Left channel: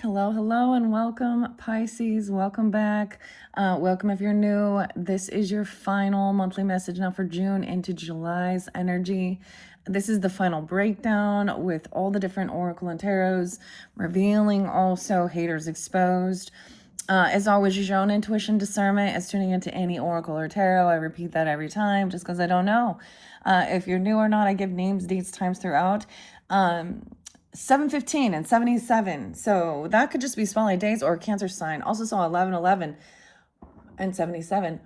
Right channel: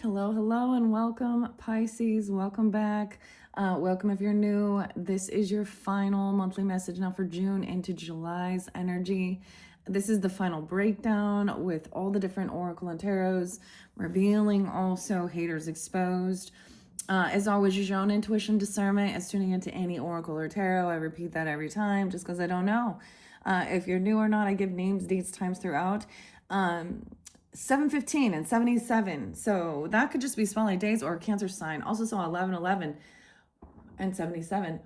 right. Hello, hello, and welcome, Pisces. Welcome back. Welcome if you're new. This is your final monthly message now for June into July's energy. This is the final breakdown with all the different oracle and tarots, revealing also haters exposed. As always, use your own intuition discernment as tuning into any oracle or tarot. I repeat that every time just because I don't know. If you're new or not, I give names, dates, times throughout. 7:15 and 77. So that could just be spotlight days or Cancer sign. Also saw 11:11 and 77.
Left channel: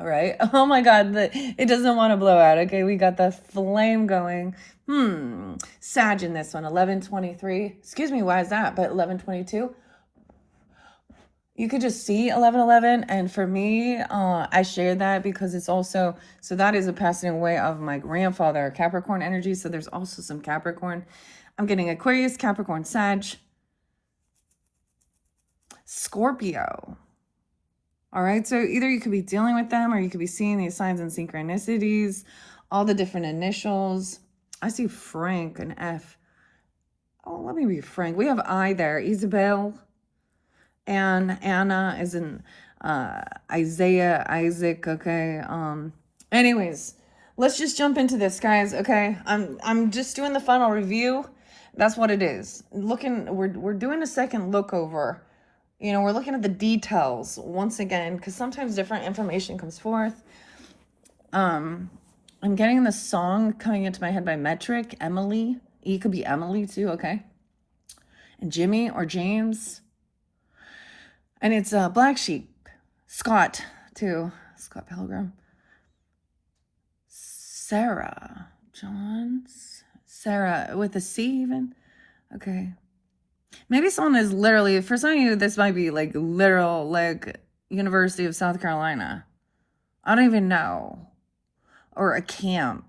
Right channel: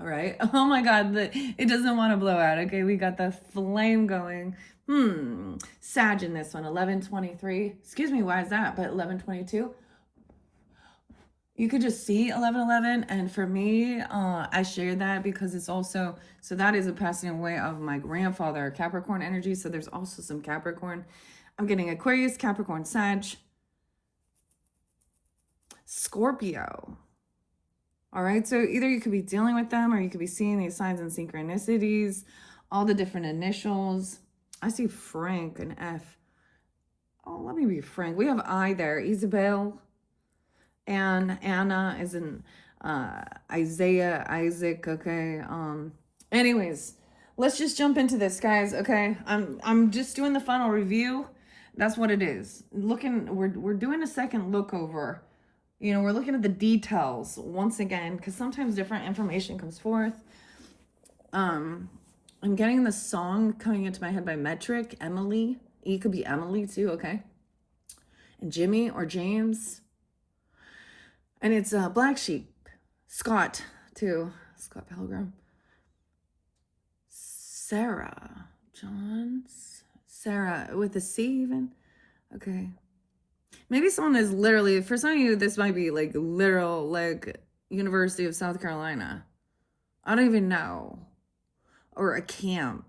All right. Oh my God. It doesn't want to blow out. Okay. We got the flame going. Sag in this one. 11:23. Excuse me. Why is that? But 11:22. You could just see 11:11, and for me, I shared that because it's also, so that is a passing away of my grandfather, Capricorn energy, so there's also some Capricorn. I'm getting Aquarius, Capricorn, Sag, Scorpio. All right, so either you could be dealing with them or you could be seeing these signs and synchronicities, all the different initials. I see Frank, an F. Oh, let me be Frank. We have I there, Isabel. And Anna is in Isaiah, Isaac, okay. Anyways, let's just jump into this, guys, okay? I'm just doing the final review. That's what it is. We're doing a second look over. You know, we're looking at the details once again, because sometimes different information comes forth. I'm getting the song coming into my head by Metric, Emily. E could be Emily too, okay? And Jimmy or James. And it's Black Sheep, Scott too, Scott Pilgrim, Sarah, Johns, Sarah with a C even, okay. Maybe someone is literally, for some of you, this might be like literal, like University of South Carolina. I don't even know, or a camp.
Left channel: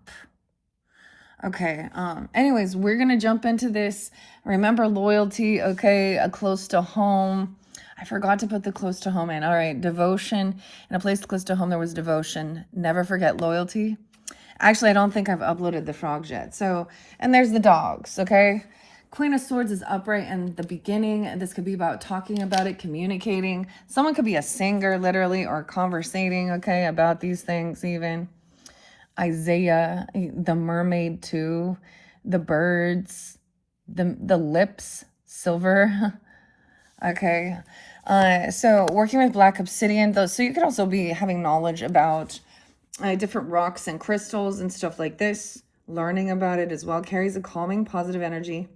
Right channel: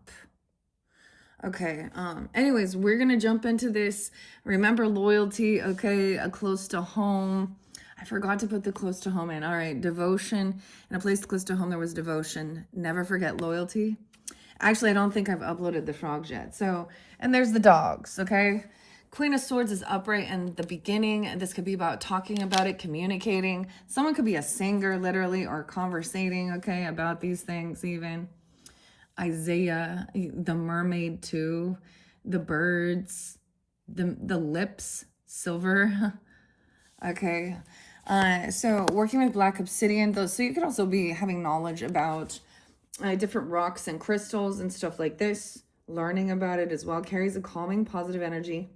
Okay, anyways, we're gonna jump into this. Remember loyalty, okay, a close to home. I forgot to put the close to home in. All right, devotion. In a place close to home, there was devotion. Never forget loyalty. Actually, I don't think I've uploaded the frogs yet. So, and there's the dogs, okay? Queen of Swords is upright in the beginning. This could be about talking about it, communicating. Someone could be a singer, literally, or conversating, okay, about these things even. Isaiah, the mermaid too, the birds, the lips, silver. Okay. So working with black obsidian, though, so you could also be having knowledge about different rocks and crystals and stuff like this, learning about it as well. Carries a calming, positive energy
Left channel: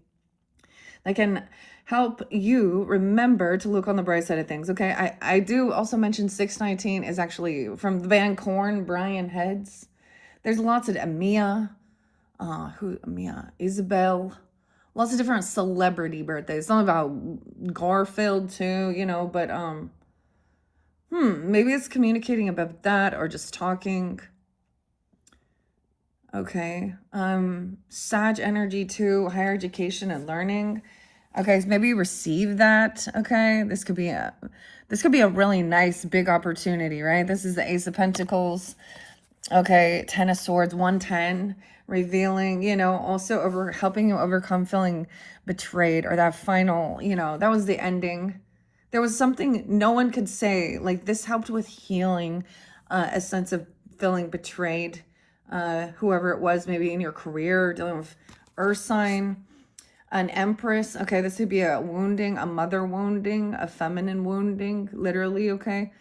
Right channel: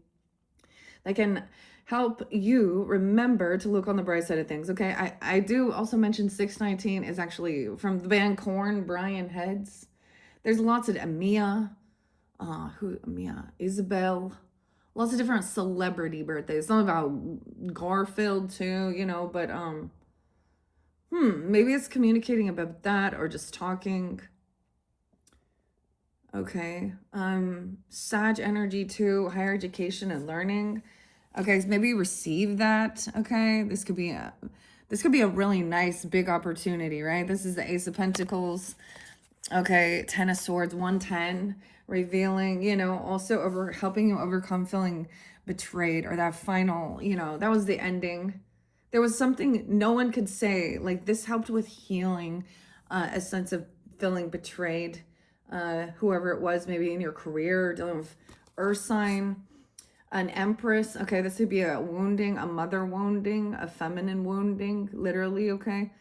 that can help you remember to look on the bright side of things. Okay, I do also mention 619 is actually from the band Korn, Brian Heads. There's lots of Mia, Isabel, lots of different celebrity birthdays. Something about Garfield too, you know, but maybe it's communicating about that or just talking. Okay. Sag energy too, higher education and learning. Okay, so maybe you receive that. Okay. This could be a really nice big opportunity, right? This is the Ace of Pentacles. Okay, 10 of Swords, 110, revealing, you know, also helping you overcome feeling betrayed, or that final, you know, that was the ending. There was something no one could say, like this helped with healing a sense of feeling betrayed, whoever it was, maybe in your career, dealing with earth sign. An Empress, okay, this would be a wounding, a mother wounding, a feminine wounding, literally, okay.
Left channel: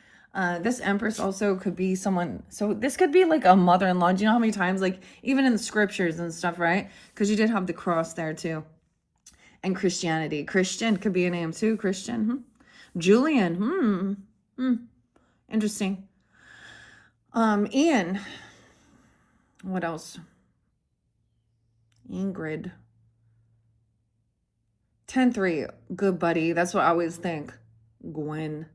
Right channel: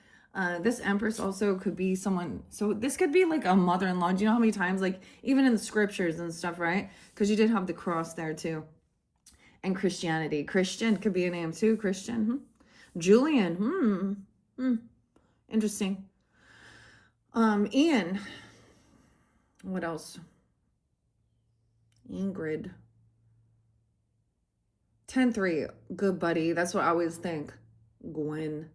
This Empress also could be someone, so this could be like a mother-in-law. Do you know how many times, like even in the scriptures and stuff, right? Because you did have the cross there too. And Christianity. Christian could be a name too, Christian. Julian, interesting. Ian. What else? Ingrid. 10-3, good buddy. That's what I always think. Gwen.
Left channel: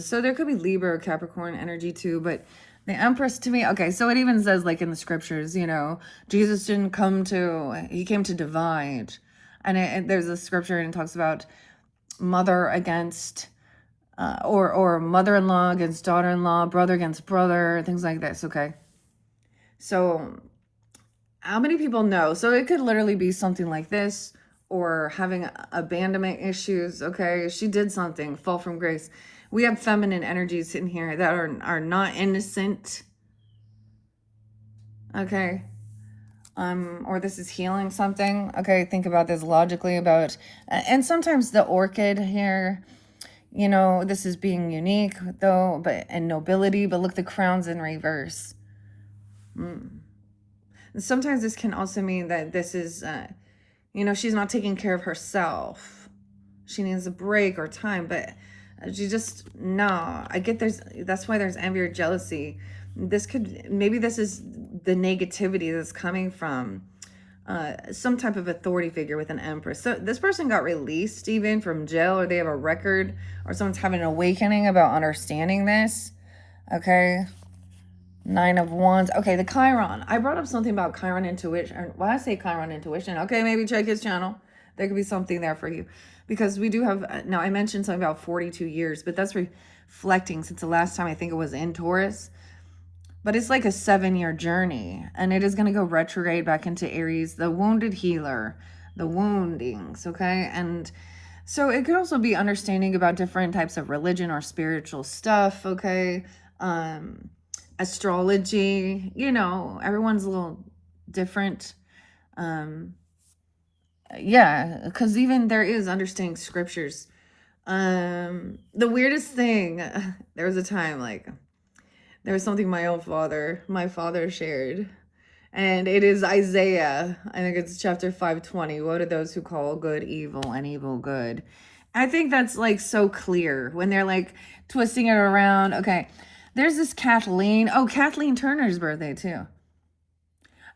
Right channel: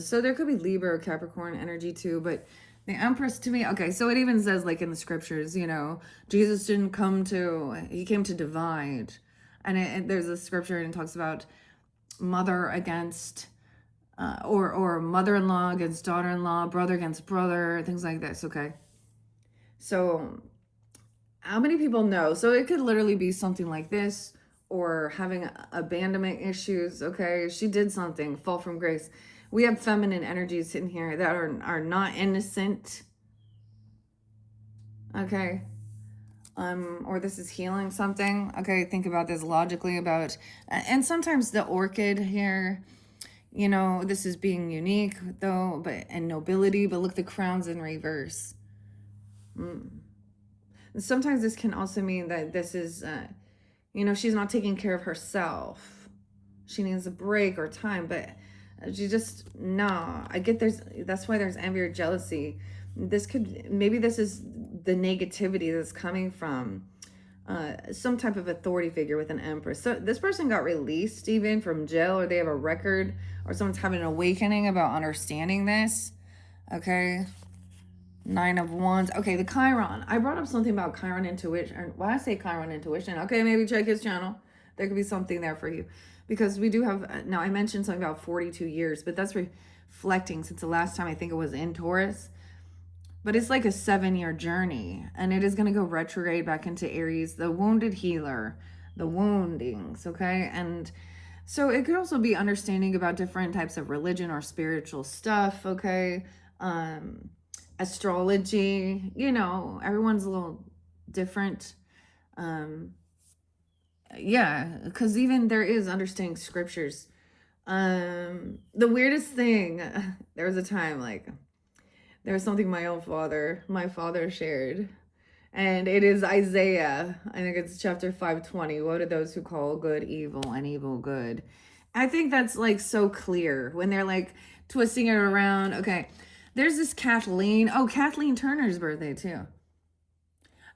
So there could be Libra or Capricorn energy too, but the Empress to me, okay, so it even says like in the scriptures, you know, Jesus didn't come to, he came to divide. And there's a scripture and it talks about mother against, or mother-in-law against daughter-in-law, brother against brother, things like this, okay? So how many people know? So it could literally be something like this, or having abandonment issues. Okay, she did something, fall from grace. We have feminine energies in here that are not innocent. Okay, or this is healing something. Okay, think about this logically about, and sometimes the orchid here, you know, this is being unique though, but and nobility, but look, the crown's in reverse. Sometimes this can also mean that this is, you know, she's not taking care of herself. She needs a break or time, but she just, no. I get that's why there's envy or jealousy. This could, maybe this is the negativity that's coming from some type of authority figure with an empress. So this person got released even from jail, or they have a record, or someone's having an awakening about understanding this. Okay. 9 of Wands. Okay, the Chiron. I brought up something about Chiron intuition. Why I say Chiron intuition? Okay, maybe check his channel. There could be something there for you. Because we do have, now I mentioned something about 42 years, but that's reflecting since the last time I think it was in Taurus. But it's like a 7-year journey, and it is going to go retrograde back into Aries, the wounded healer, the woundings, okay? And so it could also be understanding about different types of religion or spiritual stuff, okay? Astrology, you know, everyone's a little different. Yeah, because even there is understanding scriptures. The weirdest thing, there was a time like there was something my father shared, and it is Isaiah. I think it's chapter 5:20. What are those who call good evil and evil good? I think that's like so clear when they're like twisting it around. Okay, there's this Kathleen. Oh, Kathleen Turner's birthday too.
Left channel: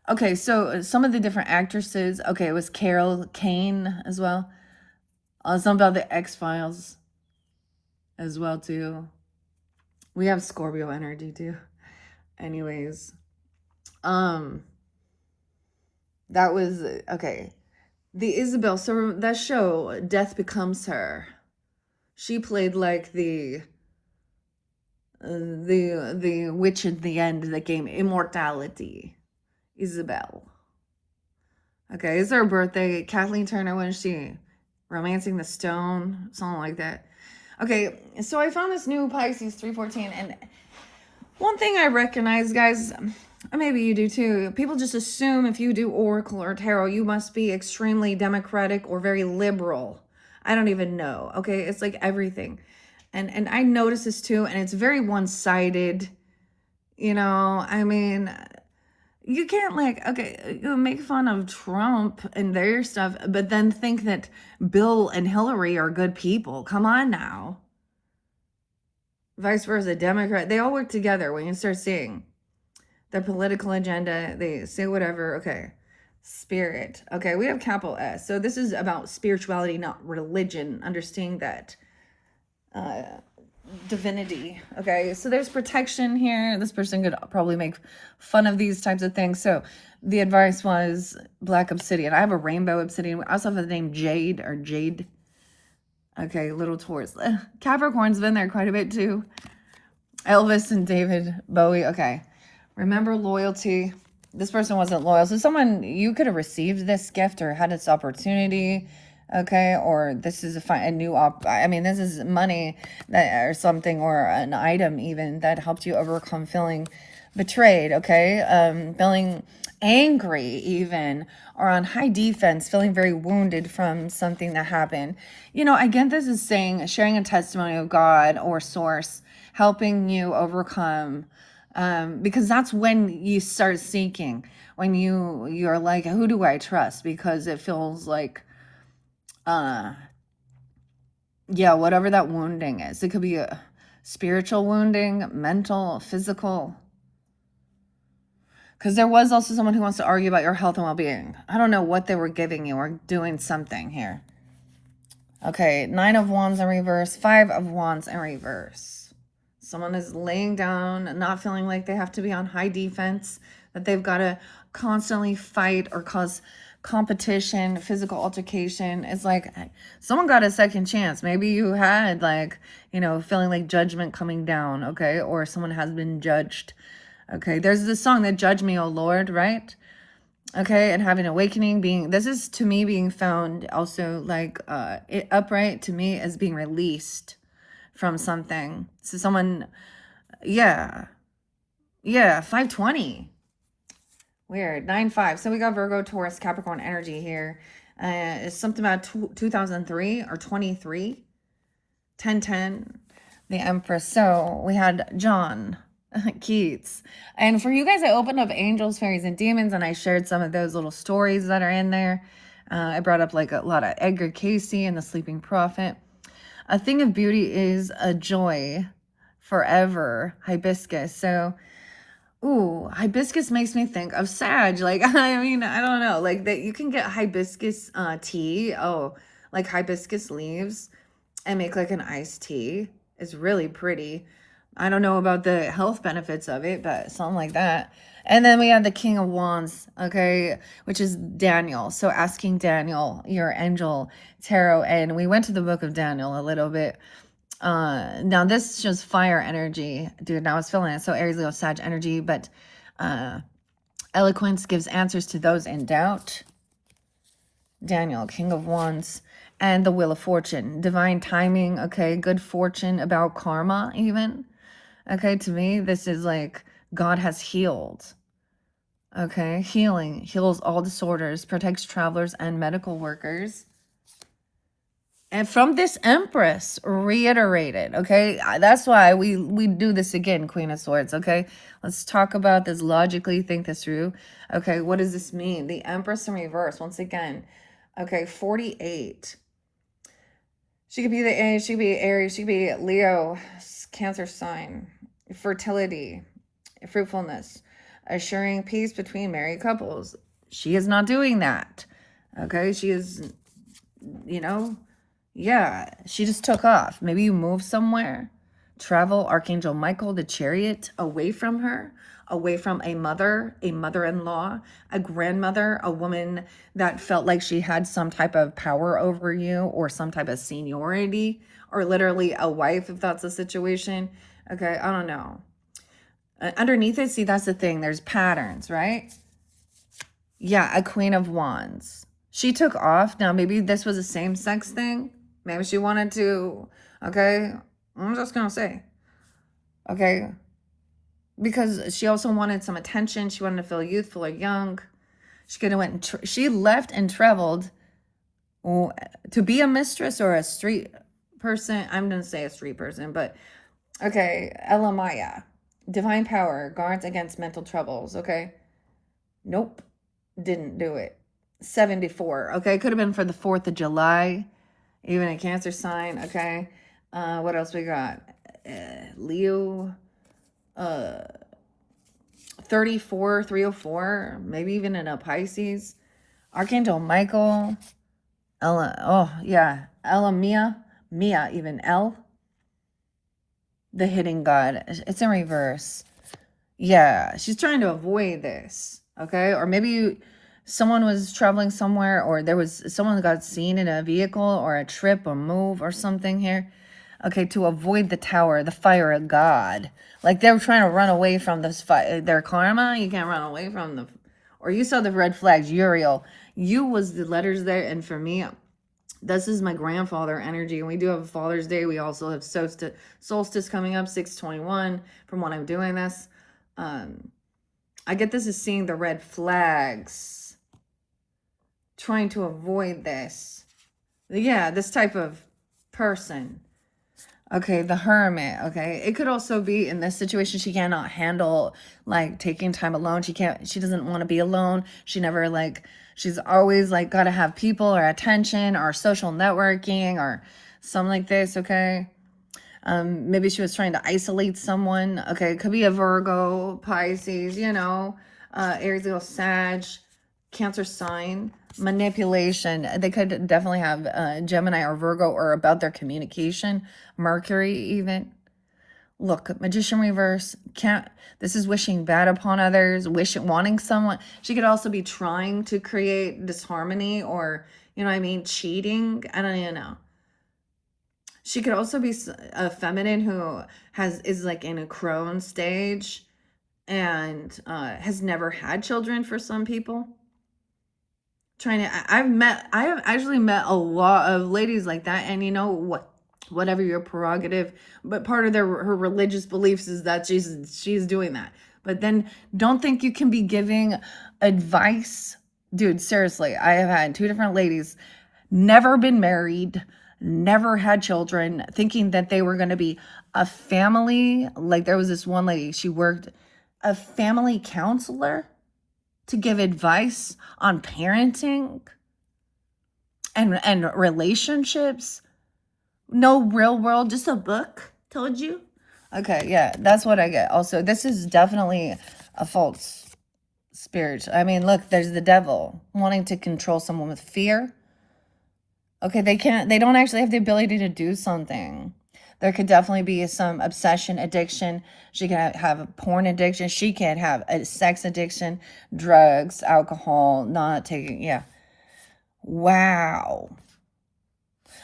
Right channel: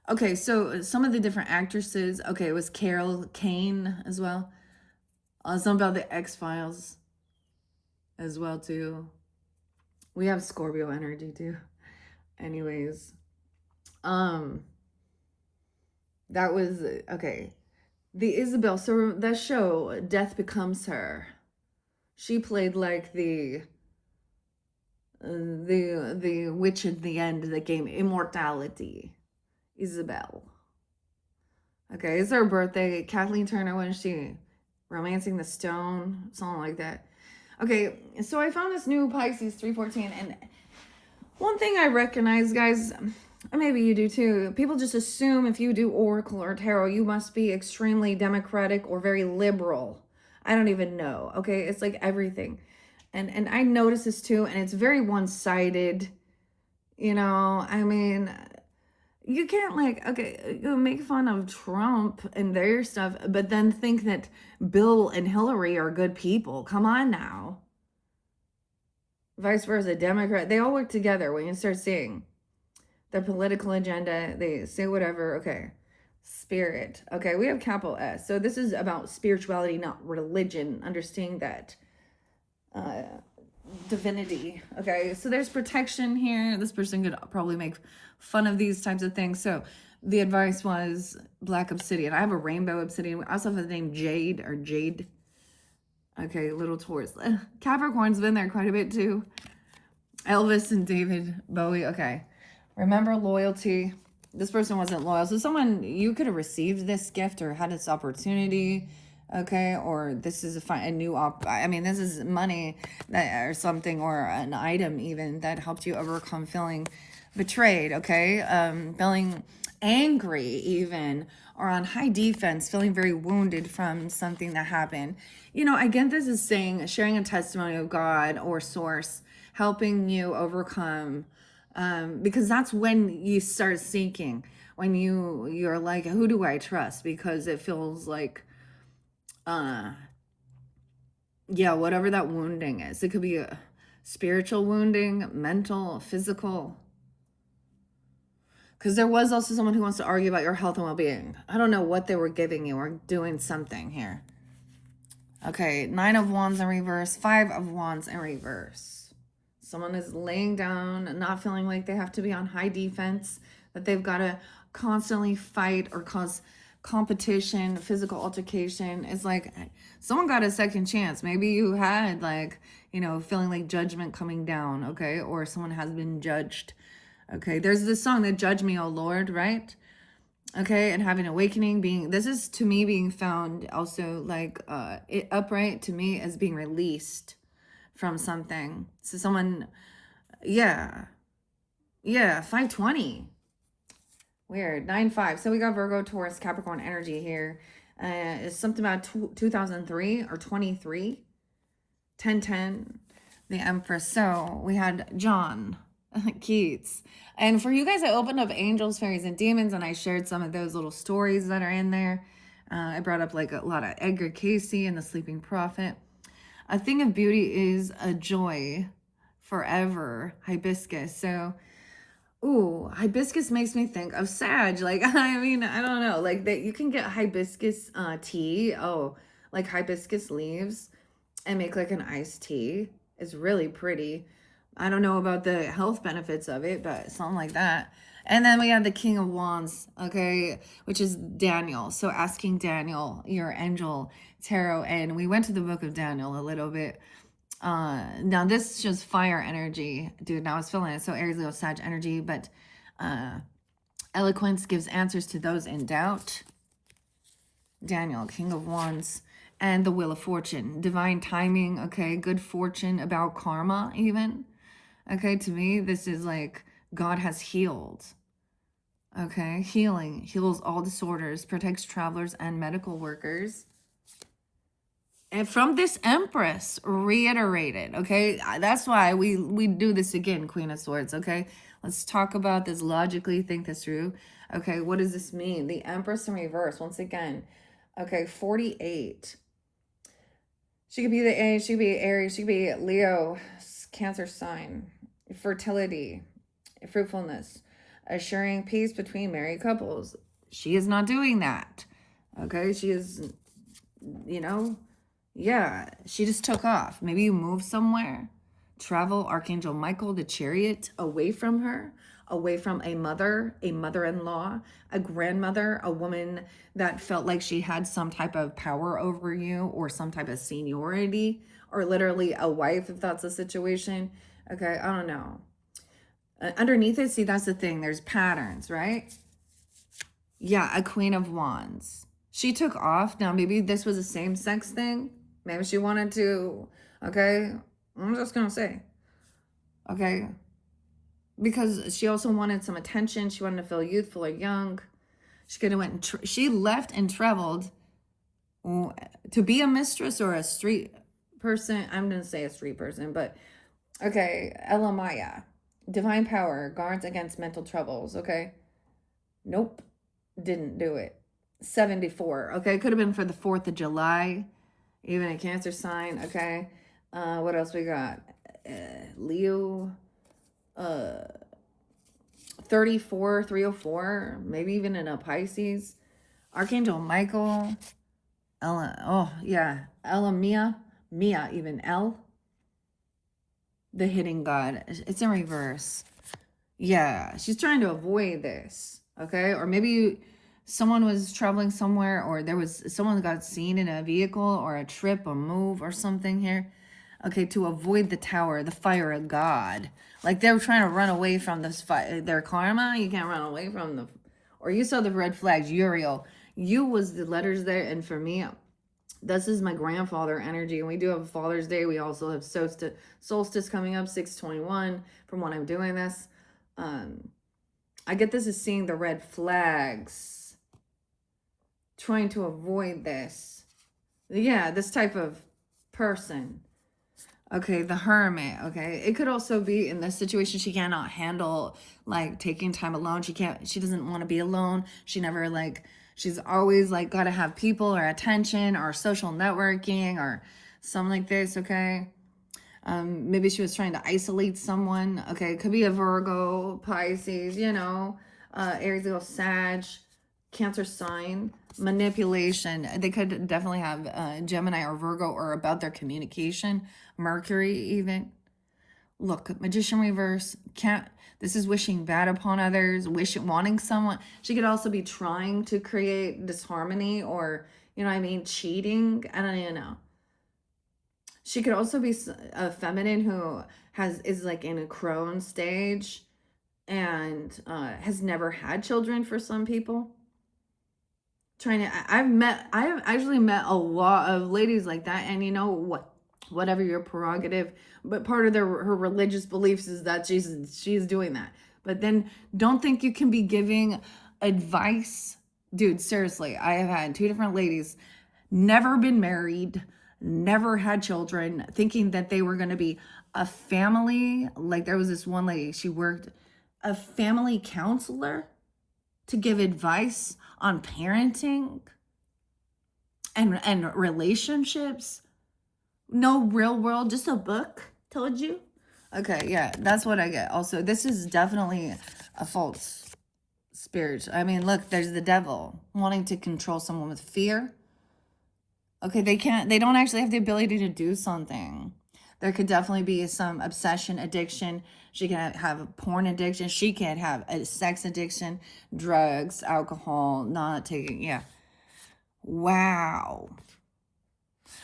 Okay, so some of the different actresses. Okay, it was Carol Kane as well. Some about the X-Files as well too. We have Scorpio energy too. Anyways, um, that was okay. The Isabel. So that show, Death Becomes Her. She played like the witch at the end that gave immortality. Isabel. Okay, it's her birthday. Kathleen Turner, when is she? Romancing the Stone, something like that. Okay, so I found this new Pisces 314, and one thing I recognize, guys, maybe you do too, people just assume if you do oracle or tarot, you must be extremely democratic or very liberal. I don't even know. Okay, it's like everything. And I notice this too, and it's very one-sided. You know, I mean, you can't like, okay, you make fun of Trump and their stuff, but then think that Bill and Hillary are good people. Come on now. Vice versa, Democrat, they all work together. When you start seeing their political agenda, they say whatever. Okay, spirit. Okay, we have capital S. So this is about spirituality, not religion. Understanding that divinity. Okay, so there's protection here. This person could probably make fun of these types of things. So the advice was black obsidian. I have a rainbow obsidian. I also have the name Jade or Jade. Okay, little Taurus. Capricorn's been there quite a bit too. Elvis and David Bowie. Okay, remember loyalty. This person wasn't loyal. So someone, you could have received this gift or had this opportunity. Okay, or this is a new I mean, this is money that or something, or an item even that helped you overcome feeling betrayed. Okay, feeling angry even, or on high defense, feeling very wounded from something that happened. You know, again, this is saying sharing a testimony of God or source helping you overcome, because that's when you start seeking, when you're like, who do I trust? Because it feels like yeah, whatever that wounding is. It could be a spiritual wounding, mental, physical. Because there was also someone who wants to argue about your health and well-being. I don't know what they were giving you or doing something here. Okay, 9 of Wands in reverse, 5 of Wands in reverse. Someone is laying down, not feeling like they have to be on high defense, that they've got to constantly fight or cause competition, physical altercation. It's like someone got a second chance. Maybe you had like, you know, feeling like judgment coming down, okay? Or someone has been judged. Okay, there's this song that Judge Me, O Lord, right? Okay, and having awakening, this is to me being found also like upright to me as being released from something. So someone, yeah, yeah, 520. Weird. 9-5. So we got Virgo, Taurus, Capricorn energy here. It's something about 2003 or 23. 1010. The Empress. So we had John Keats. And for you guys, I opened up Angels, Fairies, and Demons, and I shared some of those little stories that are in there. I brought up like a lot of Edgar Cayce and the Sleeping Prophet. A thing of beauty is a joy forever. Hibiscus. So, ooh, hibiscus makes me think of Sag. Like, I mean, I don't know. Like that you can get hibiscus tea. Oh, like hibiscus leaves and make like an iced tea. Is really pretty. I don't know about the health benefits of it, but something like that. And then we have the King of Wands, okay, which is Daniel. So asking Daniel, your angel tarot, and we went to the book of Daniel a little bit. Now this is just fire energy, dude. I was feeling it. So Aries, Leo, Sag energy, but eloquence gives answers to those in doubt. Daniel, King of Wands, and the Wheel of Fortune. Divine timing, okay, good fortune, about karma even. Okay, to me, this is like God has healed. Okay, healing, heals all disorders, protects travelers and medical workers. And from this Empress, reiterated, okay? That's why we do this again, Queen of Swords, okay? Let's talk about this logically, think this through. Okay, what does this mean? The Empress in reverse, once again. Okay, 48. She could be she could be Aries, she could be Leo, Cancer sign, fertility, fruitfulness, assuring peace between married couples. She is not doing that. Okay, she is, you know, yeah, she just took off. Maybe you move somewhere, travel, Archangel Michael, the chariot, away from her, away from a mother-in-law, a grandmother, a woman that felt like she had some type of power over you or some type of seniority, or literally a wife if that's the situation. Okay, I don't know. Underneath it, see, that's the thing. There's patterns, right? Yeah, a Queen of Wands. She took off. Now, maybe this was a same-sex thing. Maybe she wanted to, okay? I'm just going to say, okay? Because she also wanted some attention. She wanted to feel youthful or young. She could have went, she left and traveled to be a mistress or a street person. I'm going to say a street person, but okay. Elamaya, divine power, guards against mental troubles, okay? Nope, didn't do it. 74, okay? Could have been for the 4th of July. Even a Cancer sign, okay? What else we got? Leo, 34, 304, maybe even in a Pisces. Archangel Michael, Ella, oh yeah, Ella Mia, even L. The hidden God. It's in reverse. Yeah, she's trying to avoid this, okay? Or maybe someone was traveling somewhere, or there was someone got seen in a vehicle or a trip or move or something here. Okay, to avoid the tower, the fire of God. Like they were trying to run away from this their karma. You can't run away from the, or you saw the red flags, Uriel. You was the letters there, and for me, this is my grandfather energy, and we do have a Father's Day. We also have solstice coming up, 6/21. From when I'm doing this, I get this as seeing the red flags, trying to avoid this. Yeah, this type of person. Okay, the Hermit. Okay, it could also be in this situation she cannot handle like taking time alone. She doesn't want to be alone. She never like, she's always like got to have people or attention or social networking or something like this. Okay, maybe she was trying to isolate someone. Okay, it could be a Virgo, Pisces, you know, Aries, Leo, Sag, Cancer sign. Manipulation. They could definitely have Gemini or Virgo, or about their communication. Mercury even. Look, Magician reverse. Can't. This is wishing bad upon others. Wanting someone. She could also be trying to create disharmony, or you know what I mean, cheating. I don't even know. She could also be a feminine who is like in a crone stage and has never had children for some people. I have actually met a lot of ladies like that, and you know what, whatever your prerogative, but part of her religious beliefs is that she's doing that. But then don't think you can be giving advice. Dude, seriously, I have had two different ladies, never been married, never had children, thinking that they were going to be a family. Like there was this one lady, she worked a family counselor to give advice on parenting and relationships. No real world, just a book told you. Okay, yeah, that's what I get. Also, this is definitely a false spirit. I mean, look, there's the devil wanting to control someone with fear. Okay, they don't actually have the ability to do something. There could definitely be some obsession, addiction. She can have a porn addiction. She can have a sex addiction, drugs, alcohol, not taking, yeah. Wow.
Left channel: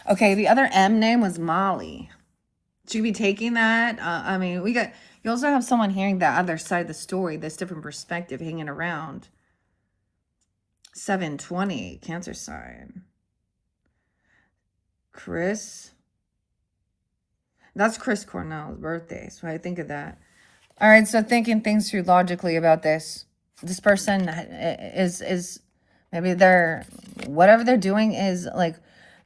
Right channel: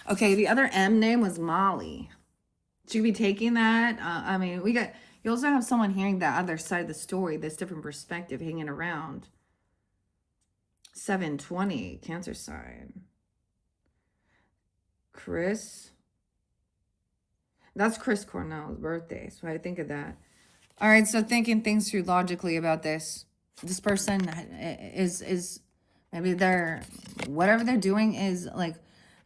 Okay, the other M name was Molly. Should we be taking that? I mean, you also have someone hearing the other side of the story, this different perspective hanging around. 720, Cancer sign. Chris. That's Chris Cornell's birthday, so I think of that. All right, so thinking things through logically about this. This person is maybe whatever they're doing is like,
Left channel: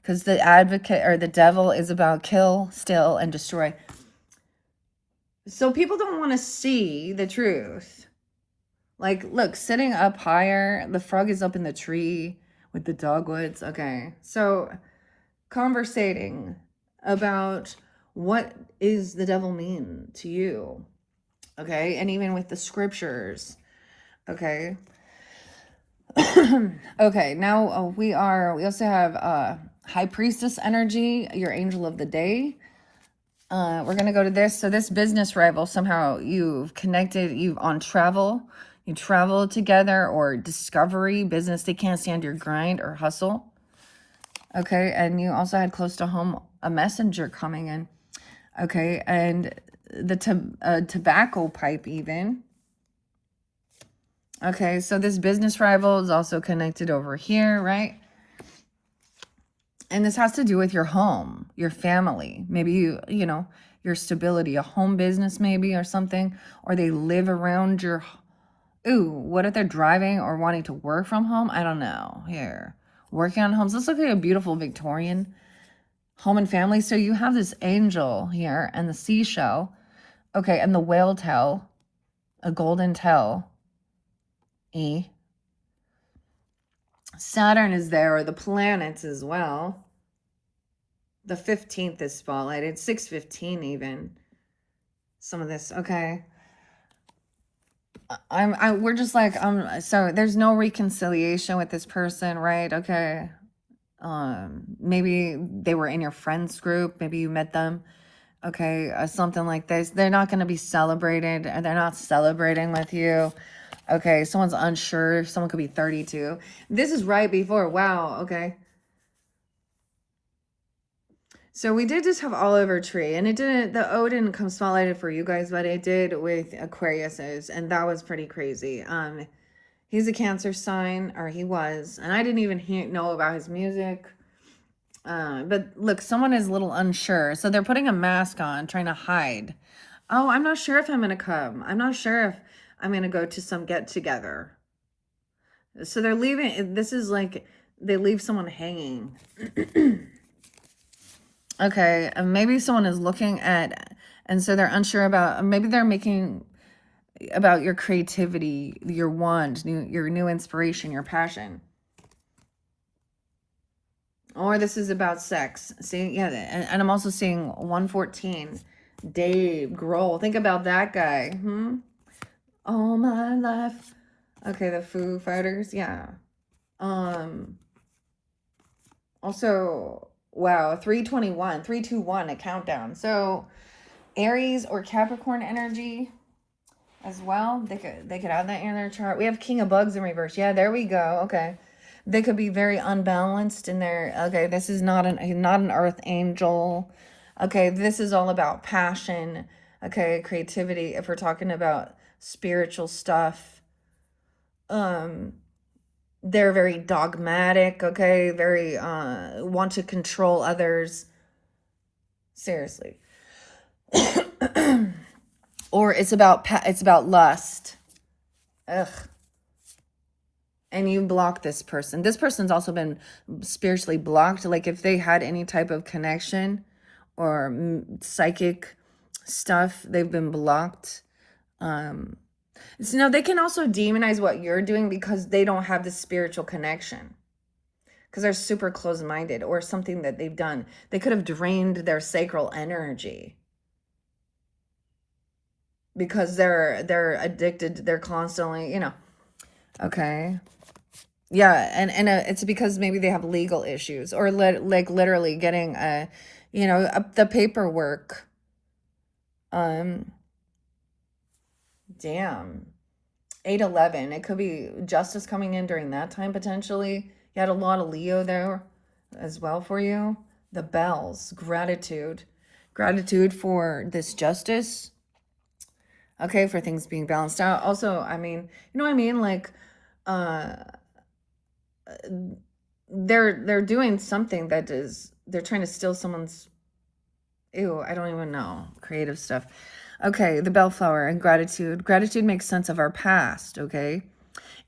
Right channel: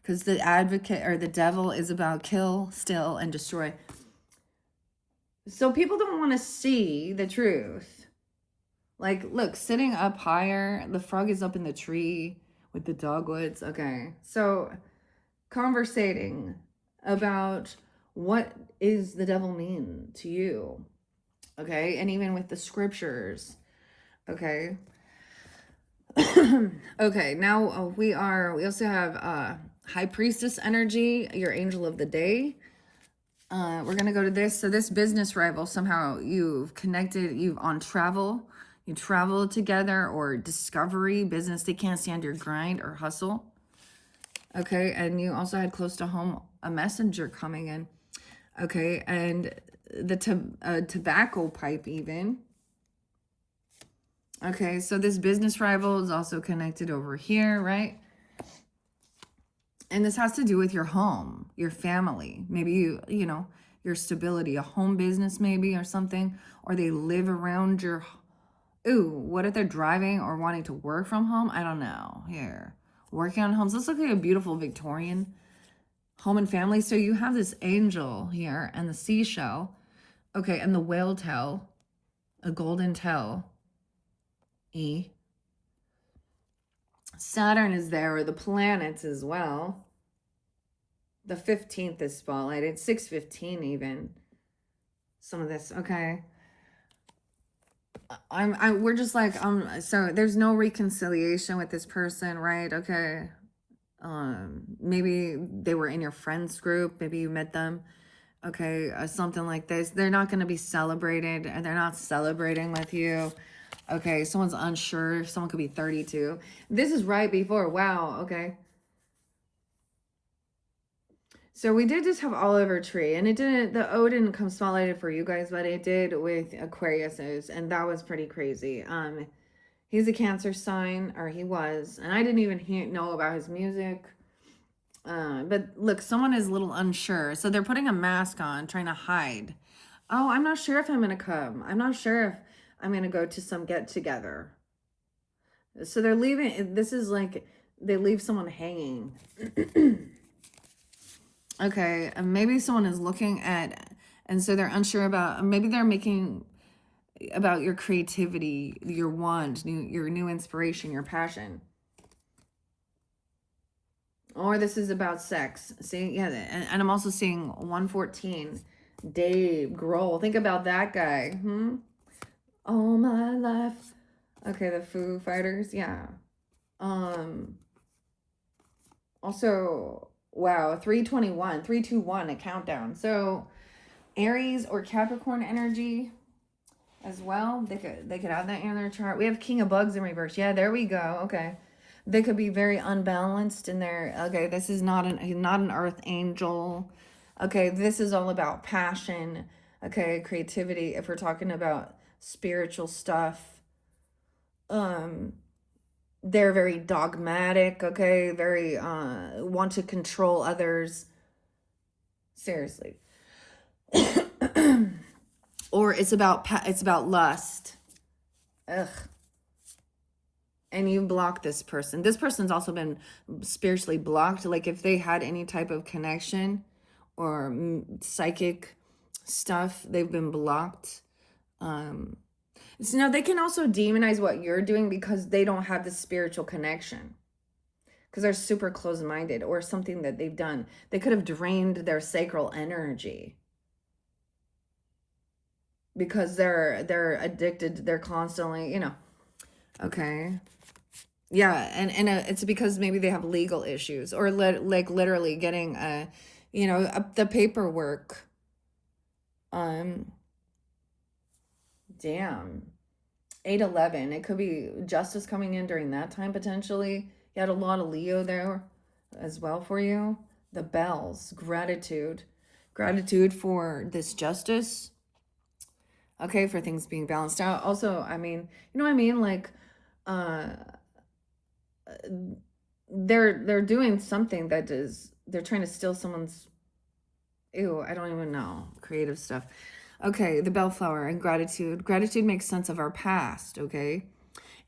because the advocate or the devil is about kill, steal, and destroy. So people don't want to see the truth. Like, look, sitting up higher, the frog is up in the tree with the dogwoods. Okay, so conversating about what is the devil mean to you. Okay, and even with the scriptures. Okay. Okay, now we also have High Priestess energy, your angel of the day. We're gonna go to this. So this business rival, somehow you've connected, you on travel, you travel together, or discovery, business, they can't stand your grind or hustle. Okay, and you also had close to home a messenger coming in. Okay, and the tobacco pipe even. Okay, so this business rival is also connected over here, right? And this has to do with your home, your family. Maybe you know, your stability, a home business maybe or something, or they live around your, ooh, what if they're driving or wanting to work from home? I don't know. Here, working on homes. Let's look at a beautiful Victorian home and family. So you have this angel here and the seashell. Okay, and the whale tail, a golden tail. E. Saturn is there, or the planets as well. The 15th is spotlighted, 6:15 even. Some of this, okay. We're just like, so there's no reconciliation with this person, right? Okay. Maybe they were in your friends group, maybe you met them. Okay, something like this. They're not going to be celebrated, and they're not celebrating with you. Okay, someone's unsure. Someone could be 32. This is right before. Wow, okay. So we did just have Oliver Tree, and the O didn't come spotlighted for you guys, but it did with Aquarius's, and that was pretty crazy. He's a Cancer sign, or he was, and I didn't even know about his music. But look, someone is a little unsure, so they're putting a mask on, trying to hide. Oh, I'm not sure if I'm gonna come. I'm not sure if I'm gonna go to some get together. So they're leaving. This is like they leave someone hanging. Okay, maybe someone is looking at, and so they're unsure about, maybe they're making about your creativity, your wand, your new inspiration, your passion. Or this is about sex. See, yeah, and I'm also seeing 114, Dave Grohl. Think about that guy. All my life. Okay, the Foo Fighters, yeah. Also, wow, 321, 321, a countdown. So Aries or Capricorn energy as well. They could add that in their chart. We have King of Bugs in reverse. Yeah, there we go. Okay. They could be very unbalanced in their, okay, this is not an earth angel. Okay, this is all about passion. Okay, creativity. If we're talking about spiritual stuff. They're very dogmatic, okay? Very want to control others. Seriously. Or it's about lust. Ugh. And you block this person. This person's also been spiritually blocked. Like if they had any type of connection or psychic stuff, they've been blocked. So now they can also demonize what you're doing because they don't have the spiritual connection. Because they're super closed-minded or something that they've done. They could have drained their sacral energy. Because they're addicted, they're constantly, Okay. Yeah, and it's because maybe they have legal issues or like literally getting the paperwork. Damn. 8/11. It could be justice coming in during that time potentially. You had a lot of Leo there as well for you. The bells, gratitude. Gratitude for this justice. Okay, for things being balanced out. Also, I mean, you know what I mean? Like, they're doing something that is, they're trying to steal someone's, I don't even know, creative stuff. Okay, the bellflower and gratitude. Gratitude makes sense of our past, okay?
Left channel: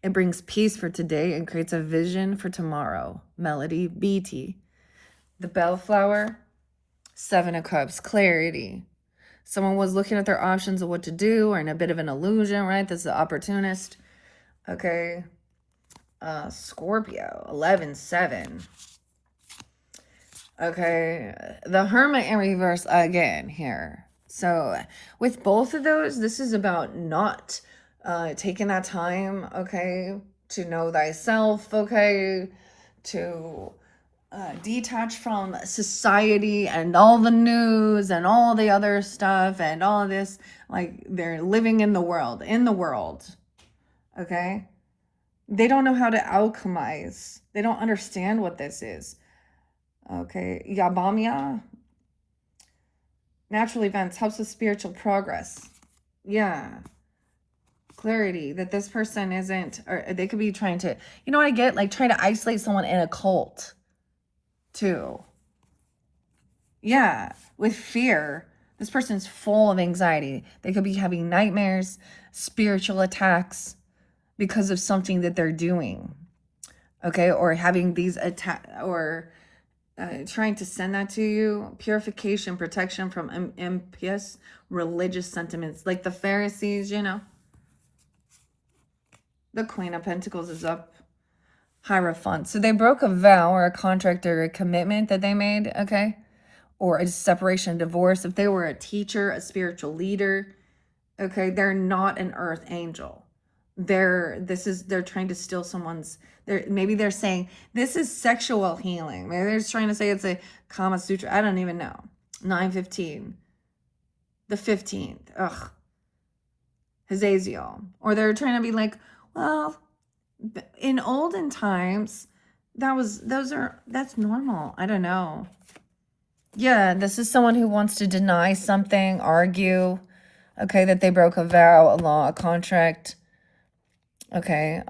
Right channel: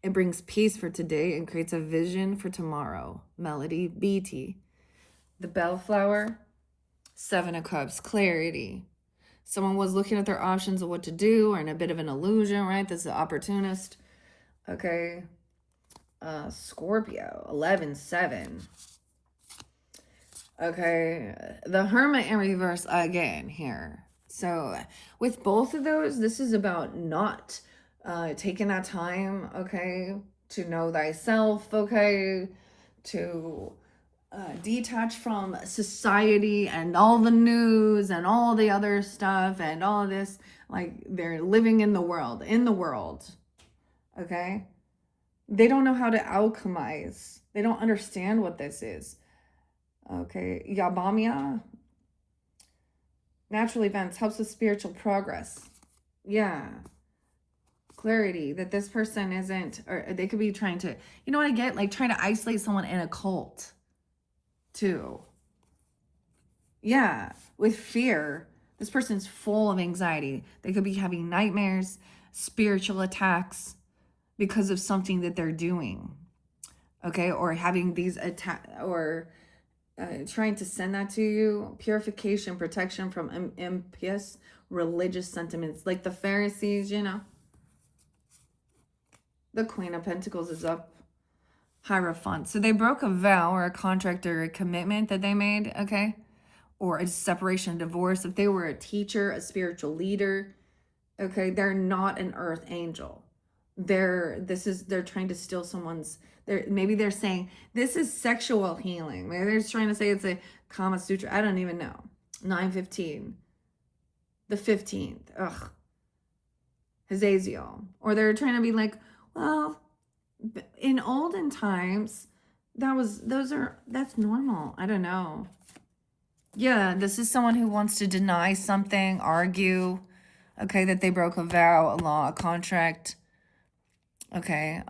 It brings peace for today and creates a vision for tomorrow. Melody, BT. The bellflower, 7 of Cups, clarity. Someone was looking at their options of what to do or in a bit of an illusion, right? This is an opportunist. Okay. Scorpio, 11/7. Okay. The Hermit in reverse again here. So with both of those, this is about not taking that time, okay, to know thyself, okay, to detach from society and all the news and all the other stuff and all of this. Like they're living in the world, okay? They don't know how to alchemize. They don't understand what this is. Okay, Yabamia. Natural events helps with spiritual progress. Yeah. Clarity that this person isn't, or they could be trying to, you know what I get? Like trying to isolate someone in a cult too. Yeah, with fear. This person's full of anxiety. They could be having nightmares, spiritual attacks because of something that they're doing. Okay, or having these attacks, or trying to send that to you. Purification, protection from impious religious sentiments, like the Pharisees, The Queen of Pentacles is up. Hierophant. So they broke a vow or a contract or a commitment that they made, okay? Or a separation, a divorce. If they were a teacher, a spiritual leader, okay, they're not an earth angel. They're trying to steal someone's, maybe they're saying this is sexual healing. Maybe they're just trying to say it's a Kama Sutra. I don't even know. 9/15. The 15th. Ugh. Hazaziel. Or they're trying to be like, well, in olden times, that's normal. I don't know. Yeah, this is someone who wants to deny something, argue, okay, that they broke a vow, a law, a contract. Okay,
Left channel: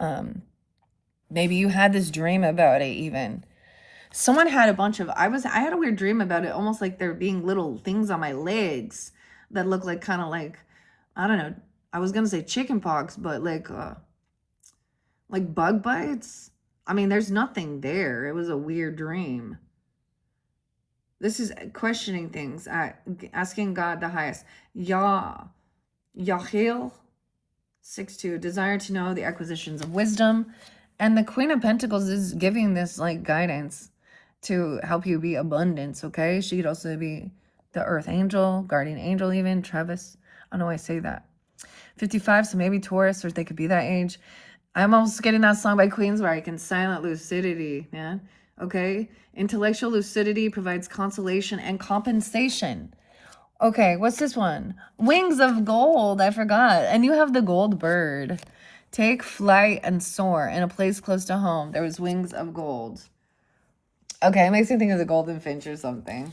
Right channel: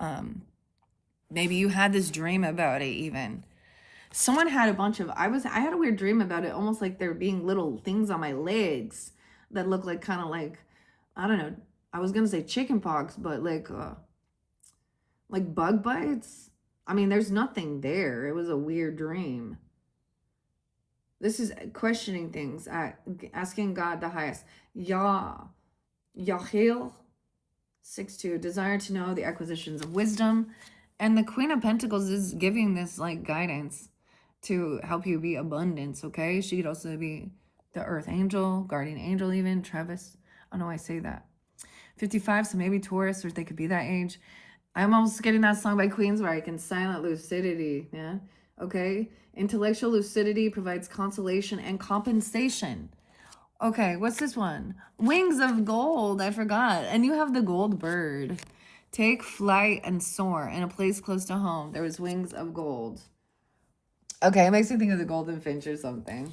maybe you had this dream about it even. Someone had a bunch of, I had a weird dream about it, almost like there being little things on my legs that look like kind of like, I don't know, I was gonna say chicken pox, but like bug bites. I mean, there's nothing there. It was a weird dream. This is questioning things, asking God the highest. Yahil, 6/2, desire to know the acquisitions of wisdom. And the Queen of Pentacles is giving this like guidance to help you be abundance, okay? She could also be the Earth Angel, Guardian Angel even, Travis. I don't know why I say that. 55, so maybe Taurus, or they could be that age. I'm almost getting that song by Queens where I can silent lucidity, man. Okay? Intellectual lucidity provides consolation and compensation. Okay, what's this one? Wings of gold. I forgot. And you have the gold bird. Take flight and soar in a place close to home. There was wings of gold. Okay, it makes me think of the golden finch or something.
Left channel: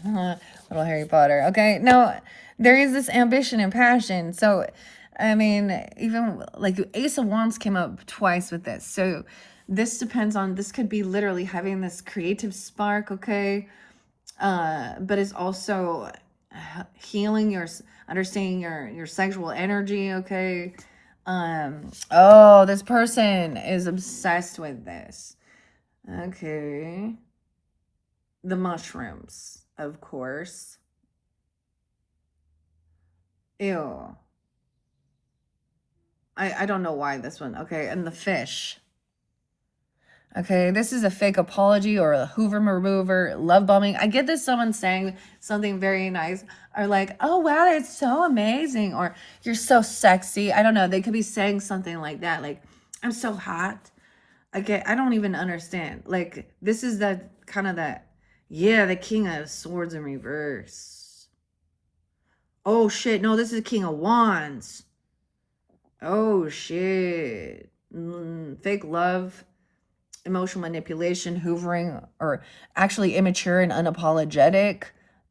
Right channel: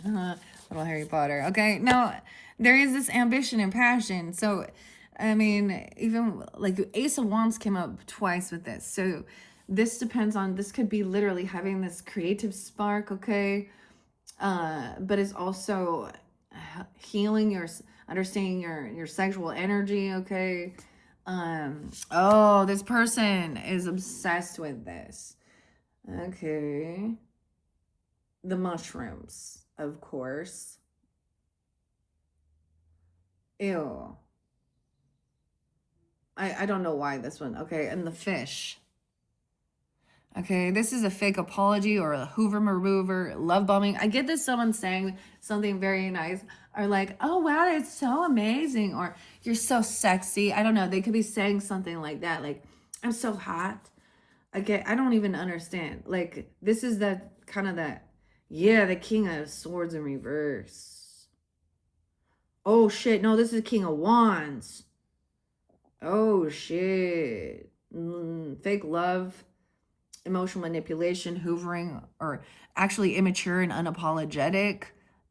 Little Harry Potter. Okay, no, there is this ambition and passion. So, I mean, even like Ace of Wands came up twice with this. So this depends on, this could be literally having this creative spark, okay? But it's also healing your, understanding your sexual energy, okay? Oh, this person is obsessed with this. Okay. The mushrooms, of course. Ew. I don't know why this one. Okay, and the fish. Okay, this is a fake apology or a Hoover remover, love bombing. I get this someone saying something very nice, or like, oh wow, it's so amazing, or you're so sexy. I don't know. They could be saying something like that, like, I'm so hot. I don't even understand. Like, this is that kind of that, yeah, the King of Swords in reverse. Oh shit, no, this is King of Wands. Oh shit. Fake love, emotional manipulation, hoovering, or actually immature and unapologetic.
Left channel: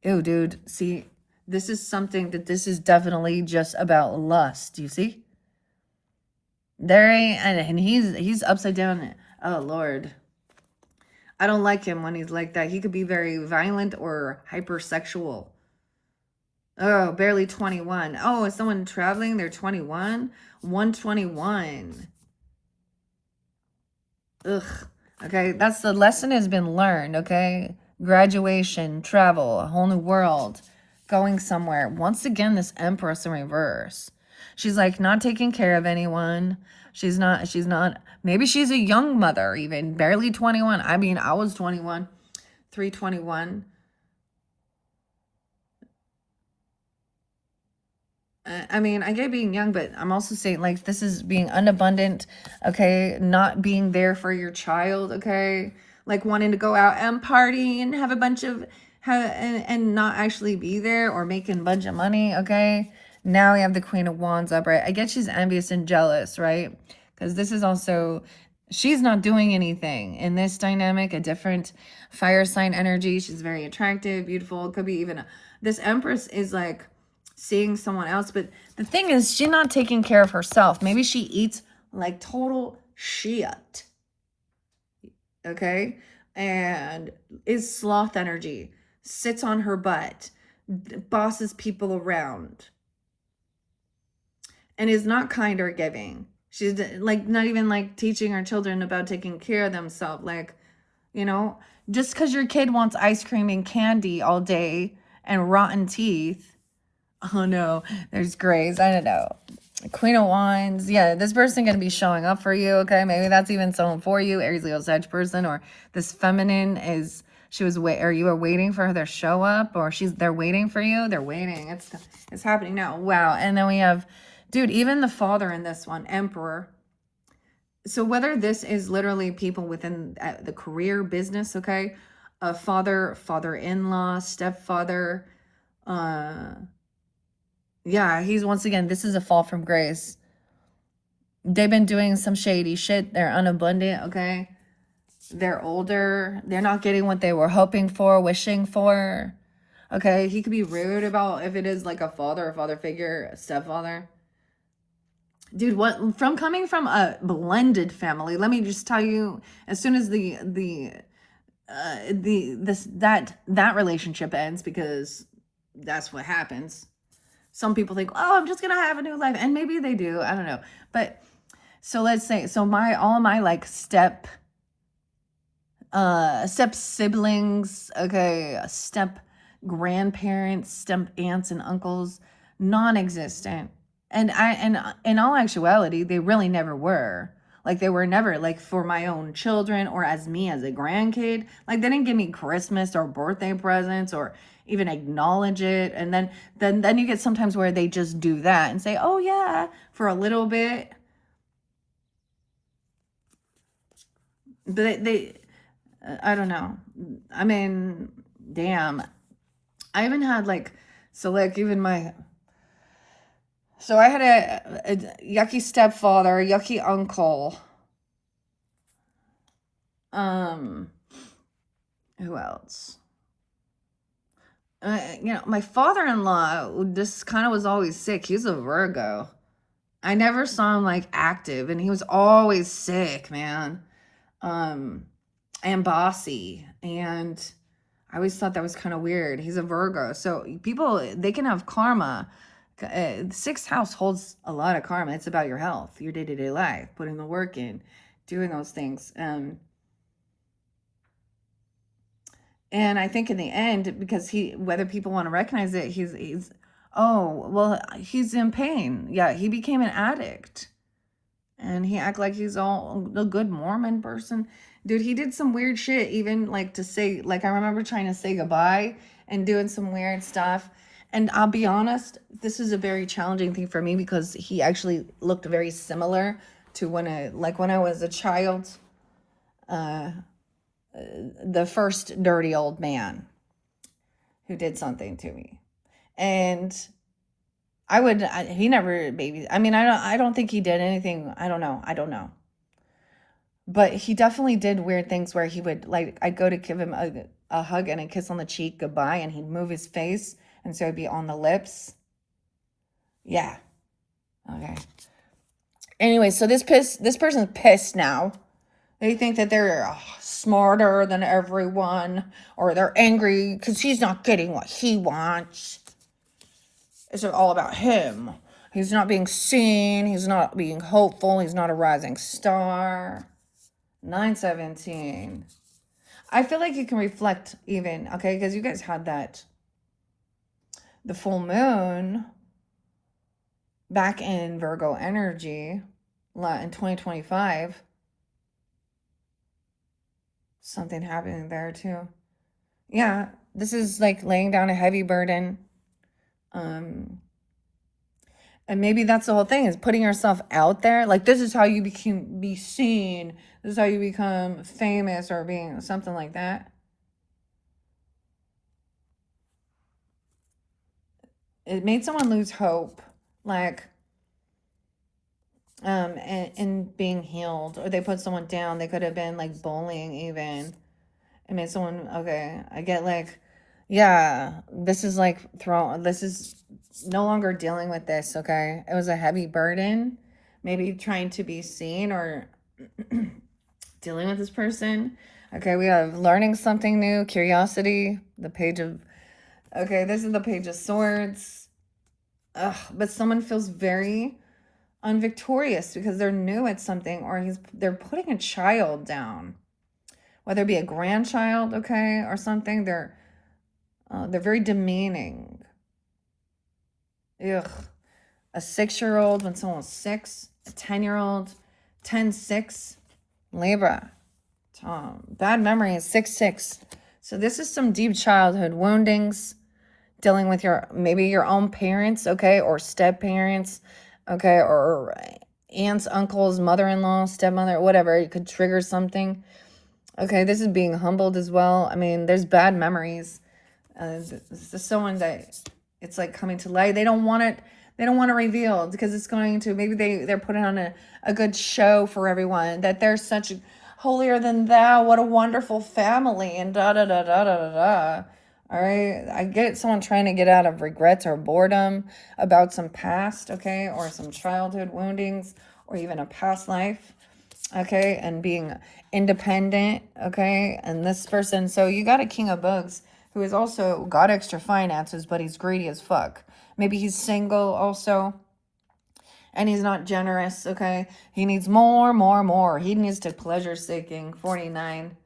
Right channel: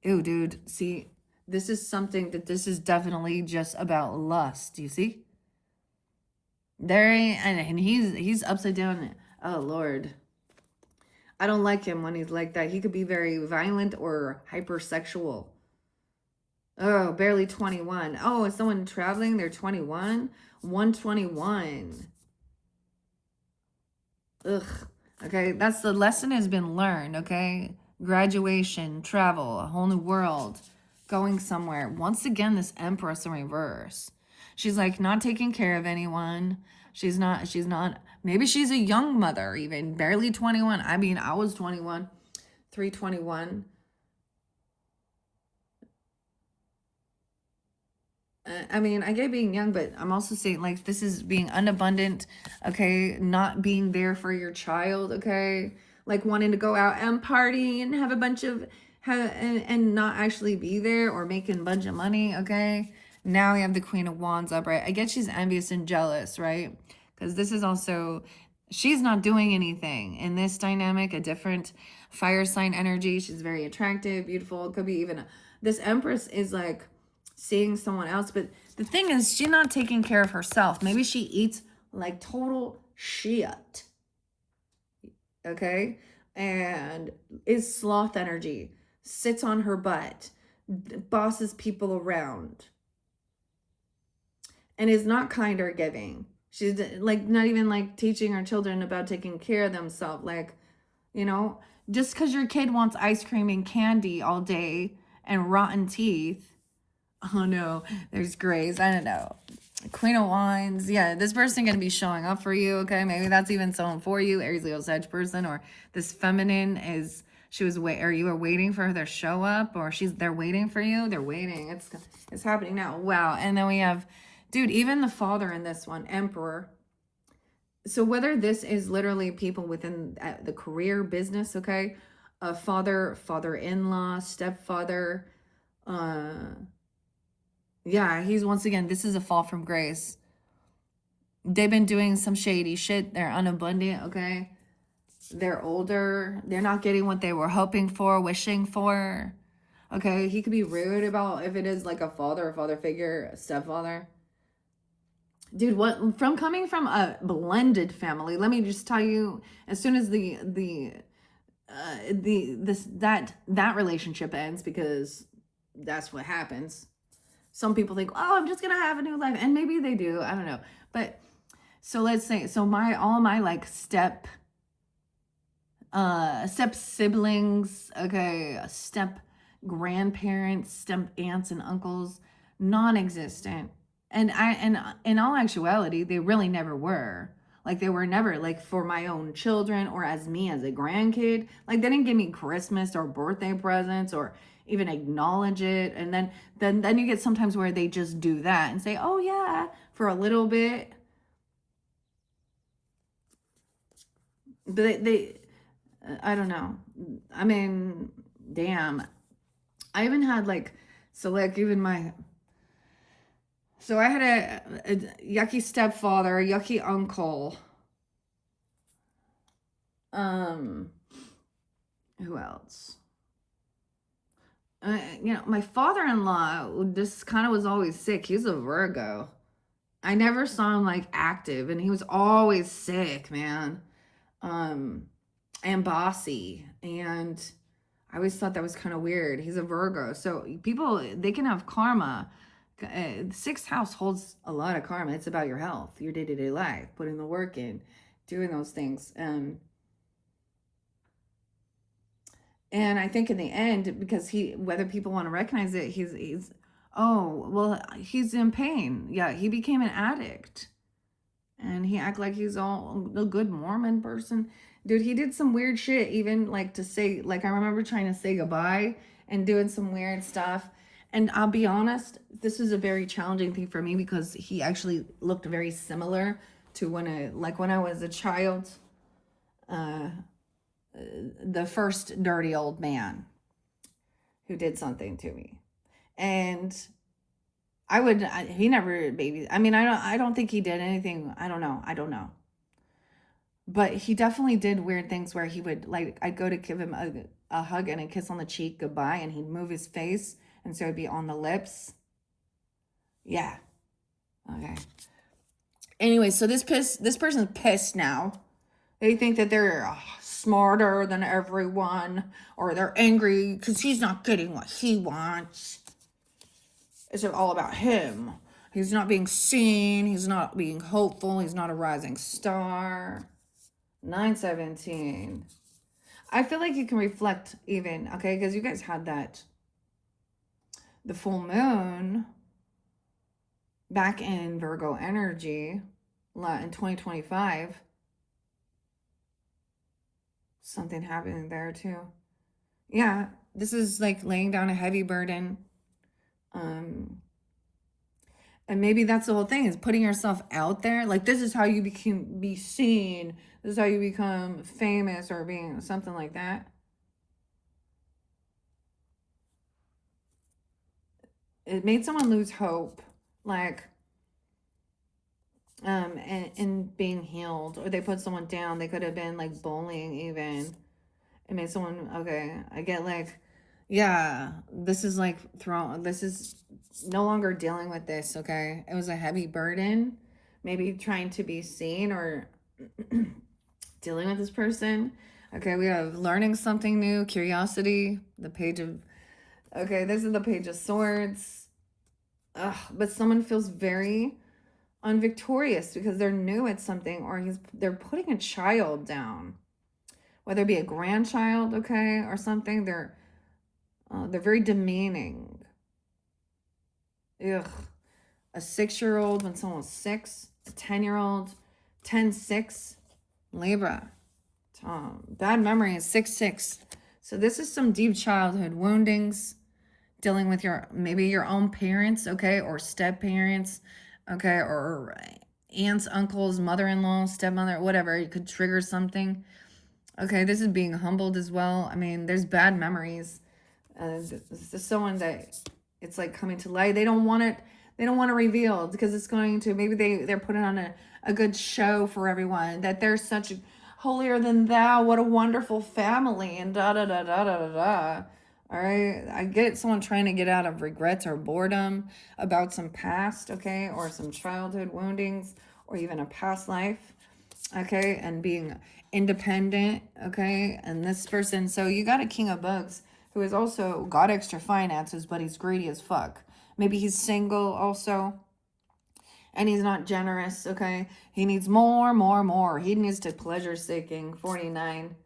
Ew, dude. See, this is something that this is definitely just about lust. You see? There ain't, and he's upside down. Oh Lord. I don't like him when he's like that. He could be very violent or hypersexual. Oh, barely 21. Oh, is someone traveling? They're 21? 121. Ugh. Okay, that's the lesson has been learned, okay? Graduation, travel, a whole new world, going somewhere. Once again, this Empress in reverse. She's like not taking care of anyone. She's not, maybe she's a young mother even, barely 21. I mean, I was 21, 321. I mean, I get being young, but I'm also saying, like, this is being unabundant, okay? Not being there for your child, okay? Like, wanting to go out and party and have a bunch of, and not actually be there, or making a bunch of money, okay? Now we have the Queen of Wands upright. I get she's envious and jealous, right? Because this is also, she's not doing anything in this dynamic, a different fire sign energy. She's very attractive, beautiful. It could be even, this Empress is like, seeing someone else, but the thing is, she's not taking care of herself. Maybe she eats like total shit, okay, and is sloth energy, sits on her butt, bosses people around, and is not kind or giving. She's like not even like teaching her children about taking care of themselves. Like, you know, just because your kid wants ice cream and candy all day and rotten teeth. Oh no, there's Grace. I don't know. Queen of Wands. Yeah, this person going to be showing up for you, okay? Maybe that's even someone for you, Aries, Leo, Sag person, or this feminine is, she was or you are waiting for her to show up, or they're waiting for you. They're waiting. It's happening now. Wow. And then we have, dude, even the father in this one, Emperor. So whether this is literally people within the career business, okay? A father, father-in-law, stepfather, yeah, he's once again, this is a fall from grace. They've been doing some shady shit. They're unabundant, okay? They're older. They're not getting what they were hoping for, wishing for. Okay, he could be rude about if it is like a father figure, a stepfather. Dude, what from coming from a blended family, let me just tell you, as soon as that relationship ends, because that's what happens. Some people think, oh, I'm just gonna have a new life, and maybe they do. I don't know, but so let's say, so all my like step siblings, okay, step grandparents, step aunts and uncles, non-existent, and in all actuality, they really never were. Like, they were never like for my own children or as me as a grandkid. Like, they didn't give me Christmas or birthday presents or even acknowledge it. And then you get sometimes where they just do that and say, oh yeah, for a little bit. But they I don't know. I mean, damn. I even had like, so like even my, so I had a yucky stepfather, yucky uncle. Who else? You know, my father-in-law just kind of was always sick. He was a Virgo. I never saw him like active, and he was always sick, man. and bossy. And I always thought that was kind of weird. He's a Virgo. So people, they can have karma. The sixth house holds a lot of karma. It's about your health, your day-to-day life, putting the work in, doing those things. And I think in the end, because whether people want to recognize it, oh, well, he's in pain. Yeah, he became an addict. And he act like he's all a good Mormon person. Dude, he did some weird shit, even like to say, like, I remember trying to say goodbye and doing some weird stuff. And I'll be honest, this is a very challenging thing for me because he actually looked very similar to when I was a child. The first dirty old man who did something to me. And he never baby. I mean, I don't think he did anything. I don't know. But he definitely did weird things where he would, like, I'd go to give him a hug and a kiss on the cheek, goodbye, and he'd move his face, and so it'd be on the lips. Yeah. Okay. Anyway, so this person's pissed now. They think that they're smarter than everyone, or they're angry because he's not getting what he wants. It's all about him. He's not being seen. He's not being hopeful. He's not a rising star. 917. I feel like you can reflect even, okay, because you guys had the full moon back in Virgo energy in 2025. Something happening there too. Yeah, this is like laying down a heavy burden. And maybe that's the whole thing, is putting yourself out there. Like, this is how you be seen. This is how you become famous, or being something like that. It made someone lose hope, like, and being healed, or they put someone down. They could have been like bullying even. It made someone, okay, I get, like, yeah, this is like this is no longer dealing with this, okay? It was a heavy burden, maybe trying to be seen, or dealing with this person. Okay, we have learning something new, curiosity, the page of, okay, this is the page of swords. Ugh, but someone feels very unvictorious because they're new at something, or they're putting a child down, whether it be a grandchild, okay, or something. They're very demeaning. Ugh. A 6-year-old when someone's 6, a 10-year-old, 10-6, Libra. Bad memory is 6-6. So this is some deep childhood woundings, dealing with maybe your own parents, okay, or step parents, okay, or aunts, uncles, mother-in-law, stepmother, whatever. It could trigger something. Okay, this is being humbled as well. I mean, there's bad memories. This is someone that it's like coming to light. They don't want it. They don't want to reveal, because it's going to, maybe they're putting on a good show for everyone, that they're such holier than thou. What a wonderful family, and da da da da da da da. All right, I get someone trying to get out of regrets or boredom about some past, okay, or some childhood woundings, or even a past life, okay, and being independent, okay. And this person, so you got a King of Books who has also got extra finances, but he's greedy as fuck. Maybe he's single also, and he's not generous, okay. He needs more, more, more. He needs to pleasure seeking. 49,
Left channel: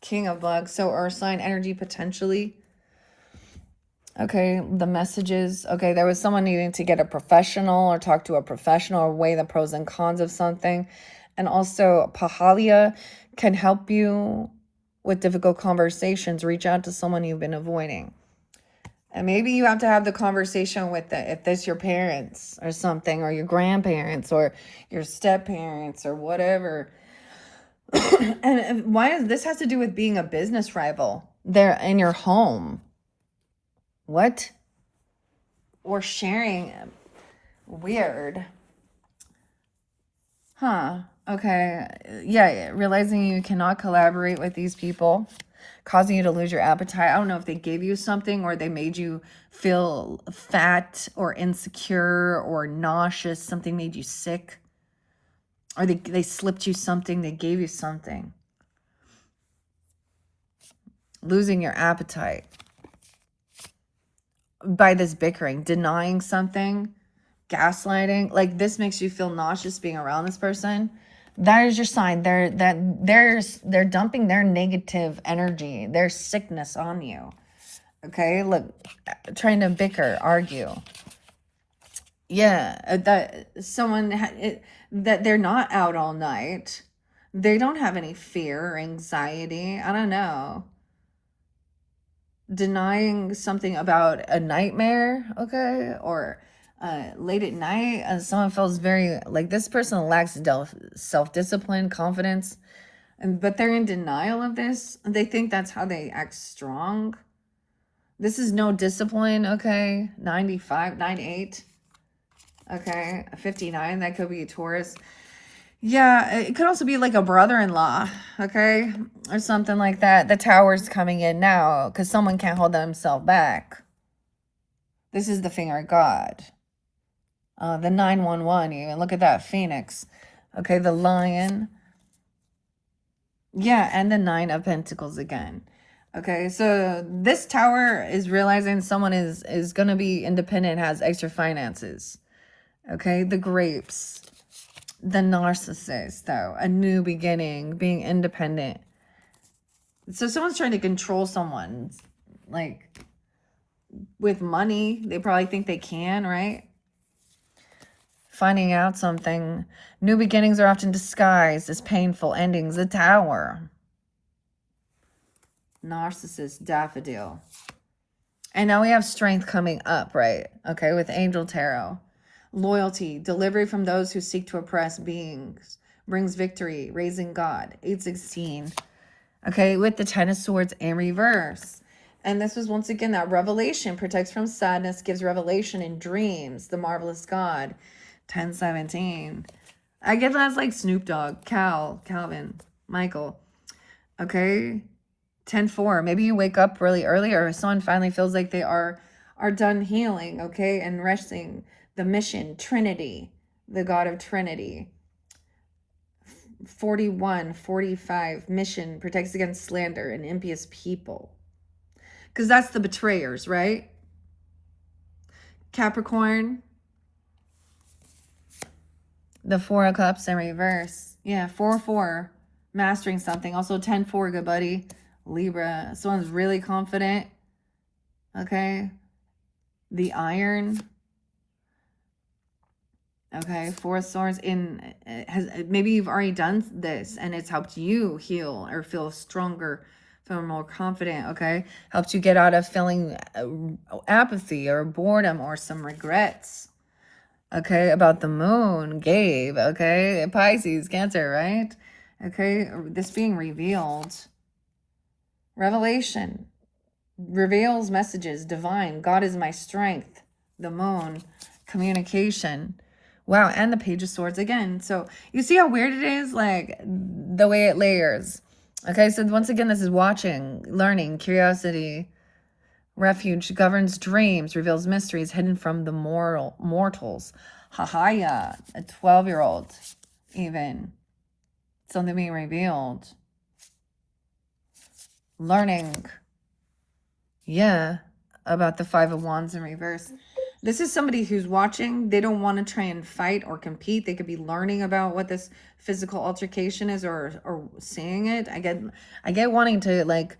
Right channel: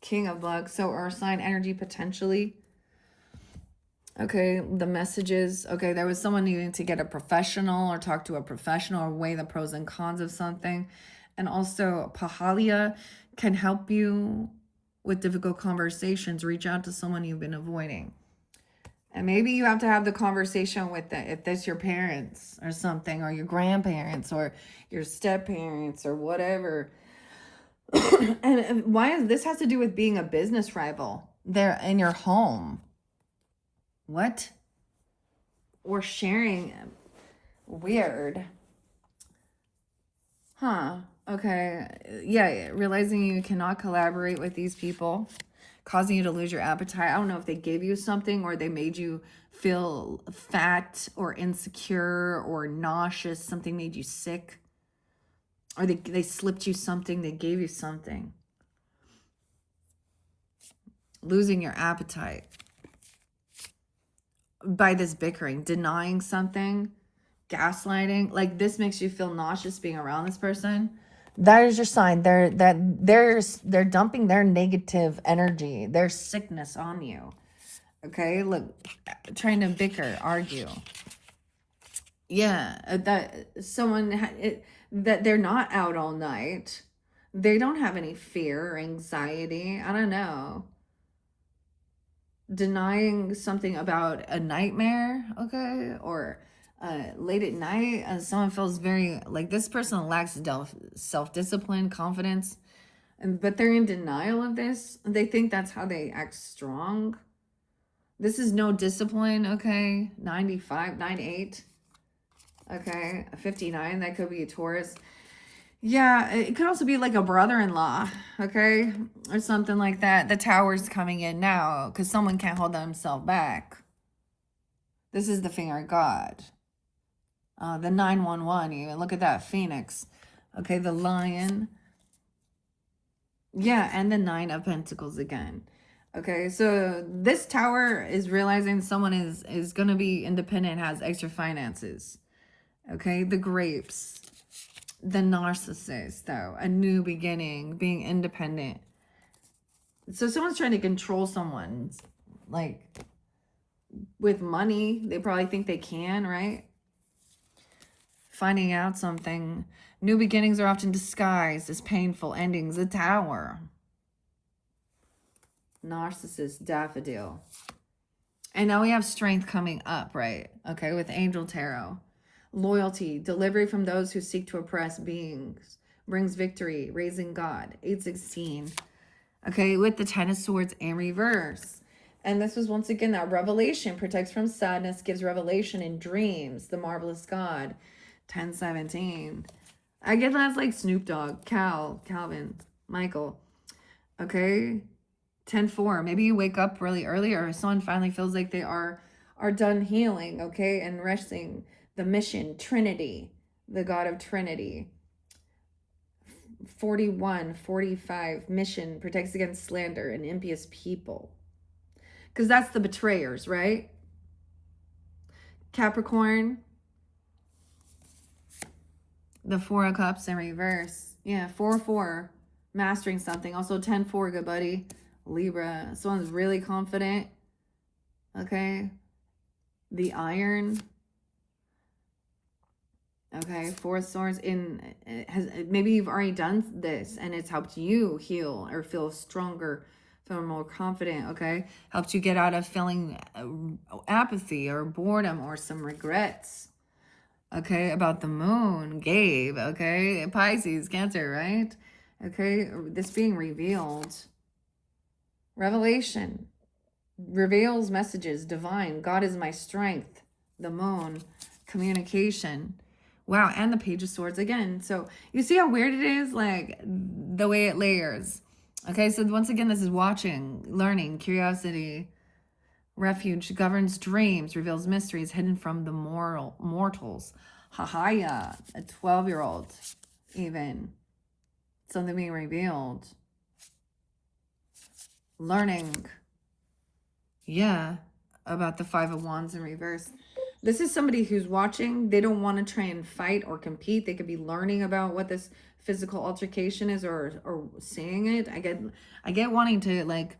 King of Bugs. So earth sign energy potentially. Okay, the messages. Okay, there was someone needing to get a professional, or talk to a professional, or weigh the pros and cons of something. And also, Pahalia can help you with difficult conversations. Reach out to someone you've been avoiding. And maybe you have to have the conversation with if this your parents or something, or your grandparents, or your step parents, or whatever. And this has to do with being a business rival. They're in your home. What? Or sharing. Weird. Huh. Okay. Yeah, realizing you cannot collaborate with these people, causing you to lose your appetite. I don't know if they gave you something, or they made you feel fat or insecure or nauseous. Something made you sick. Or they slipped you something. They gave you something. losing your appetite by this bickering, denying something, gaslighting. Like, this makes you feel nauseous being around this person. That is your sign. They're dumping their negative energy, their sickness on you. Okay, look, trying to bicker, argue. Yeah, that someone that they're not out all night. They don't have any fear or anxiety. I don't know. Denying something about a nightmare, okay, or late at night, someone feels very like this person lacks self-discipline, confidence, but they're in denial of this. They think that's how they act strong. This is no discipline, okay. 95, 98, okay, 59. That could be a Taurus. Yeah, it could also be like a brother-in-law, okay? Or something like that. The Tower's coming in now because someone can't hold themselves back. This is the finger of God. The 911 even. Look at that, Phoenix. Okay, the Lion. Yeah, and the 9 of Pentacles again. Okay, so this Tower is realizing someone is going to be independent, has extra finances. Okay, the Grapes. The Narcissist, though, a new beginning, being independent. So someone's trying to control someone, like, with money. They probably think they can, right? Finding out something. New beginnings are often disguised as painful endings. The Tower. Narcissist, Daffodil. And now we have Strength coming up, right? Okay, with Angel Tarot. Loyalty, delivery from those who seek to oppress beings, brings victory, raising God, 816. Okay, with the 10 of Swords in reverse. And this was once again that revelation, protects from sadness, gives revelation in dreams, the marvelous God, 1017. I get that's like Snoop Dogg, Calvin, Michael. Okay, 10-4. Maybe you wake up really early, or someone finally feels like they are done healing, okay, and resting. The mission, Trinity, the God of Trinity. 41, 45, mission, protects against slander and impious people. Because that's the betrayers, right? Capricorn. The 4 of Cups in reverse. Yeah, 4-4. Mastering something. Also 10-4, good buddy. Libra. Someone's really confident. Okay. The Iron. Okay, 4 of Swords maybe you've already done this and it's helped you heal or feel stronger, feel more confident, okay? Helped you get out of feeling apathy or boredom or some regrets, okay? About the Moon, Gabe, okay? Pisces, Cancer, right? Okay, this being revealed. Revelation reveals messages, divine. God is my strength. The Moon, communication. Wow, and the Page of Swords again. So you see how weird it is? Like, the way it layers. Okay, so once again, this is watching, learning, curiosity. Refuge governs dreams, reveals mysteries hidden from the mortals. Hahaya, a 12-year-old, even. Something being revealed. Learning. Yeah, about the 5 of Wands in reverse. This is somebody who's watching. They don't want to try and fight or compete. They could be learning about what this physical altercation is, or seeing it. I get wanting to, like,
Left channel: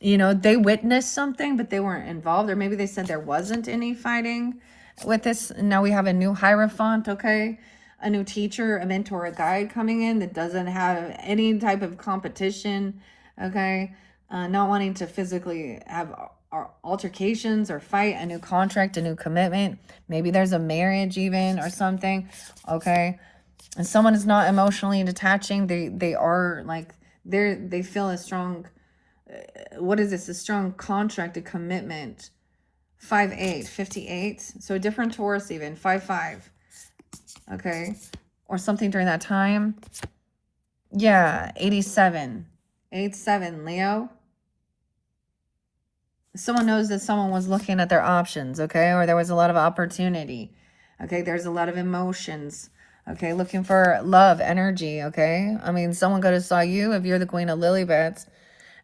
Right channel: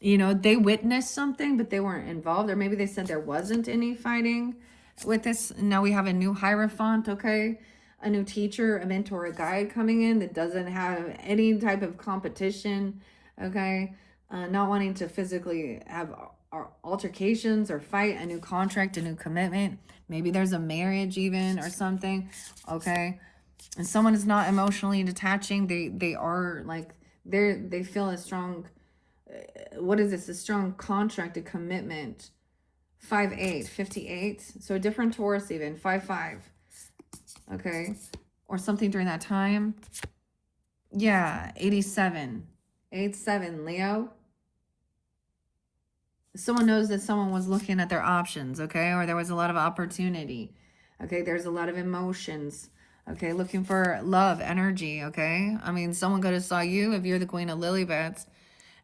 you know, they witnessed something, but they weren't involved. Or maybe they said there wasn't any fighting with this. Now we have a new Hierophant, okay? A new teacher, a mentor, a guide coming in that doesn't have any type of competition, okay? Not wanting to physically have altercations or fight, a new contract, a new commitment. Maybe there's a marriage even or something, okay? And someone is not emotionally detaching. They are like, they feel a strong, what is this? A strong contract, a commitment. 5-8, 58. So a different Taurus even, 5-5. Okay. Or something during that time. Yeah, 87. 8-7, Leo. Someone knows that someone was looking at their options, okay? Or there was a lot of opportunity. Okay, there's a lot of emotions. Okay, looking for love, energy, okay? I mean, someone could have saw you if you're the Queen of Lily Beds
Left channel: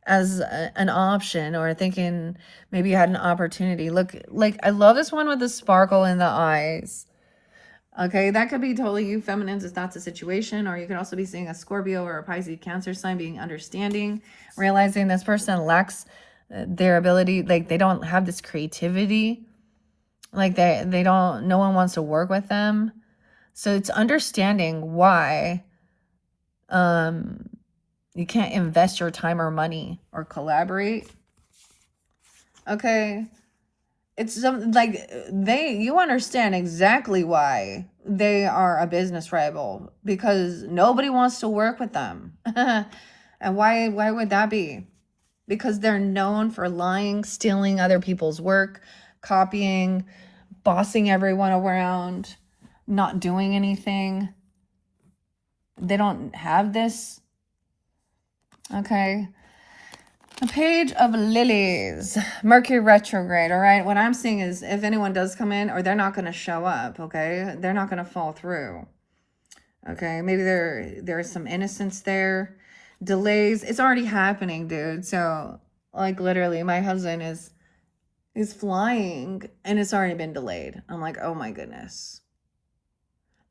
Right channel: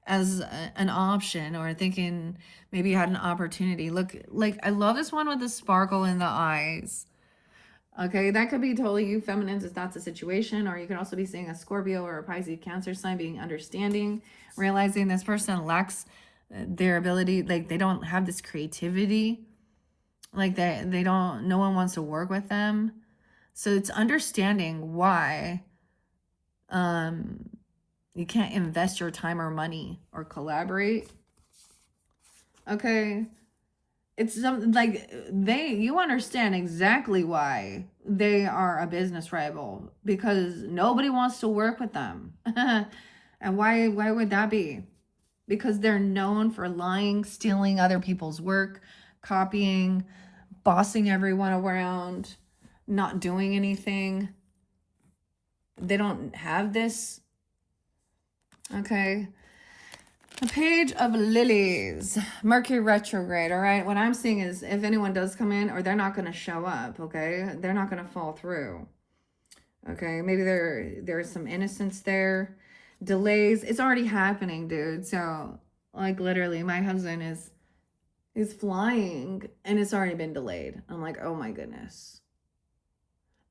as an option, or thinking maybe you had an opportunity. Look, like, I love this one with the sparkle in the eyes. Okay, that could be totally you feminines if that's a situation, or you could also be seeing a Scorpio or a Pisces Cancer sign being understanding, realizing this person lacks their ability, like they don't have this creativity, like they don't, no one wants to work with them. So it's understanding why you can't invest your time or money or collaborate. Okay, it's like you understand exactly why they are a business rival, because nobody wants to work with them. And why would that be? Because they're known for lying, stealing other people's work, copying, bossing everyone around, not doing anything. They don't have this. Okay. The Page of Lilies, Mercury retrograde. All right, what I'm seeing is if anyone does come in, or they're not going to show up, okay, they're not going to fall through. Okay, maybe there's some innocence there. Delays, it's already happening, dude. So like literally my husband is flying and it's already been delayed. I'm like, oh my goodness.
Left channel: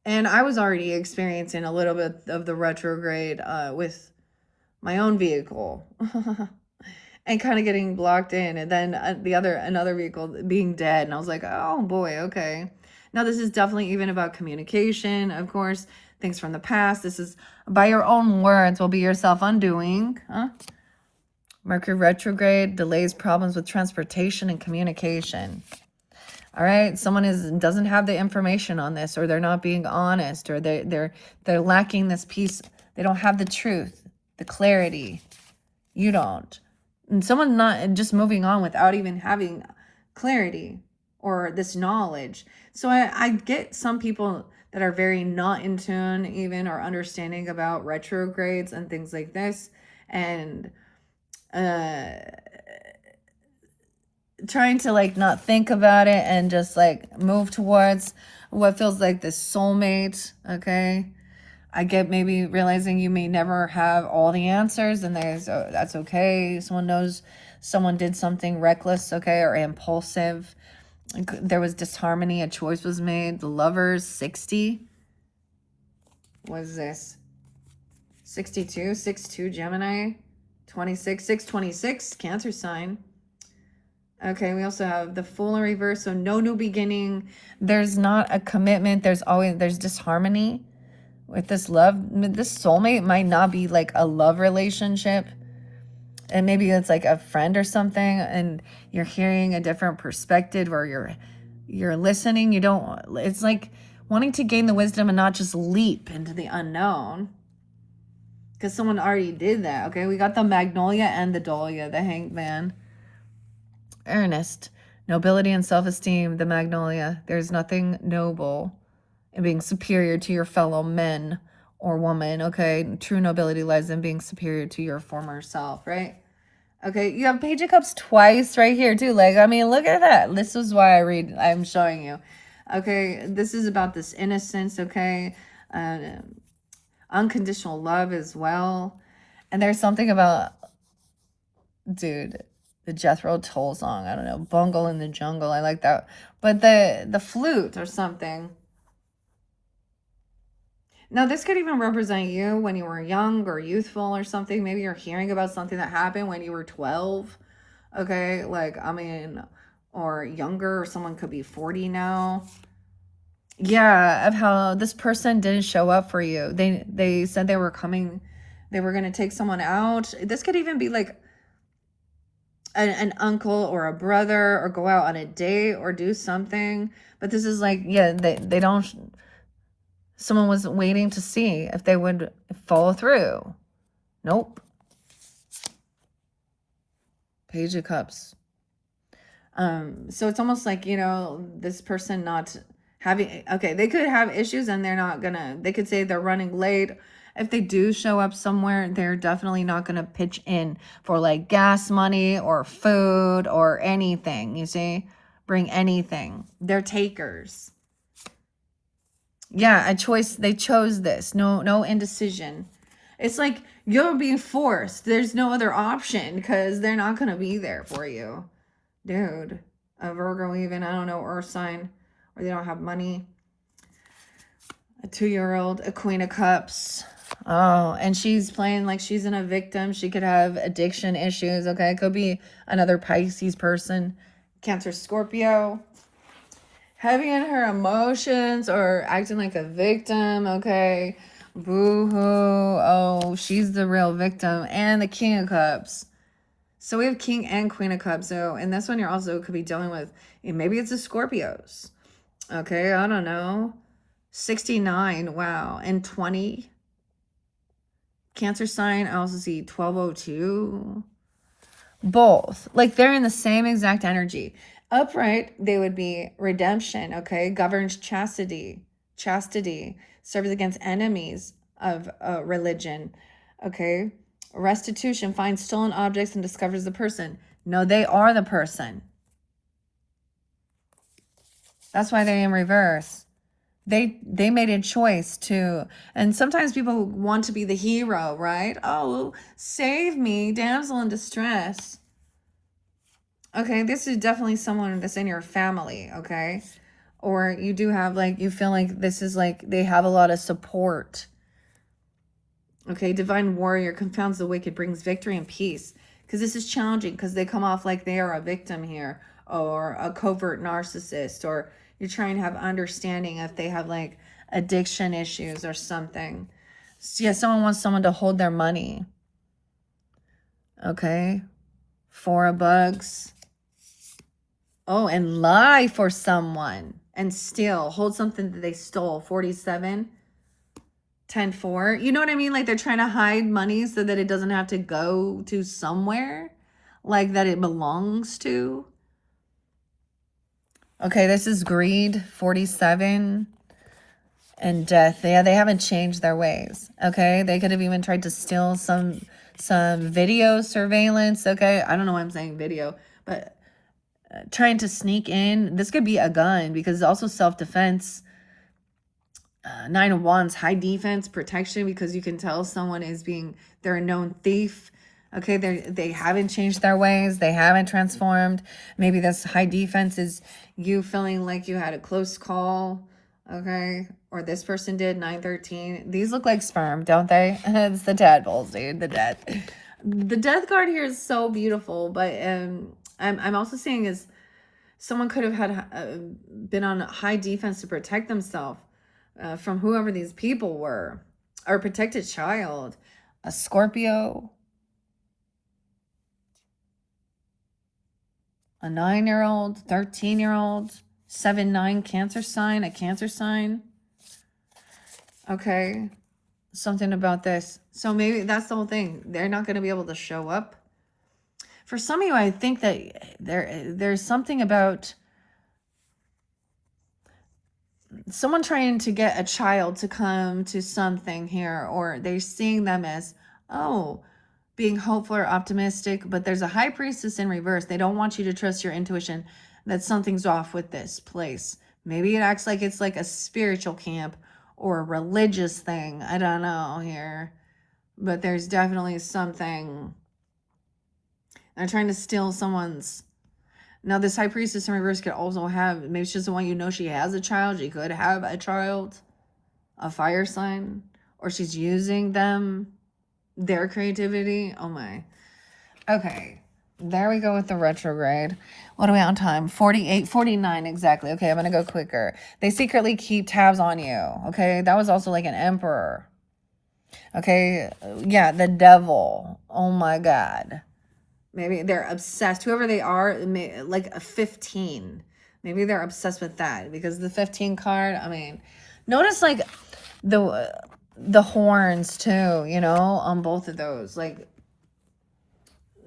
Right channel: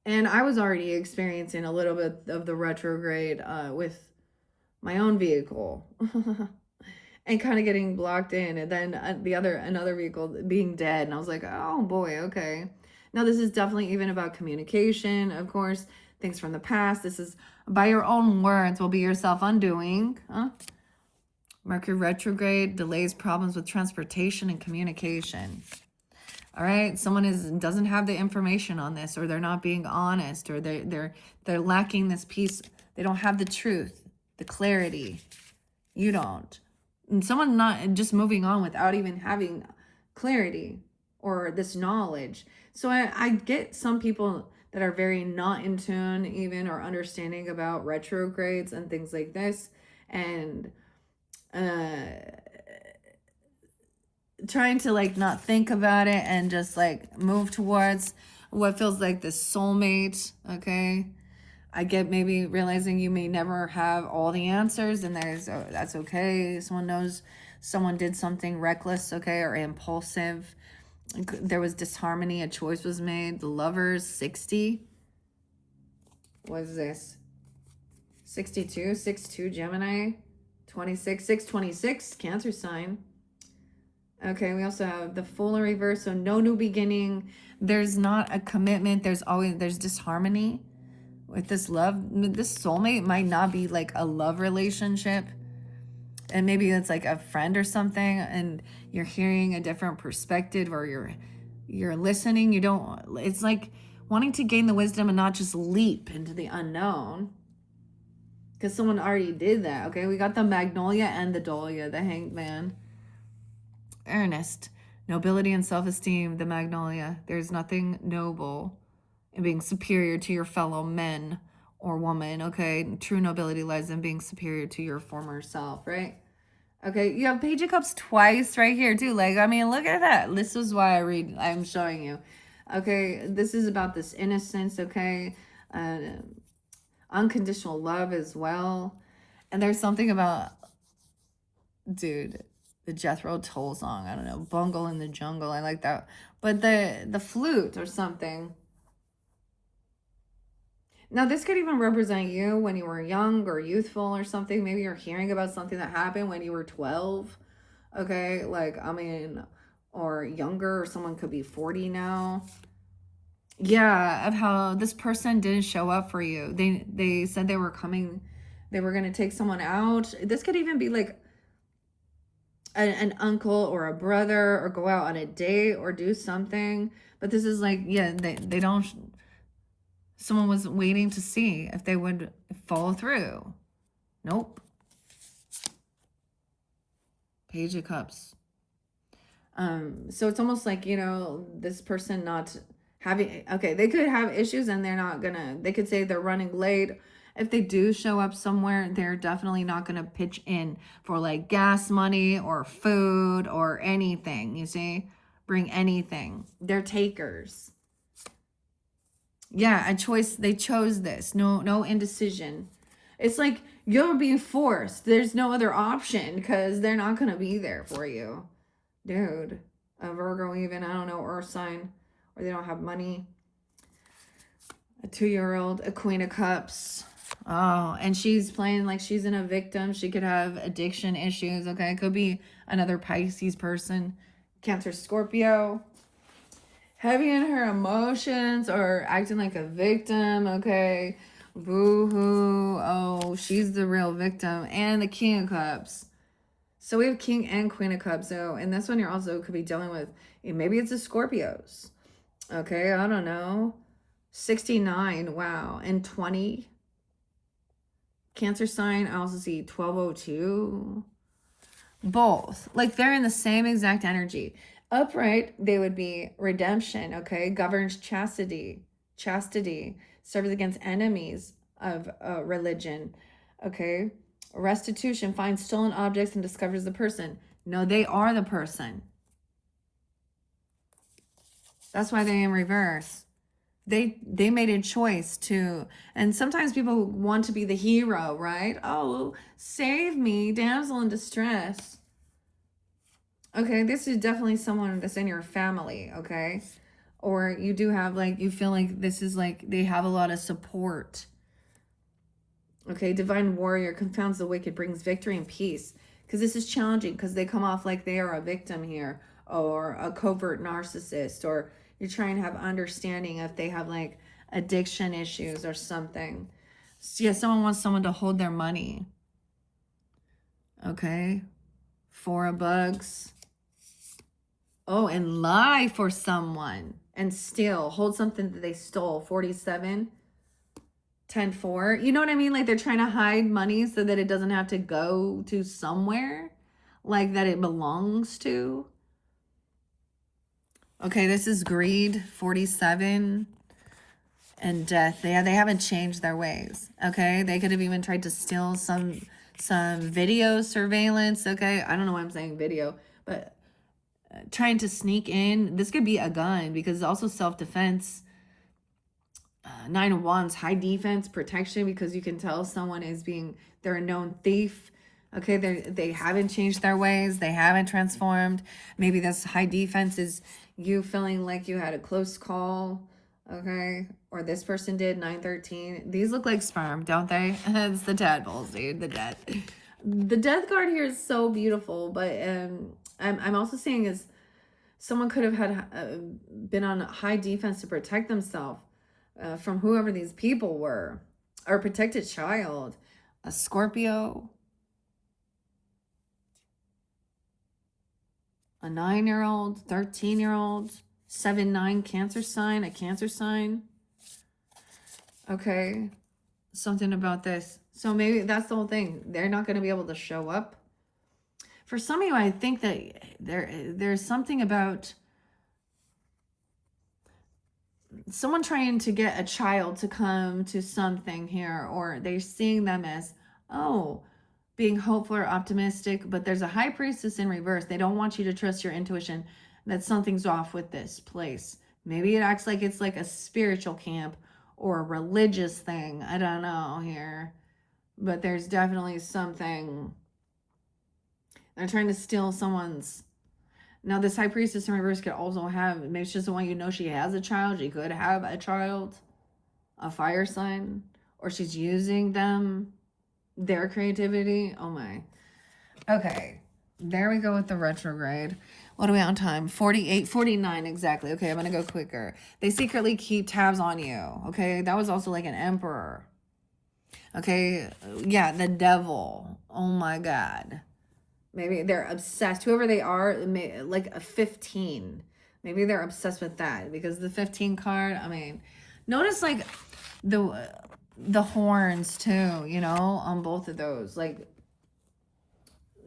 And I was already experiencing a little bit of the retrograde with my own vehicle. And kind of getting blocked in, and then another vehicle being dead, and I was like, oh boy, okay. Now this is definitely even about communication, of course, things from the past. This is by your own words will be yourself undoing. Mercury retrograde delays, problems with transportation and communication. All right, someone doesn't have the information on this, or they're not being honest, or they're lacking this piece. They don't have the truth, the clarity. You don't. And someone not just moving on without even having clarity or this knowledge. So I get some people that are very not in tune even, or understanding about retrogrades and things like this, and trying to like not think about it and just like move towards what feels like this soulmate. Okay, I get maybe realizing you may never have all the answers, and that's okay. Someone did something reckless, okay, or impulsive. There was disharmony, a choice was made. The Lovers, 60. What is this? 62, 62 Gemini, 26, 626 Cancer sign. Okay, we also have the Fool in reverse, so no new beginning. There's not a commitment. There's disharmony with this love. This soulmate might not be like a love relationship, and maybe it's like a friend or something, and you're hearing a different perspective, or you're listening. It's like wanting to gain the wisdom and not just leap into the unknown, because someone already did that. Okay, we got the Magnolia and the Dahlia, the Hanged Man. Earnest, nobility and self-esteem, the Magnolia. There's nothing noble in being superior to your fellow men or woman, okay? True nobility lies in being superior to your former self, right? Okay, you have Page of Cups twice right here too. Like, I mean, look at that. This is why I'm showing you. Okay, this is about this innocence, okay? Unconditional love as well. And there's something about, dude, the Jethro Tull song. I don't know, Bungle in the Jungle. I like that. But the flute or something. Now, this could even represent you when you were young or youthful or something. Maybe you're hearing about something that happened when you were 12. Okay, like, I mean, or younger, or someone could be 40 now. Yeah, of how this person didn't show up for you. They said they were coming, they were going to take someone out. This could even be like an uncle or a brother, or go out on a date or do something. But this is like, yeah, they don't, someone was waiting to see if they would follow through. Nope. Page of Cups. So it's almost like, this person not having, okay, they could have issues and they could say they're running late. If they do show up somewhere, they're definitely not gonna pitch in for like gas money or food or anything, you see? Bring anything. They're takers. Yeah, a choice. They chose this. No indecision. It's like you're being forced. There's no other option because they're not going to be there for you. Dude, a Virgo even, I don't know, Earth sign, or they don't have money. A 2-year-old, a Queen of Cups. Oh, and she's playing like she's in a victim. She could have addiction issues, okay? It could be another Pisces person. Cancer, Scorpio. Heavy in her emotions or acting like a victim, okay? Boo-hoo. Oh, she's the real victim. And the King of Cups. So we have King and Queen of Cups. So, and this one you're also could be dealing with, maybe it's the Scorpios. Okay, I don't know. 69, wow. And 20. Cancer sign, I also see 1202. Both. Like they're in the same exact energy. Upright, they would be redemption, okay? Governs chastity. Chastity. Serves against enemies of religion, okay? Restitution, finds stolen objects and discovers the person. No, they are the person. That's why they're in reverse. They made a choice to, and sometimes people want to be the hero, right? Oh, save me, damsel in distress. Okay, this is definitely someone that's in your family, okay? Or you do have, like, you feel like this is like they have a lot of support. Okay, divine warrior confounds the wicked, brings victory and peace. Because this is challenging because they come off like they are a victim here or a covert narcissist, or you're trying to have understanding if they have like addiction issues or something. So yeah, someone wants someone to hold their money. Okay. 4 of bugs. Oh, and lie for someone and steal. Hold something that they stole. 47. 10-4. You know what I mean? Like they're trying to hide money so that it doesn't have to go to somewhere. Like that it belongs to. Okay, this is greed. 47. And death. Yeah, they haven't changed their ways. Okay, they could have even tried to steal some video surveillance. Okay, I don't know why I'm saying video, but trying to sneak in. This could be a gun because it's also self-defense. 9 of Wands, high defense, protection, because you can tell someone is they're a known thief. Okay, they haven't changed their ways. They haven't transformed. Maybe this high defense is you feeling like you had a close call. Okay, or this person did. 9-13. These look like sperm, don't they? It's the tadpoles, dude. The death. The death card here is so beautiful, but I'm also saying is someone could have had been on high defense to protect themselves from whoever these people were, or protect a child. A Scorpio, a 9-year-old, 13-year-old, 7-9 Cancer sign, a Cancer sign. Okay, something about this. So maybe that's the whole thing. They're not going to be able to show up. For some of you, I think that there's something about someone trying to get a child to come to something here, or they're seeing them as, oh, being hopeful or optimistic, but there's a high priestess in reverse. They don't want you to trust your intuition that something's off with this place. Maybe it acts like it's like a spiritual camp or a religious thing. I don't know here, but there's definitely something. They're trying to steal someone's. Now, this high priestess in reverse could also have, maybe she doesn't want you to know she has a child. She could have a child, a fire sign, or she's using them, their creativity. Oh my. Okay, there we go with the retrograde. What are we on time? 48, 49 exactly. Okay, I'm going to go quicker. They secretly keep tabs on you. Okay, that was also like an emperor. Okay, yeah, the devil. Oh my God. Maybe they're obsessed. Whoever they are, like a 15. Maybe they're obsessed with that because the 15 card, I mean, notice like the horns too, you know, on both of those. Like,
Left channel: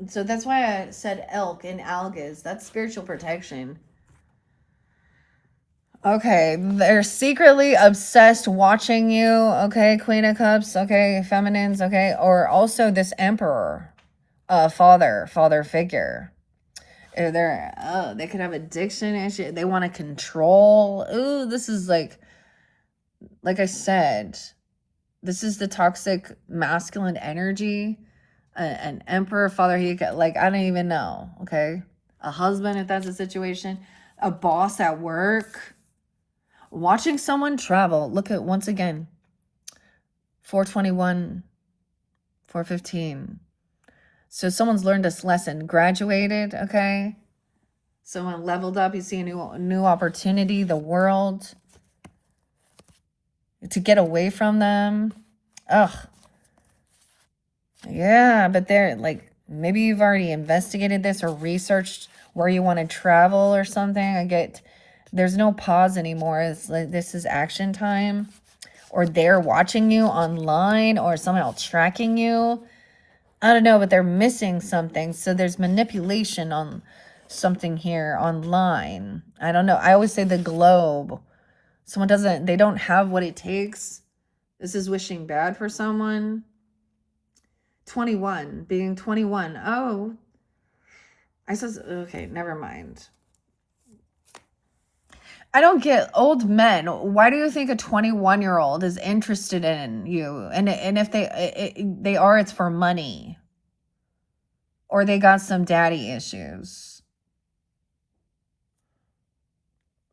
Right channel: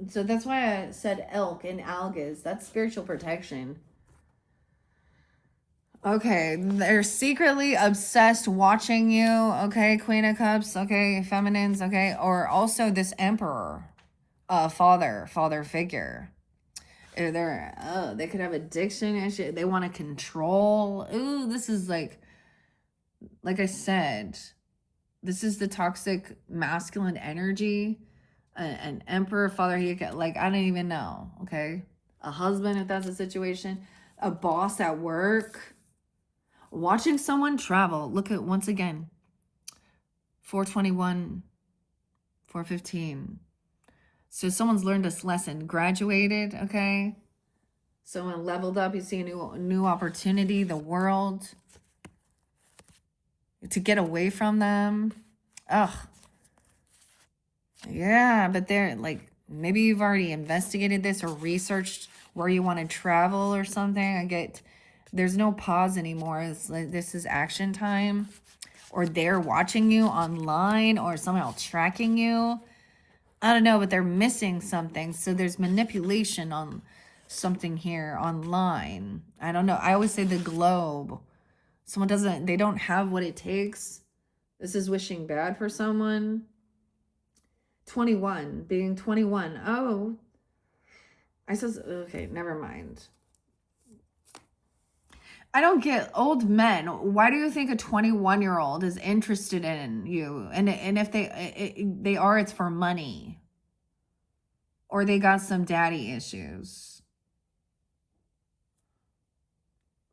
so that's why I said elk and algas. That's spiritual protection. Okay, they're secretly obsessed watching you. Okay, Queen of Cups. Okay, feminines. Okay, or also this emperor. Father figure. Or they could have addiction issue. They want to control. Ooh, this is like I said, This is the toxic masculine energy. An emperor, father, like, I don't even know, okay? A husband, if that's a situation. A boss at work. Watching someone travel. Look at, once again, 421, 415. So someone's learned this lesson, graduated, okay? Someone leveled up. You see a new opportunity, the world. To get away from them. Ugh. Yeah, but they're like, maybe you've already investigated this or researched where you want to travel or something. There's no pause anymore. It's like, this is action time. Or they're watching you online or somehow tracking you. I don't know, but they're missing something. So there's manipulation on something here online. I don't know. I always say the globe. They don't have what it takes. This is wishing bad for someone. 21, being 21. Oh, okay, never mind. I don't get old men. Why do you think a 21-year-old is interested in you? And if they are, it's for money. Or they got some daddy issues.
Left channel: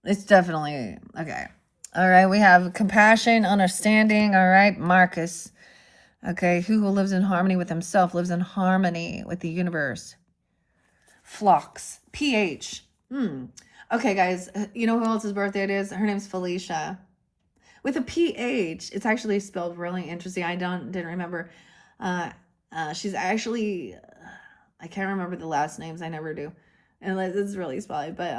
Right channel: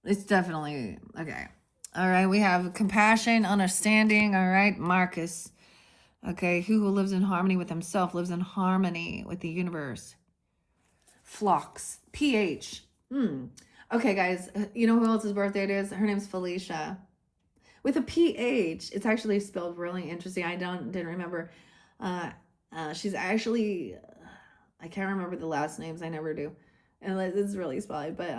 It's definitely, okay. All right, we have compassion, understanding. All right, Marcus. Okay, who lives in harmony with himself, lives in harmony with the universe. Flocks, pH. Okay, guys, you know who else's birthday it is? Her name's Felicia. With a PH, it's actually spelled really interesting. I didn't remember. She's actually, I can't remember the last names. I never do, and it's really spelly. But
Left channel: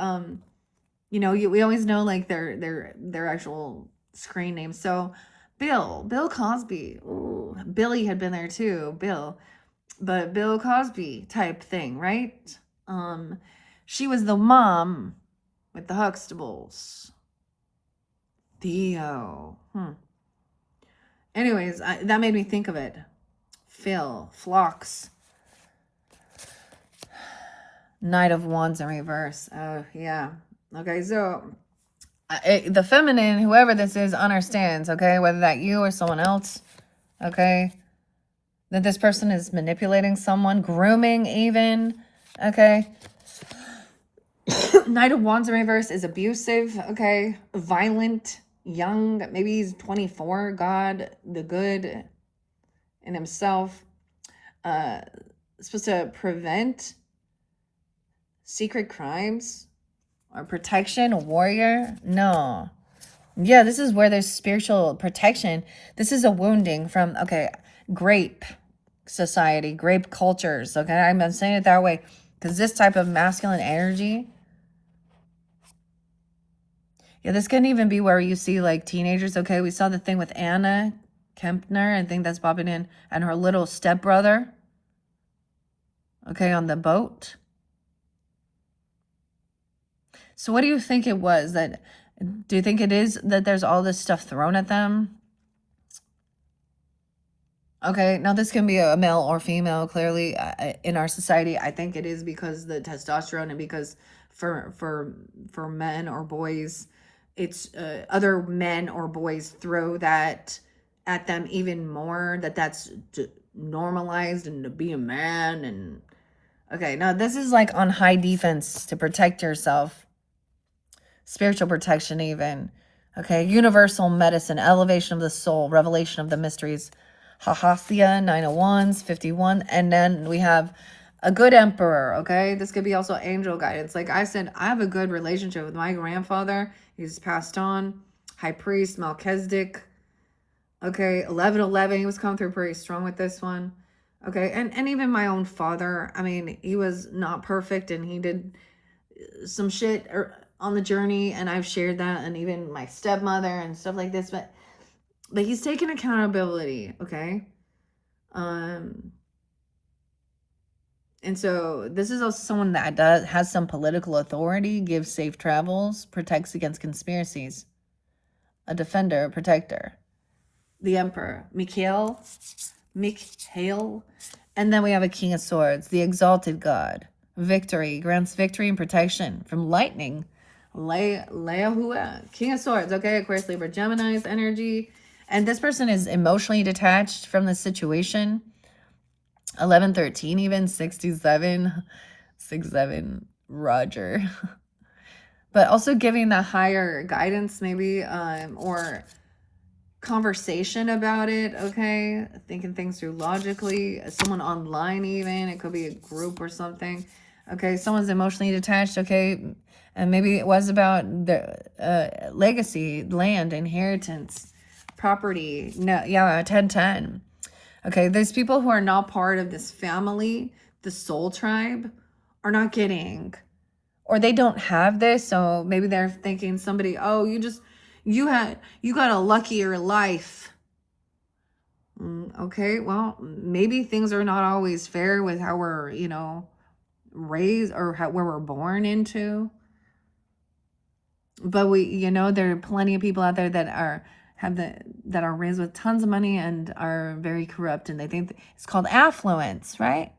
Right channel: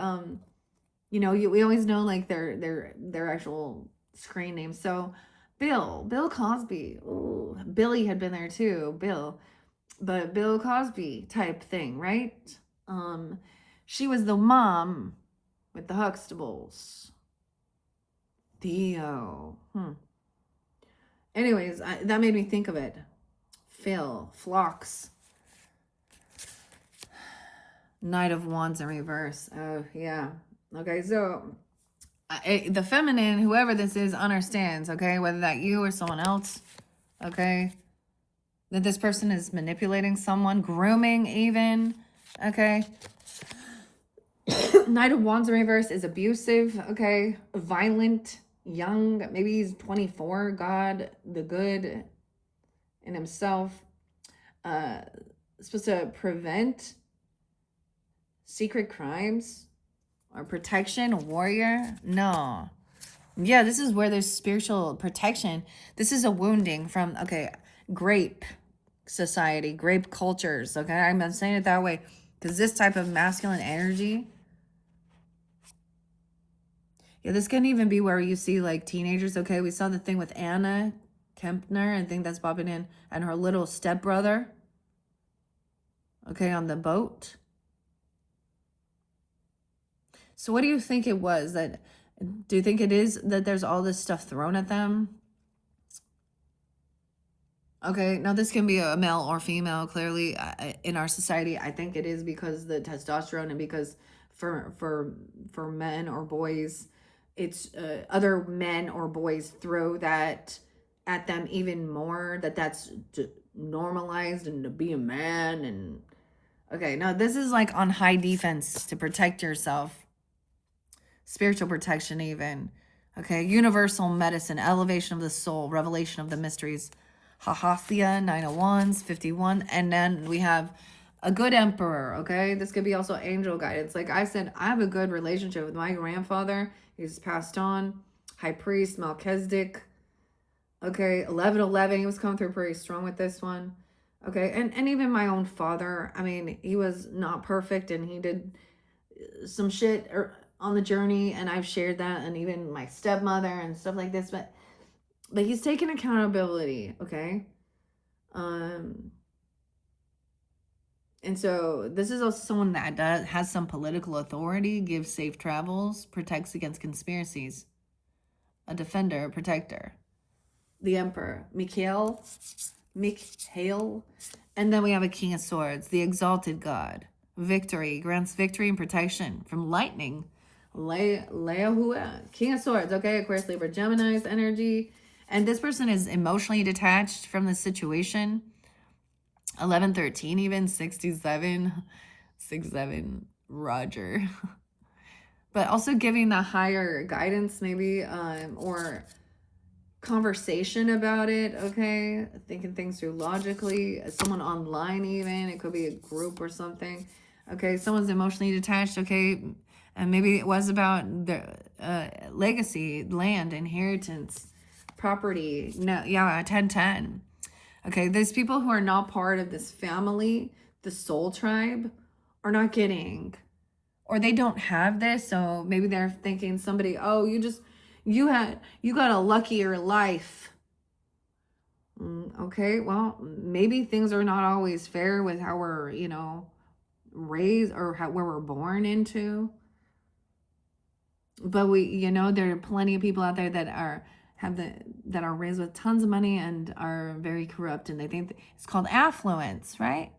you know, we always know like their actual screen names. So Bill Cosby. Ooh, Billy had been there too. But Bill Cosby type thing, right? She was the mom with the Huxtables. Theo. Anyways, that made me think of it. Phil, Phlox. Knight of Wands in reverse. Oh, yeah. Okay, so the feminine, whoever this is, understands, okay? Whether that you or someone else, okay? That this person is manipulating someone, grooming even, okay? Knight of Wands in reverse is abusive, okay? Violent, young, maybe he's 24, God, the good in himself. Supposed to prevent secret crimes or protection, a warrior. No. Yeah, this is where there's spiritual protection. This is a wounding from, okay, grape society, grape cultures, okay? I'm saying it that way because this type of masculine energy, yeah, this can even be where you see like teenagers, okay? We saw the thing with Anna Kempner, I think that's popping in, and her little stepbrother, okay, on the boat. So what do you think it was? Do you think it is that there's all this stuff thrown at them? Okay, now this can be a male or female, clearly, in our society. I think it is because the testosterone, and because for men or boys, it's other men or boys throw that at them even more, that's normalized, and to be a man. And okay, now this is like on high defense to protect yourself. Spiritual protection even. Okay, universal medicine, elevation of the soul, revelation of the mysteries. Hahathia, 9 of Wands, 51. And then we have a good emperor, okay? This could be also angel guidance. Like I said, I have a good relationship with my grandfather. He's passed on. High priest, Melchizedek. Okay, 1111. He was coming through pretty strong with this one. Okay, and even my own father. I mean, he was not perfect, and he did some shit on the journey, and I've shared that, and even my stepmother and stuff like this, but he's taken accountability, okay? And so this is also someone that has some political authority, gives safe travels, protects against conspiracies, a defender, a protector. The Emperor, Mikhail, and then we have a King of Swords, the exalted God, victory, grants victory and protection from lightning, Leahua, King of Swords, okay, Aquarius, Libra, Gemini's energy. And this person is emotionally detached from the situation. 1113, even 67, 67, Roger. But also giving the higher guidance, maybe, or conversation about it, okay? Thinking things through logically. Someone online, even. It could be a group or something. Okay, someone's emotionally detached, okay? And maybe it was about the legacy, land, inheritance, property. No, yeah, 1010. Okay, those people who are not part of this family, the soul tribe, are not getting, or they don't have this, so maybe they're thinking somebody, oh, you got a luckier life. Okay, well, maybe things are not always fair with how we're, raised, or where we're born into. But there are plenty of people out there that are raised with tons of money and are very corrupt, and they think it's called affluence, right?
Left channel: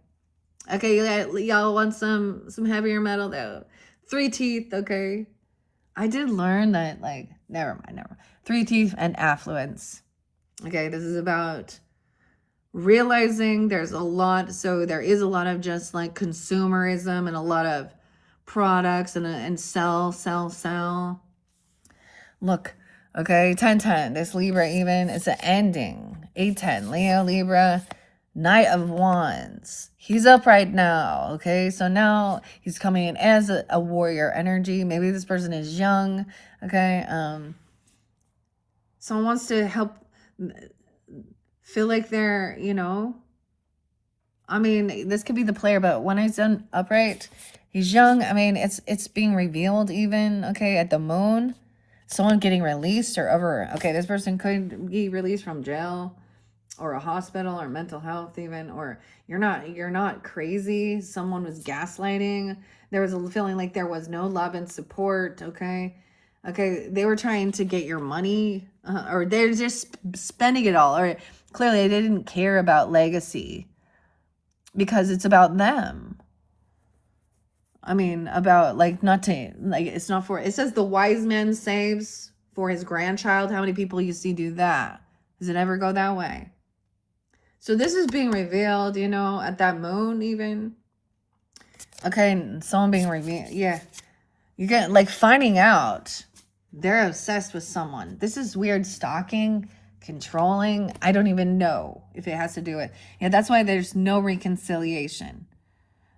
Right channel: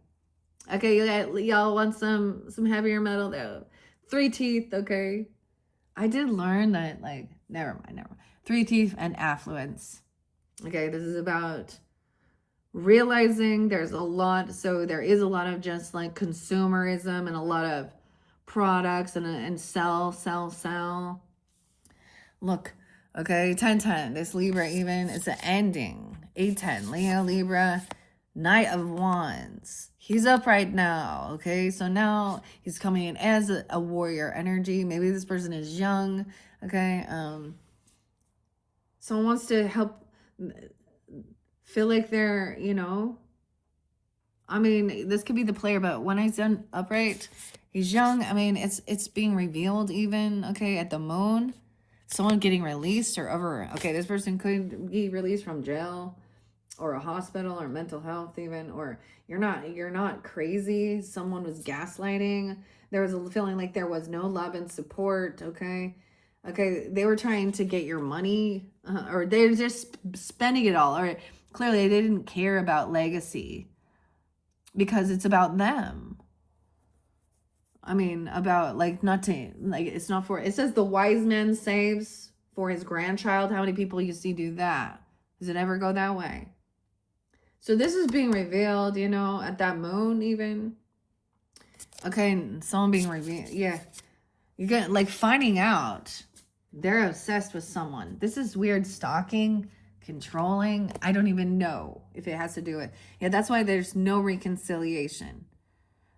Okay, y'all want some heavier metal though. Three teeth, okay. I did learn that, like, never mind. Three teeth and affluence. Okay, this is about realizing there is a lot of just like consumerism and a lot of products and sell. Look, okay, 1010. This Libra even is an ending. 810. Leo, Libra, Knight of Wands. He's up right now, okay? So now he's coming in as a warrior energy. Maybe this person is young, okay? Someone wants to help feel like they're, I mean, this could be the player, but when he's done upright, he's young. I mean, it's being revealed even, okay, at the moon. Someone getting released or over, okay, this person could be released from jail or a hospital or mental health even, or you're not crazy. Someone was gaslighting. There was a feeling like there was no love and support, okay? Okay, they were trying to get your money, or they're just spending it all, or clearly they didn't care about legacy because it's about them. I mean, about, like, not to, like, it's not for, it says the wise man saves for his grandchild. How many people you see do that? Does it ever go that way? So this is being revealed, at that moon even. Okay, someone being revealed. Yeah. You get, like, finding out they're obsessed with someone. This is weird stalking, controlling. I don't even know if it has to do with. Yeah, that's why there's no reconciliation.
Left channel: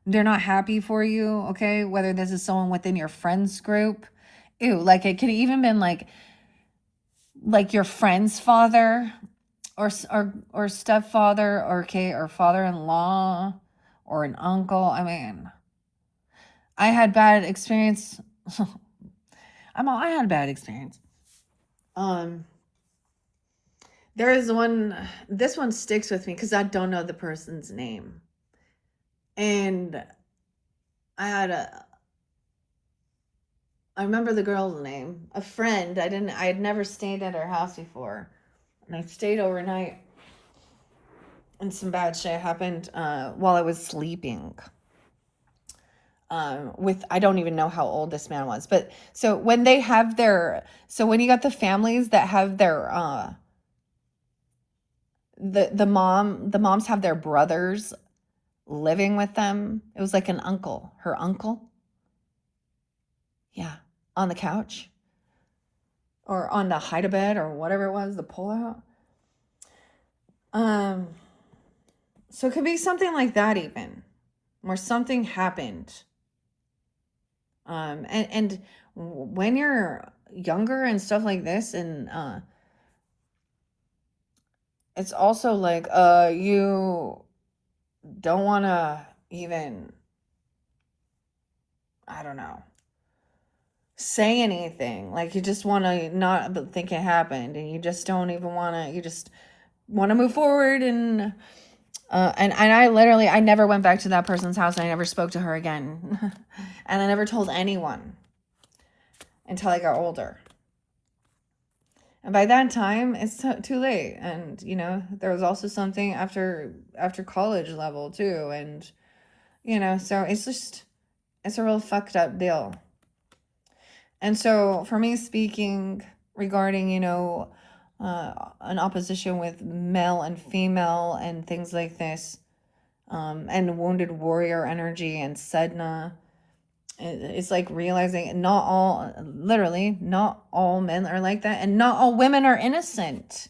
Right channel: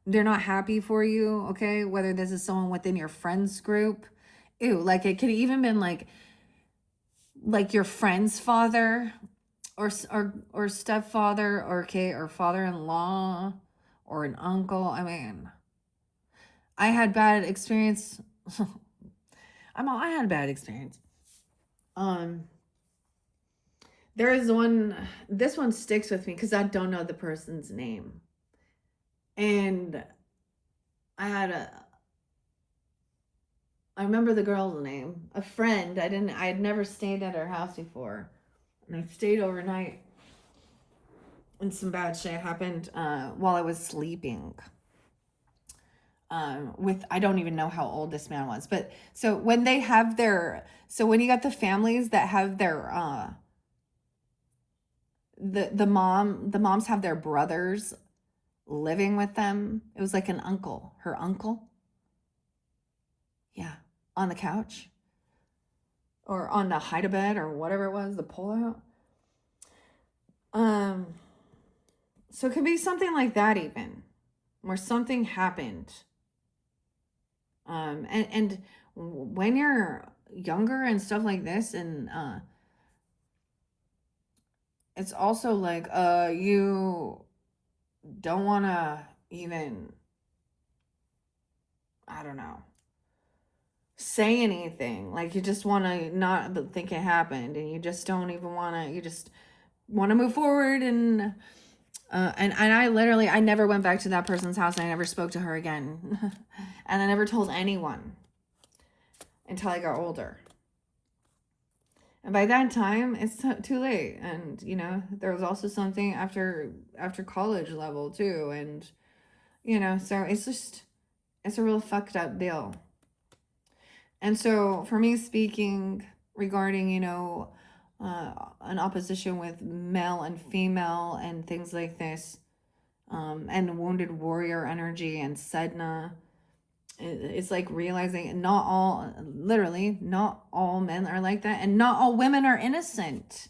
They're not happy for you, okay? Whether this is someone within your friends group. Ew, like it could even been like your friend's father or stepfather, or father-in-law or an uncle. I mean, I had bad experience. I had a bad experience. There is one, this one sticks with me because I don't know the person's name. And I remember the girl's name. A friend. I had never stayed at her house before. And I stayed overnight. And some bad shit happened while I was sleeping. I don't even know how old this man was. But so when they have when you got the families that have their the moms have their brothers living with them. It was like an uncle, her uncle. Yeah, on the couch or on the hide-a-bed or whatever it was, the pull-out. So it could be something like that even, where something happened. And when you're younger and stuff like this, and it's also like you don't want to even, I don't know, say anything. Like you just want to not think it happened, and you just don't even want to. You just want to move forward, and I never went back to that person's house, and I never spoke to her again, and I never told anyone until I got older. And by that time, it's too late. And there was also something after college level too, and so it's a real fucked up deal. And so for me, speaking regarding an opposition with male and female and things like this, and wounded warrior energy and Sedna. It's like realizing not all, literally, not all men are like that, and not all women are innocent.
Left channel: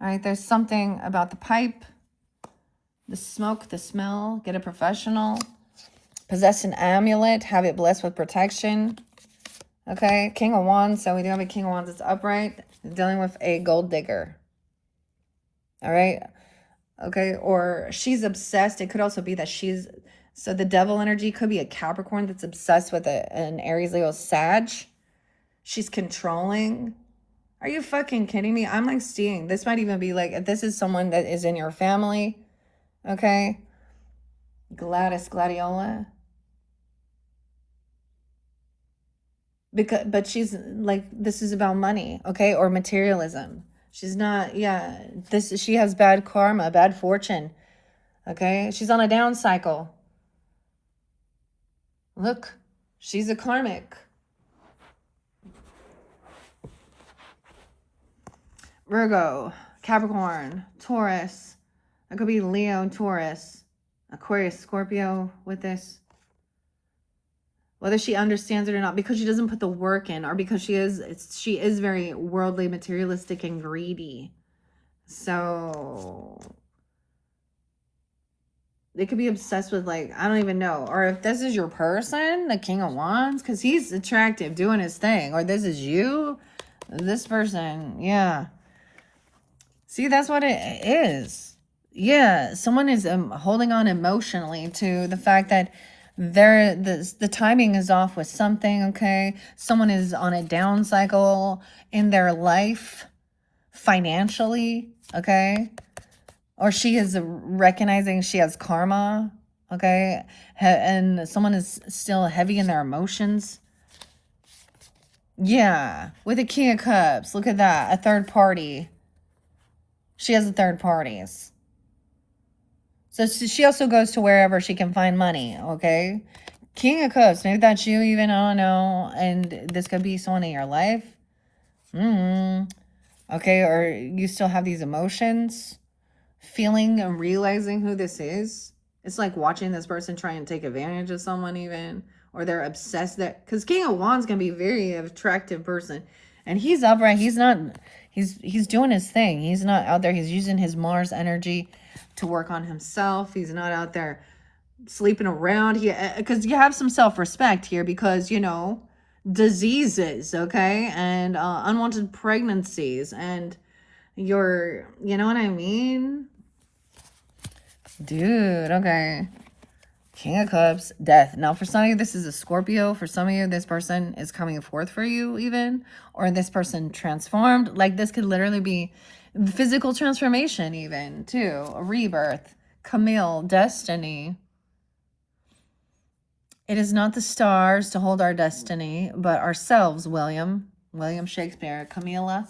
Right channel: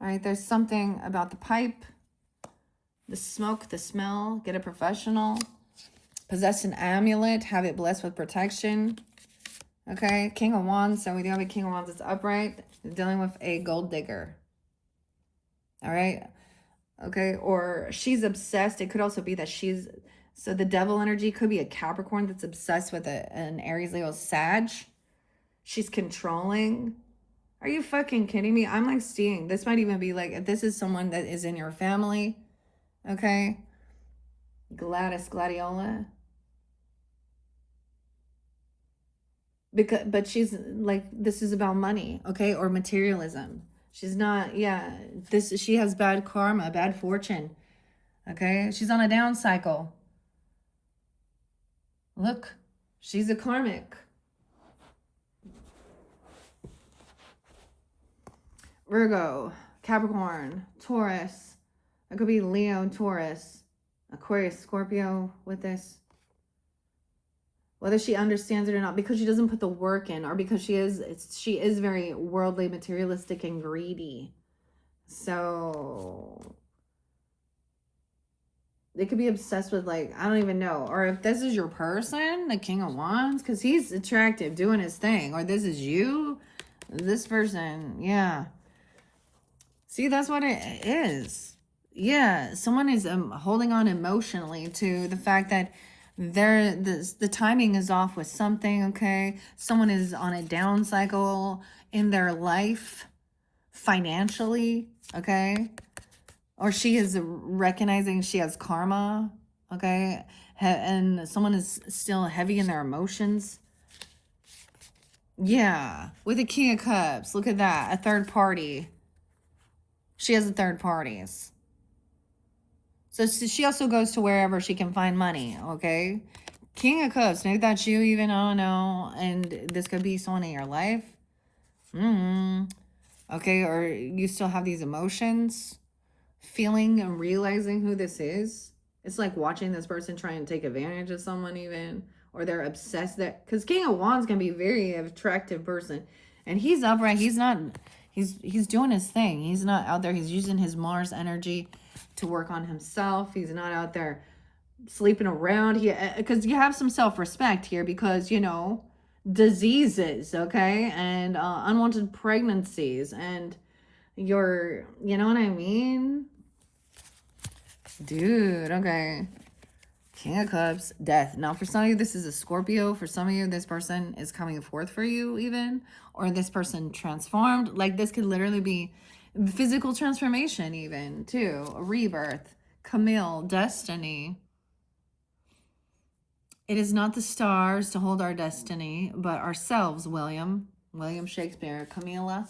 All right, there's something about the pipe, the smoke, the smell. Get a professional. Possess an amulet. Have it blessed with protection. Okay, King of Wands. So we do have a King of Wands that's upright. Dealing with a gold digger. All right. Okay, or she's obsessed. It could also be that she's... So the devil energy could be a Capricorn that's obsessed with an Aries, Leo, Sag. She's controlling. Are you fucking kidding me? I'm like seeing, this might even be like, if this is someone that is in your family, okay? Gladys, Gladiola. But she's like, this is about money, okay? Or materialism. She's not, yeah, she has bad karma, bad fortune, okay? She's on a down cycle. Look, she's a karmic. Virgo, Capricorn, Taurus. It could be Leo, Taurus, Aquarius, Scorpio with this. Whether she understands it or not, because she doesn't put the work in, or because she is very worldly, materialistic, and greedy. So they could be obsessed with, like, I don't even know. Or if this is your person, the King of Wands, because he's attractive, doing his thing. Or this is you, this person, yeah. See, that's what it is. Yeah, someone is holding on emotionally to the fact that the timing is off with something, okay? Someone is on a down cycle in their life financially, okay? Or she is recognizing she has karma, okay? And someone is still heavy in their emotions. Yeah, with a King of Cups, look at that, a third party. She has the third parties. So she also goes to wherever she can find money, okay? King of Cups, maybe that's you even, I don't know. And this could be someone in your life. Okay, or you still have these emotions. Feeling and realizing who this is. It's like watching this person try and take advantage of someone even. Or they're obsessed that... Because King of Wands can be a very attractive person. And he's upright. He's not... He's doing his thing. He's not out there. He's using his Mars energy to work on himself. He's not out there sleeping around. Because you have some self-respect here because, you know, diseases, okay? And unwanted pregnancies. And you know what I mean? Dude, okay. King of Cups, death. Now, for some of you, this is a Scorpio. For some of you, this person is coming forth for you even. Or this person transformed. Like, this could literally be physical transformation even, too. A rebirth. Camille, destiny. It is not the stars to hold our destiny, but ourselves, William. William Shakespeare. Camilla.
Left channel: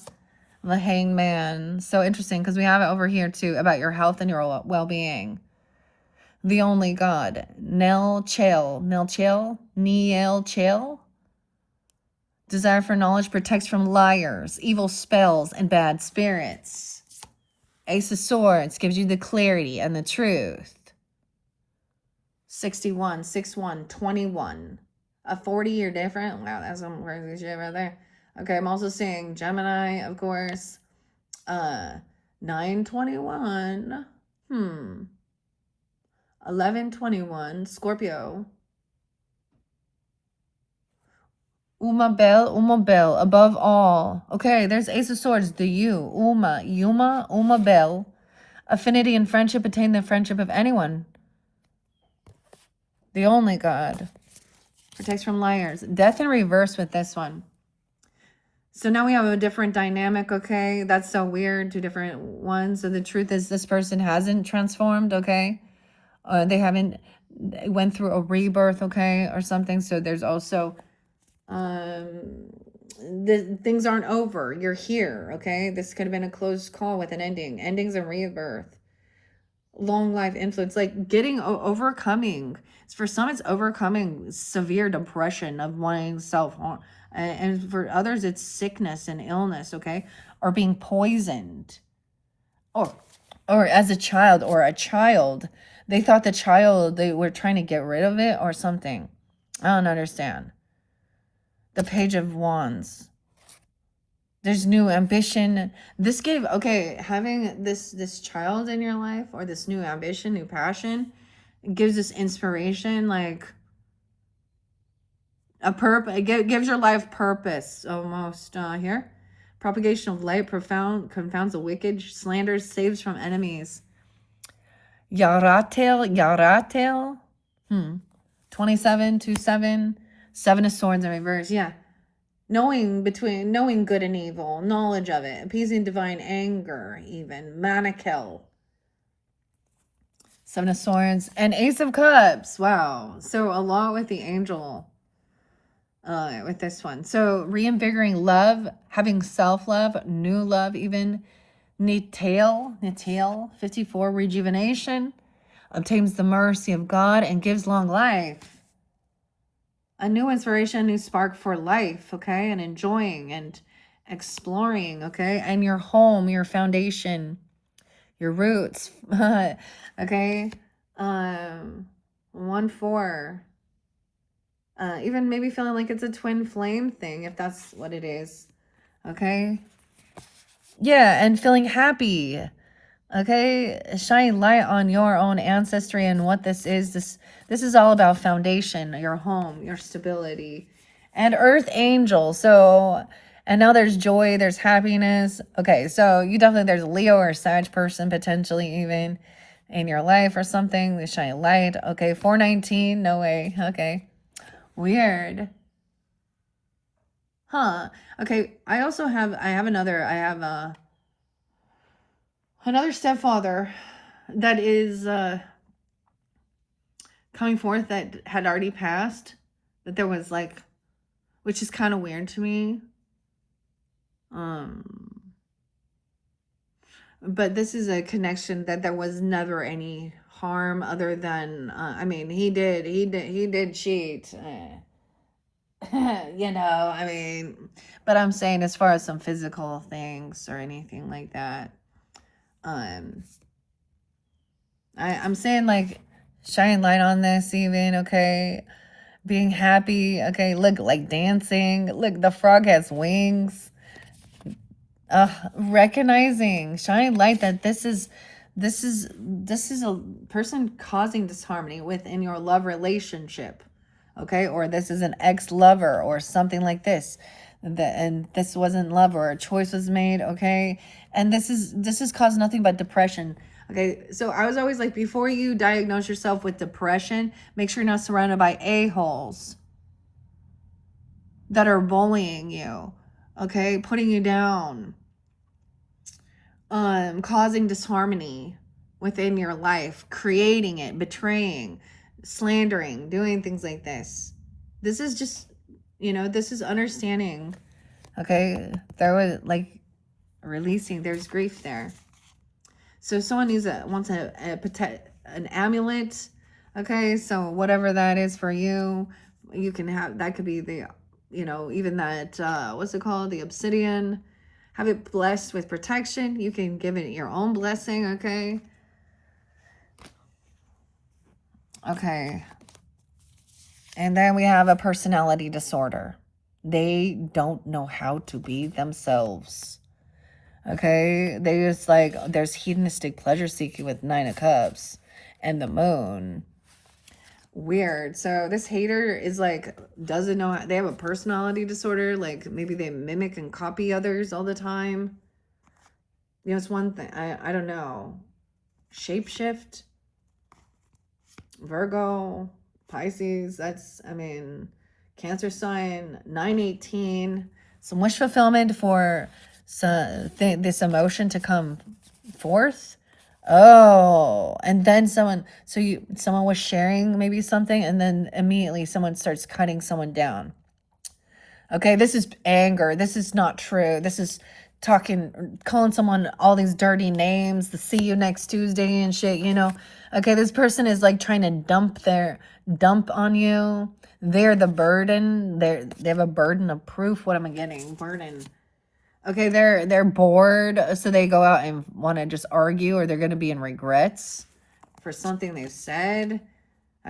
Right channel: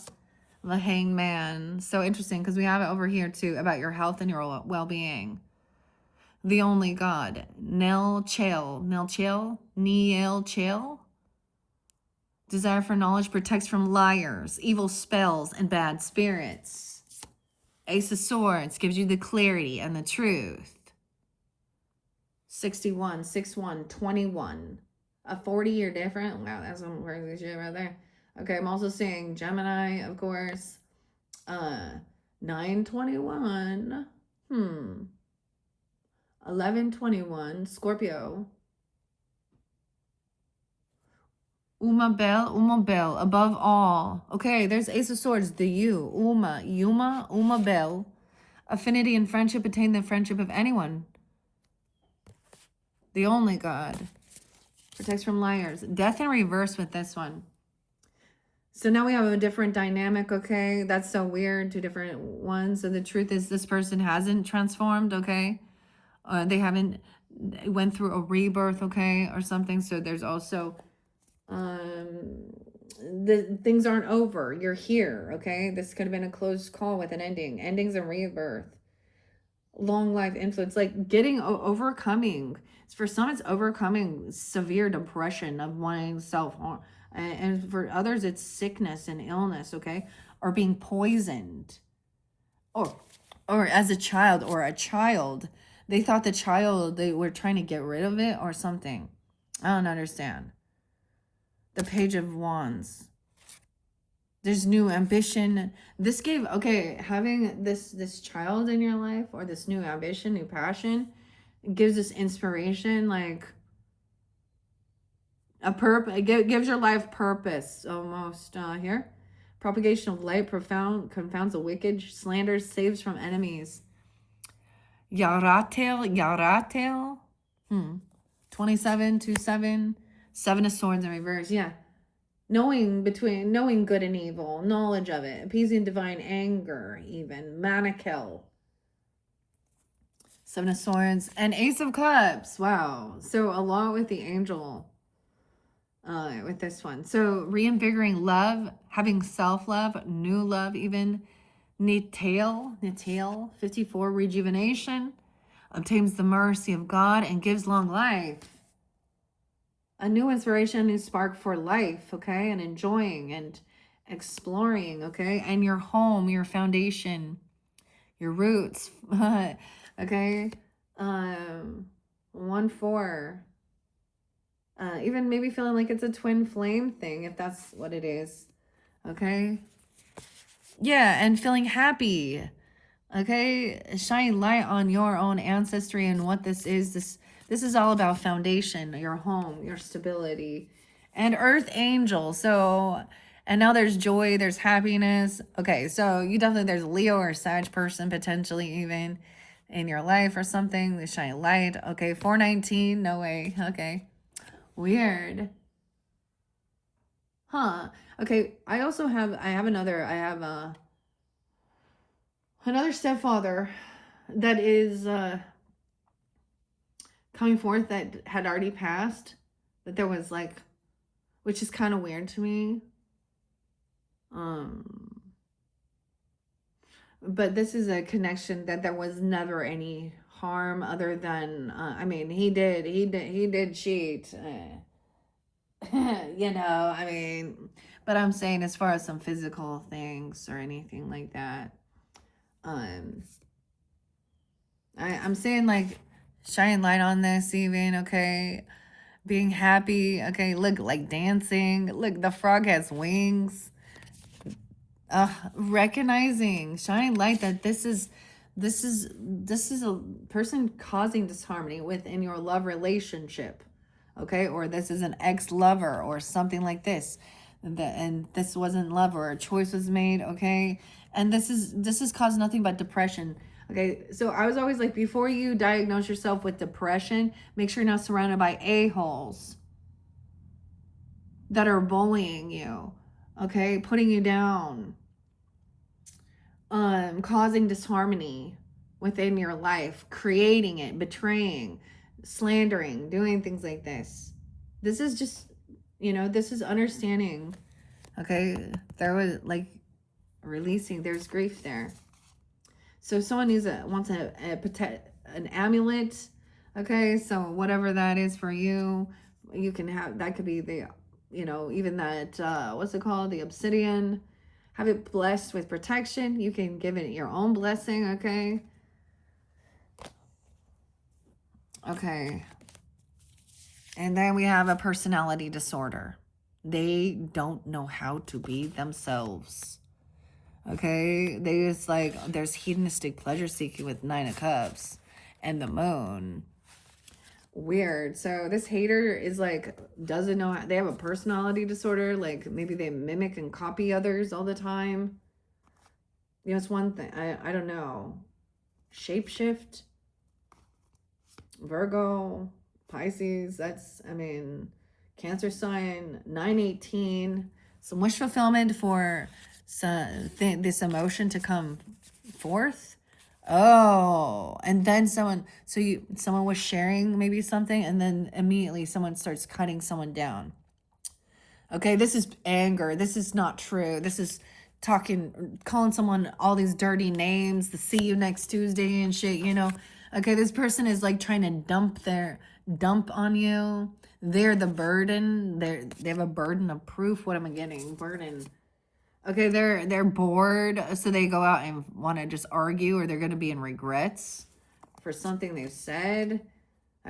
The Hanged Man. So interesting because we have it over here, too, about your health and your well-being. The only God. Nel Chel. Niel Chel. Desire for knowledge protects from liars, evil spells, and bad spirits. Ace of Swords gives you the clarity and the truth. 61, 61, 21. A 40-year difference. Wow, that's some crazy shit right there. Okay, I'm also seeing Gemini, of course. 921. 1121, Scorpio. Uma Bell, above all. Okay, there's Ace of Swords, the you. Uma Bell. Affinity and friendship, attain the friendship of anyone. The only God. Protects from liars. Death in reverse with this one. So now we have a different dynamic, okay? That's so weird, two different ones. So the truth is this person hasn't transformed, okay? They haven't went through a rebirth, okay, or something. So there's also things aren't over. You're here, okay? This could have been a close call with an ending. Endings and rebirth. Long life influence, like getting overcoming. For some, it's overcoming severe depression of wanting self-harm. And for others, it's sickness and illness, okay? Or being poisoned. Or as a child, they thought the child, they were trying to get rid of it or something. I don't understand. The Page of Wands. There's new ambition. This gave, okay, having this child in your life, or this new ambition, new passion, it gives us inspiration, like a purpose. It gives your life purpose almost here. Propagation of light confounds the wicked, slanders, saves from enemies. Yaratel. 27, 27, 7 of Swords in reverse. Yeah. Knowing good and evil, knowledge of it, appeasing divine anger, even. Manakel. 7 of Swords and Ace of Cups. Wow. So a lot with the angel with this one. So reinvigorating love, having self-love, new love even. Nital, 54, rejuvenation, obtains the mercy of God and gives long life. A new inspiration, a new spark for life, okay? And enjoying and exploring, okay? And your home, your foundation, your roots, okay? 1-4. Even maybe feeling like it's a twin flame thing, if that's what it is, okay? Yeah, and feeling happy, okay? Shine light on your own ancestry and what this is. This is all about foundation, your home, your stability, and Earth Angel. So, and now there's joy, there's happiness. Okay, so you definitely, there's a Leo or Sag person potentially even in your life or something. They shine light. Okay, 419, no way. Okay, weird. Huh. Okay, I have another stepfather that is coming forth that had already passed, that there was like, which is kind of weird to me. But this is a connection that there was never any harm other than I mean, he did cheat. You know, I mean, but I'm saying as far as some physical things or anything like that, I'm saying like shine light on this even, okay? Being happy, okay? Look, like dancing. Look, the frog has wings. Recognizing, shining light that this is a person causing disharmony within your love relationship, okay? Or this is an ex-lover or something like this. And this wasn't love, or a choice was made, okay? And this has caused nothing but depression. Okay, so I was always like, before you diagnose yourself with depression, make sure you're not surrounded by a-holes that are bullying you, okay? Putting you down, causing disharmony within your life, creating it, betraying, slandering, doing things like this. This is just, this is understanding, okay? There was like releasing, there's grief there. So someone wants an amulet, okay? So whatever that is for you, you can have, that could be the, even that, what's it called? The obsidian. Have it blessed with protection. You can give it your own blessing, okay? Okay. And then we have a personality disorder. They don't know how to be themselves. Okay? They just like, there's hedonistic pleasure seeking with 9 of Cups and the moon. Weird. So this hater is like, doesn't know, they have a personality disorder. Like maybe they mimic and copy others all the time. It's one thing. I don't know. Shapeshift. Virgo. Pisces. That's, Cancer sign. 9/18. Some wish fulfillment for this emotion to come forth. Oh, and then someone was sharing maybe something, and then immediately someone starts cutting someone down. Okay, this is anger. This is not true. This is calling someone all these dirty names, the see you next Tuesday and shit, Okay, this person is like trying to dump on you. They're the burden. They have a burden of proof. What am I getting? Burden. Okay, they're bored, so they go out and want to just argue, or they're going to be in regrets for something they said.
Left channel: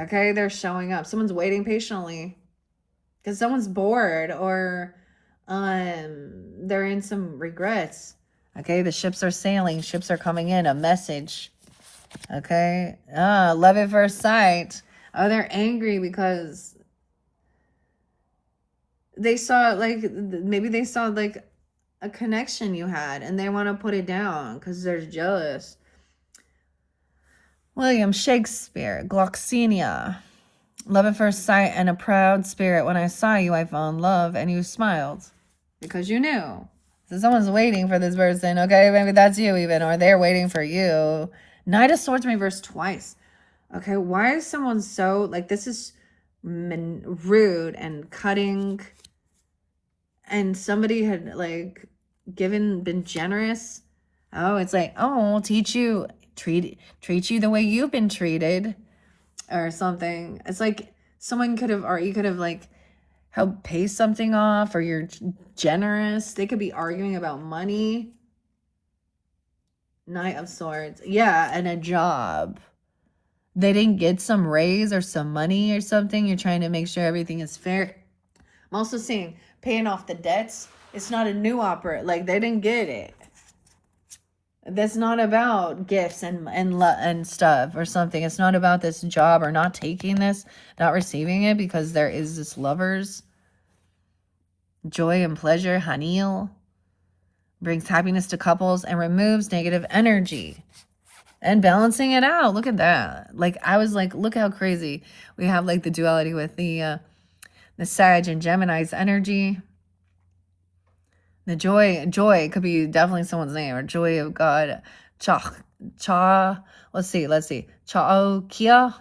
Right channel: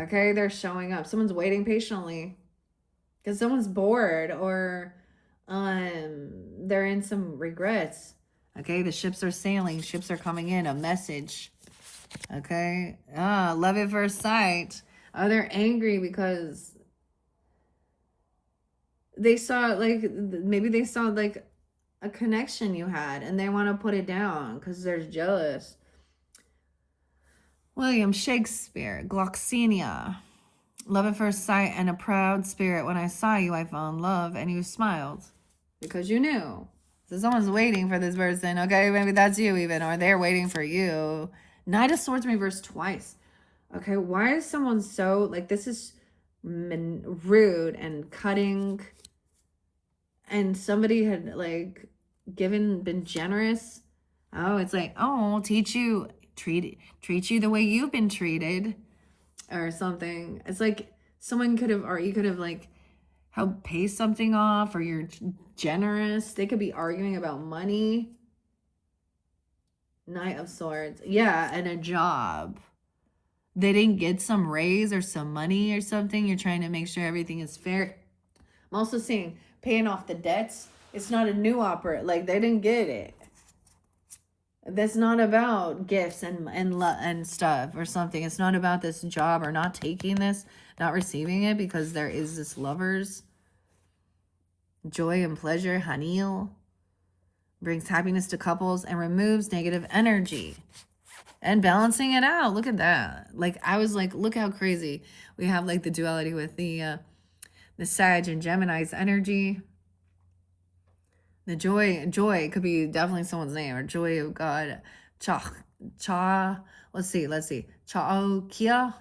Okay, they're showing up. Someone's waiting patiently because someone's bored, or they're in some regrets. Okay, the ships are sailing. Ships are coming in. A message. Okay. Love at first sight. Oh, they're angry because they saw, like, maybe they saw, like, a connection you had, and they want to put it down because they're jealous. William Shakespeare, Gloxinia. Love at first sight and a proud spirit. When I saw you, I fell in love, and you smiled because you knew. So someone's waiting for this person. Okay, maybe that's you even, or they're waiting for you. Knight of Swords reversed twice. Okay, why is someone so, like, this is rude and cutting, and somebody had, like, been generous. Oh, it's like, oh, I'll teach you, treat you the way you've been treated, or something. It's like someone could have, or you could have, like, helped pay something off, or you're generous. They could be arguing about money. Knight of Swords. Yeah, and a job. They didn't get some raise or some money or something. You're trying to make sure everything is fair. I'm also seeing paying off the debts. It's not a new opera. Like, they didn't get it. That's not about gifts and stuff or something. It's not about this job, or not taking this, not receiving it, because there is this lovers. Joy and pleasure. Hanil brings happiness to couples and removes negative energy. And balancing it out. Look at that. Like, I was like, look how crazy. We have, like, the duality with the Sag and Gemini's energy. The joy could be definitely someone's name, or joy of God. Let's see. Chaokia,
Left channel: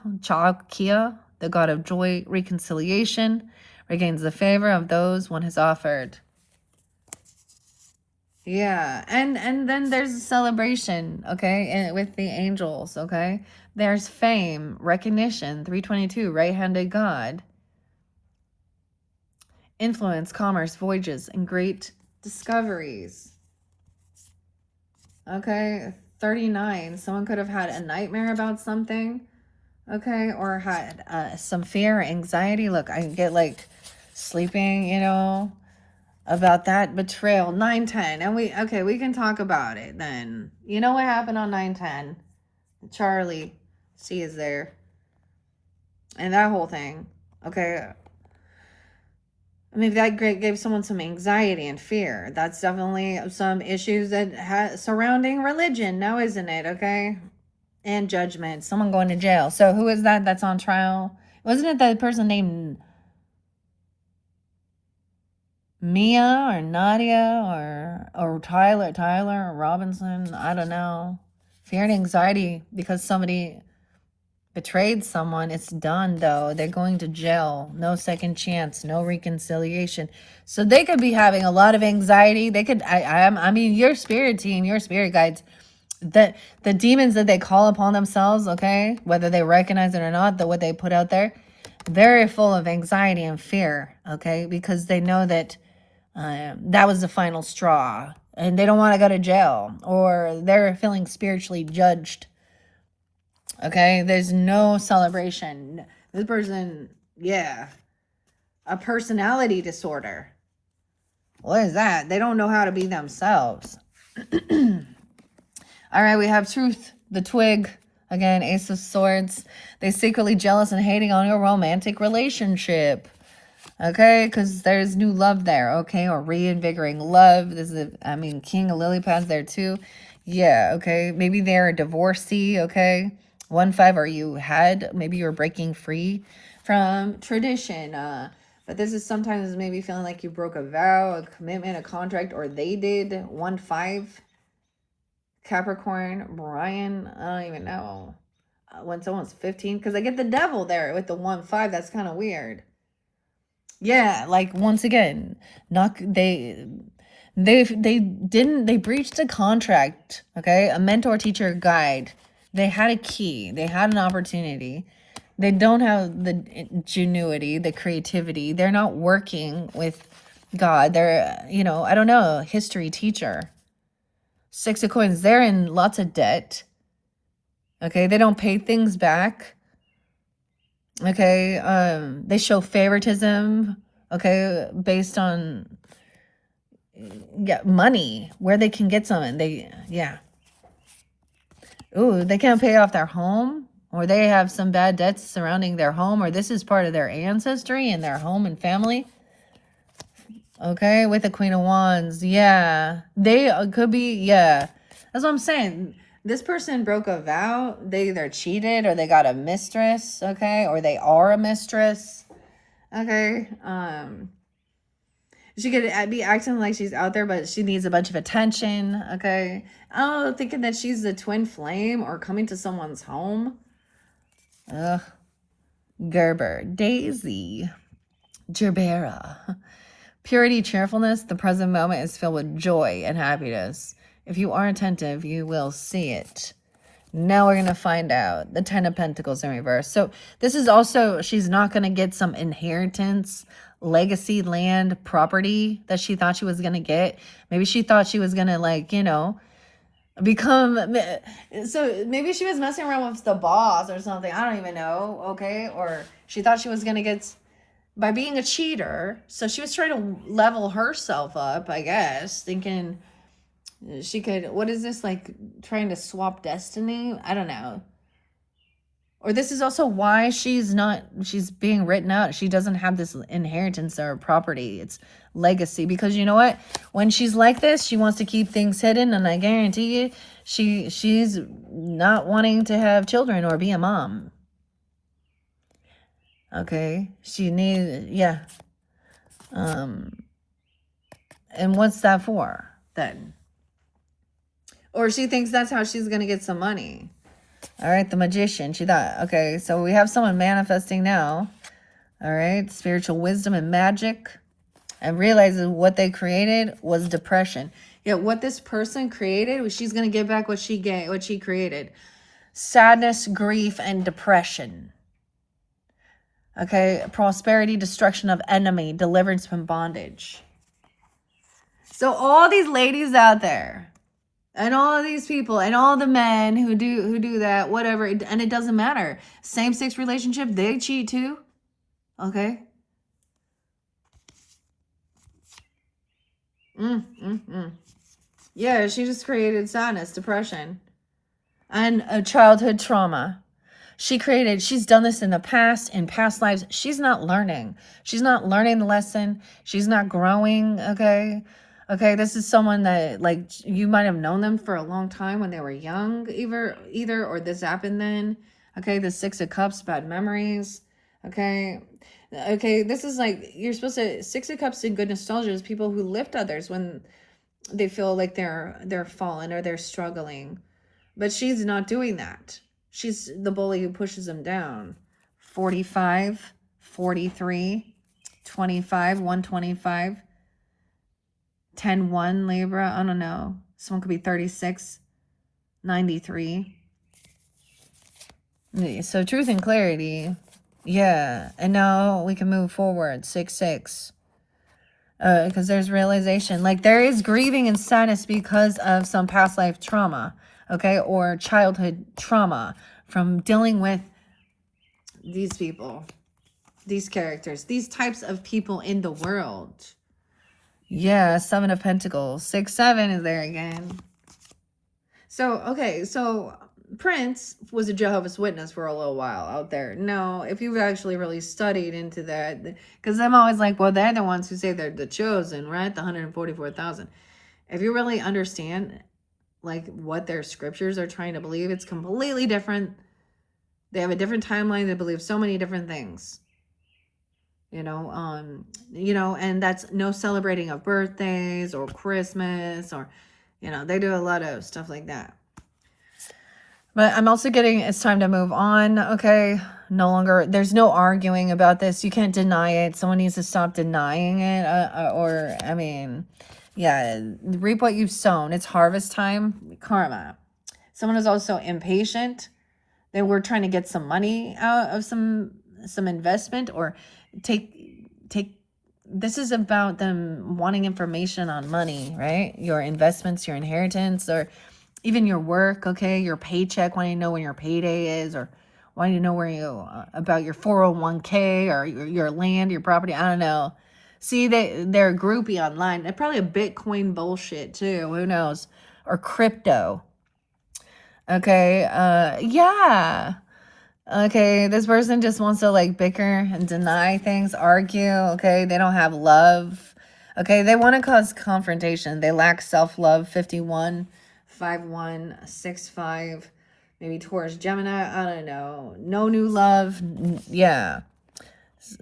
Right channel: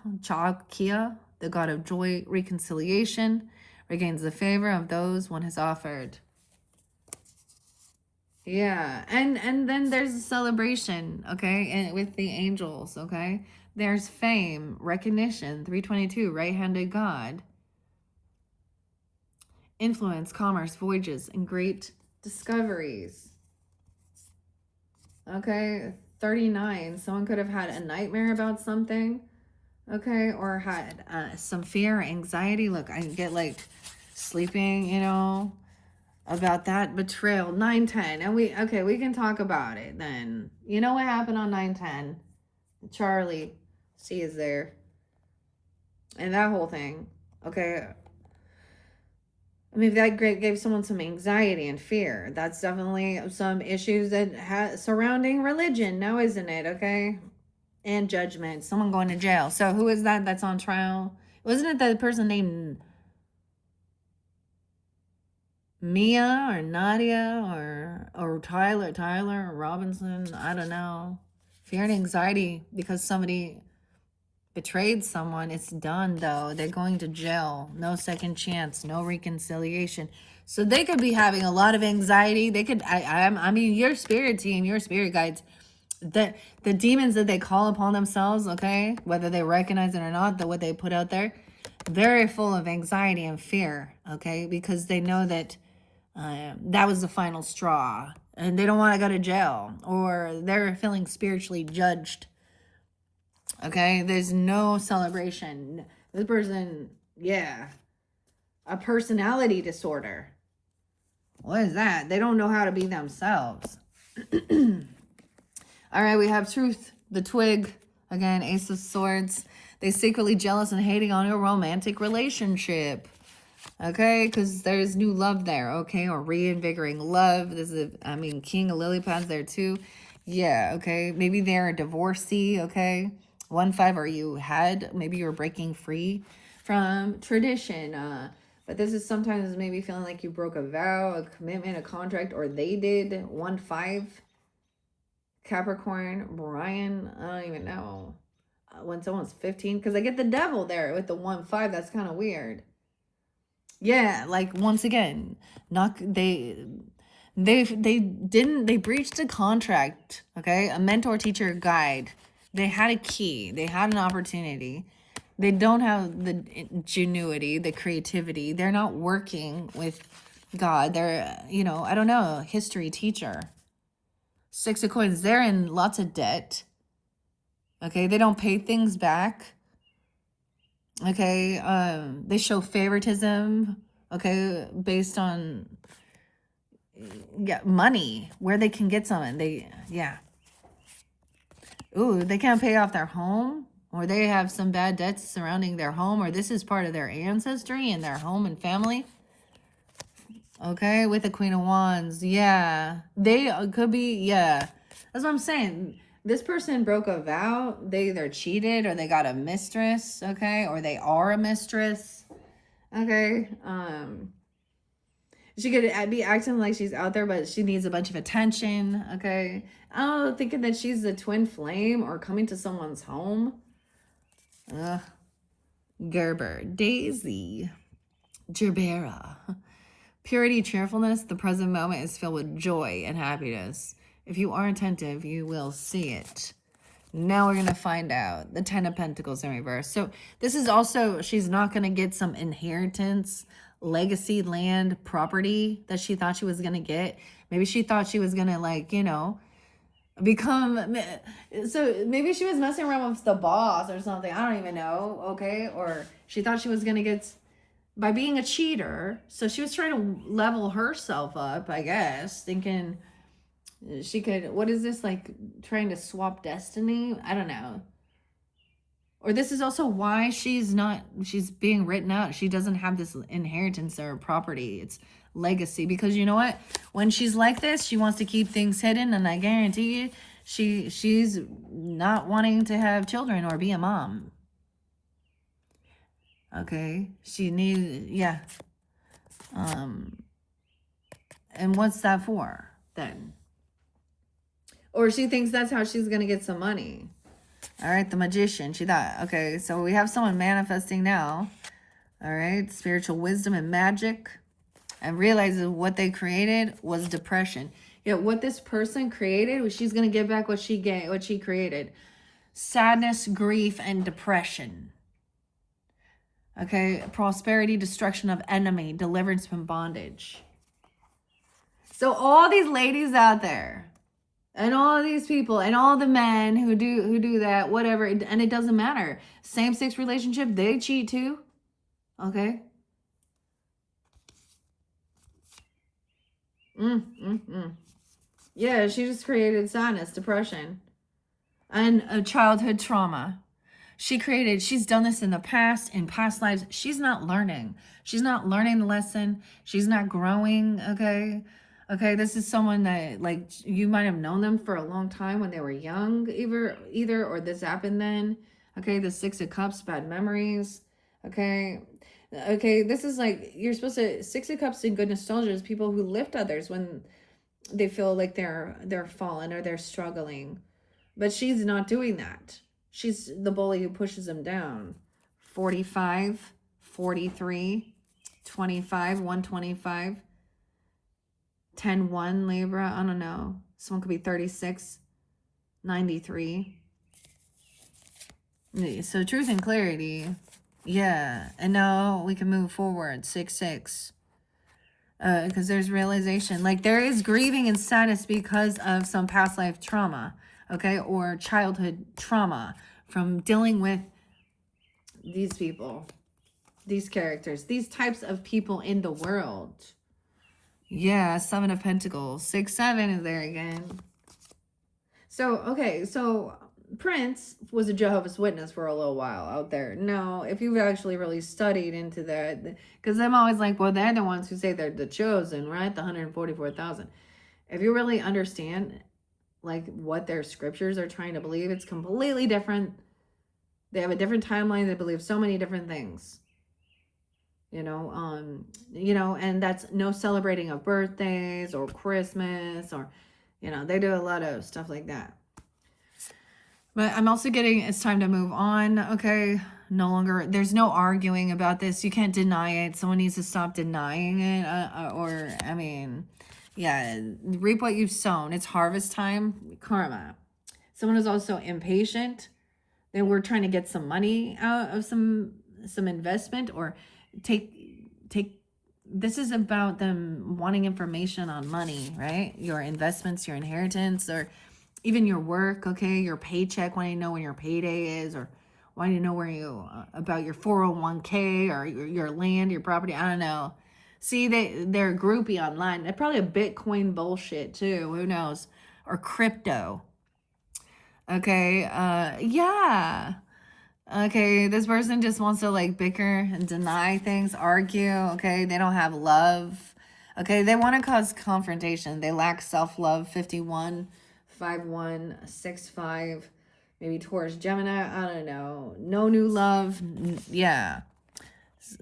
the God of joy, reconciliation, regains the favor of those one has offered. Yeah, and then there's a celebration, okay, and with the angels, okay? There's fame, recognition, 322, right-handed God. Influence, commerce, voyages, and great discoveries. Okay, 39, someone could have had a nightmare about something, okay, or had some fear, anxiety. Look, I get, like, sleeping, you know, about that betrayal. 910, and we can talk about it then. You know what happened on 910? Charlie C is there, and that whole thing. Okay, maybe that gave someone some anxiety and fear. That's definitely some issues that surrounding religion now, isn't it? Okay, and judgment. Someone going to jail. So who is that that's on trial? Wasn't it that person named Mia or Nadia or Tyler or Robinson? I don't know. Fear and anxiety because somebody betrayed someone. It's done, though. They're going to jail. No second chance. No reconciliation. So they could be having a lot of anxiety. They could. I mean, your spirit team, your spirit guides, that the demons that they call upon themselves, okay, whether they recognize it or not, what they put out there, very full of anxiety and fear, okay, because they know that that was the final straw, and they don't want to go to jail, or they're feeling spiritually judged. Okay, there's no celebration. This person, yeah, a personality disorder. What is that? They don't know how to be themselves. All right, we have Truth, the Twig. Again, Ace of Swords. They secretly jealous and hating on your romantic relationship. Okay, because there's new love there, okay, or reinvigorating love. This is, King of Lily Pads there too. Yeah, okay, maybe they're a divorcee, okay. 1-5, or maybe you're breaking free from tradition. But this is sometimes maybe feeling like you broke a vow, a commitment, a contract, or they did. 1-5. Capricorn, Brian, I don't even know. When someone's 15, because I get the devil there with the 1-5. That's kind of weird. Yeah, like, once again, they breached a contract, okay? A mentor, teacher, guide. They had a key. They had an opportunity. They don't have the ingenuity, the creativity. They're not working with God. They're, you know, I don't know, history teacher. Six of Coins, they're in lots of debt. Okay, they don't pay things back. Okay, they show favoritism, okay, based on money, where they can get some. Ooh, they can't pay off their home, or they have some bad debts surrounding their home, or this is part of their ancestry and their home and family. Okay, with the Queen of Wands, yeah, they could be, yeah. That's what I'm saying. This person broke a vow. They either cheated or they got a mistress, okay, or they are a mistress, okay. She could be acting like she's out there, but she needs a bunch of attention, okay. Oh, thinking that she's the twin flame or coming to someone's home. Ugh. Gerber, Daisy, Gerbera. Purity, cheerfulness. The present moment is filled with joy and happiness. If you are attentive, you will see it. Now we're going to find out. The 10 of Pentacles in reverse. So this is also, she's not going to get some inheritance, legacy, land, property that she thought she was going to get. Maybe she thought she was going to, like, you know, become, so maybe she was messing around with the boss or something. I don't even know, okay? Or she thought she was going to get, by being a cheater, so she was trying to level herself up, I guess, thinking she could, what is this, like trying to swap destiny? I don't know. Or this is also why she's being written out. She doesn't have this inheritance or property. It's legacy. Because you know what? When she's like this, she wants to keep things hidden. And I guarantee you, she's not wanting to have children or be a mom. Okay? She needs, yeah. And what's that for then? Or she thinks that's how she's going to get some money. All right, the Magician. She thought, okay, so we have someone manifesting now. All right, spiritual wisdom and magic. And realizes what they created was depression. Yeah, what this person created, she's going to get back what she created. Sadness, grief, and depression. Okay, prosperity, destruction of enemy, deliverance from bondage. So all these ladies out there, and all of these people, and all the men who do that, whatever, and it doesn't matter. Same-sex relationship, they cheat too. Okay? Yeah, she just created sadness, depression, and a childhood trauma. She's done this in the past, in past lives. She's not learning. She's not learning the lesson. She's not growing, okay? Okay, this is someone that, like, you might have known them for a long time when they were young, either, or this happened then. Okay, the Six of Cups, bad memories. Okay, this is like, you're supposed to, Six of Cups in good nostalgia is people who lift others when they feel like they're fallen or they're struggling. But she's not doing that. She's the bully who pushes them down. 45, 43, 25, 125, 10, 1, Libra. I don't know. Someone could be 36, 93. So truth and clarity. Yeah. And now we can move forward. 6, 6. Because there's realization. Like, there is grieving and sadness because of some past life trauma. Okay, or childhood trauma from dealing with these people, these characters, these types of people in the world. Yeah, 7 of Pentacles. 6, 7 is there again. So, okay, so Prince was a Jehovah's Witness for a little while out there. No, if you've actually really studied into that, because I'm always like, well, they're the ones who say they're the chosen, right? The 144,000. If you really understand, like, what their scriptures are trying to believe, it's completely different. They have a different timeline. They believe so many different things, you know, and that's no celebrating of birthdays or Christmas, or, you know, they do a lot of stuff like that. But I'm also getting, it's time to move on. Okay, no longer, there's no arguing about this. You can't deny it. Someone needs to stop denying it, or I mean, yeah, reap what you've sown. It's harvest time. Karma. Someone is also impatient. They were trying to get some money out of some investment, or take this is about them wanting information on money, right? Your investments, your inheritance, or even your work, okay? Your paycheck, wanting to know when your payday is, or wanting to know where you, about your 401k, or your land, your property, I don't know. See, they're groupie online. They're probably a Bitcoin bullshit too, who knows? Or crypto. Okay, yeah. Okay, this person just wants to like bicker and deny things, argue. Okay, they don't have love. Okay, they want to cause confrontation. They lack self-love. 51, 51, 65, maybe Taurus, Gemini. I don't know. No new love. Yeah.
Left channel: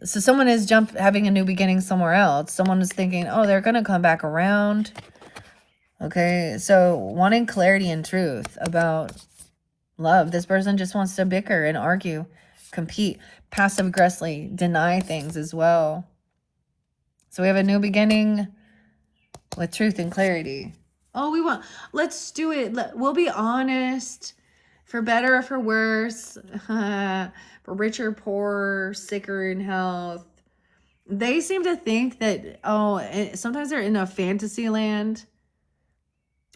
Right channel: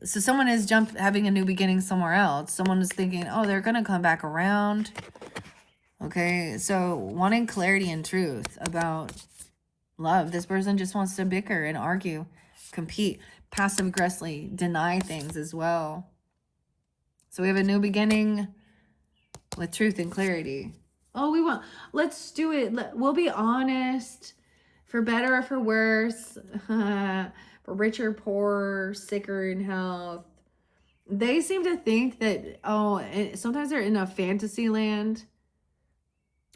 So someone is having a new beginning somewhere else. Someone is thinking, oh, they're gonna come back around. Okay, so wanting clarity and truth about love. This person just wants to bicker and argue, compete, passive aggressively, deny things as well. So we have a new beginning with truth and clarity. Oh, let's do it. We'll be honest, for better or for worse, for richer, poorer, sicker in health. They seem to think that, sometimes they're in a fantasy land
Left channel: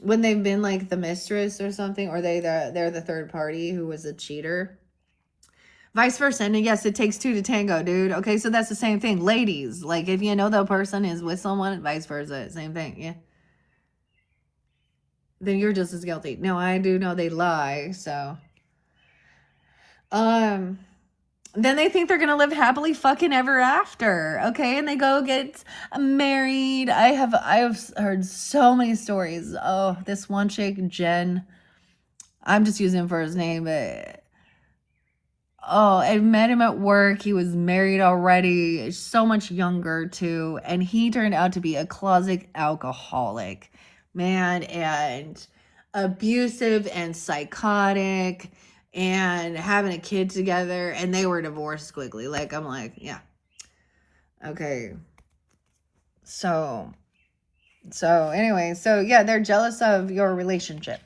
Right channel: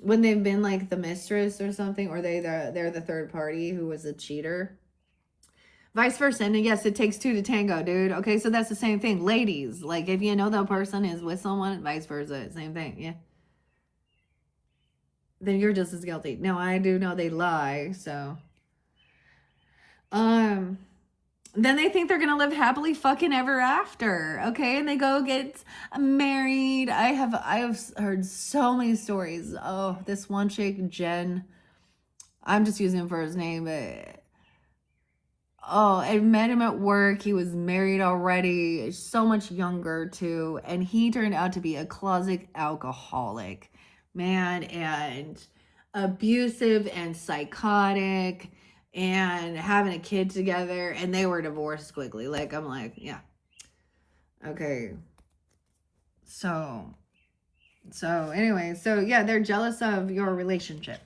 when they've been like the mistress or something, or they're the third party who was a cheater. Vice versa. And yes, it takes two to tango, dude. Okay, so that's the same thing. Ladies, like if you know the person is with someone, vice versa, same thing. Yeah. Then you're just as guilty. No, I do know they lie, so. Then they think they're gonna live happily fucking ever after, okay? And they go get married. I have heard so many stories. Oh, this one chick, Jen. I'm just using him for his name, but I met him at work. He was married already, so much younger too, and he turned out to be a closet alcoholic, man, and abusive and psychotic, and having a kid together, and they were divorced quickly. Like, I'm like, yeah. Okay. So anyway, so yeah, they're jealous of your relationship.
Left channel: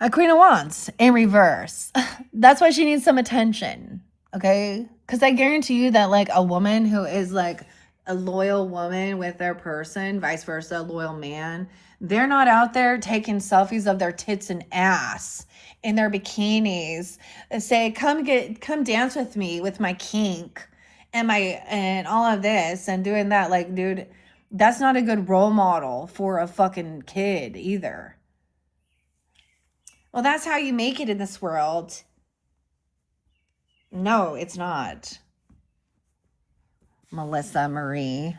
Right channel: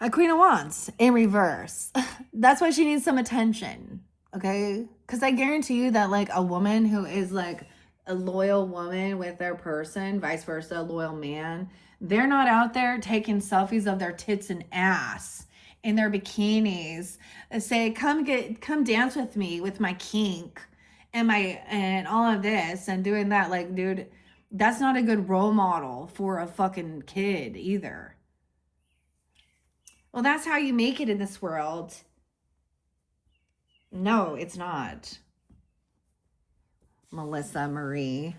A Queen of Wands in reverse. That's why she needs some attention, okay? Because I guarantee you that, like, a woman who is, like, a loyal woman with their person, vice versa, a loyal man, they're not out there taking selfies of their tits and ass in their bikinis and say, come dance with me with my kink and all of this and doing that. Like, dude, that's not a good role model for a fucking kid either. Well, that's how you make it in this world. No, it's not. Melissa Marie.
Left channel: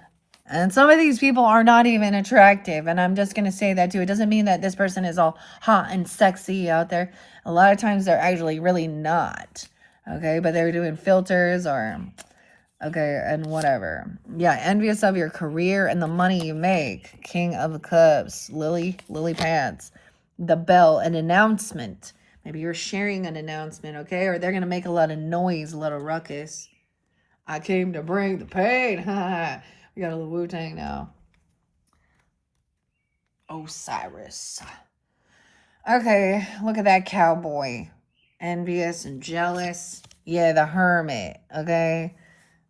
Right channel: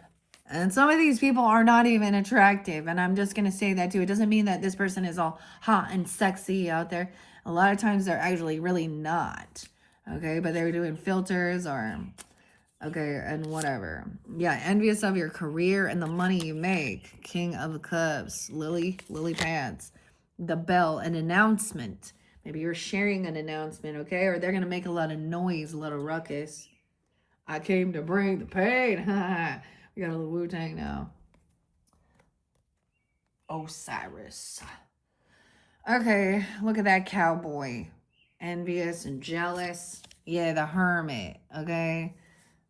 And some of these people are not even attractive. And I'm just going to say that too. It doesn't mean that this person is all hot and sexy out there. A lot of times they're actually really not. Okay, but they're doing filters or, okay, and whatever. Yeah, envious of your career and the money you make. King of Cups, Lily Pads. The bell, an announcement. Maybe you're sharing an announcement, okay? Or they're going to make a lot of noise, a little ruckus. I came to bring the pain. We got a little Wu-Tang now. Osiris. Okay, look at that cowboy. Envious and jealous. Yeah, the hermit, okay?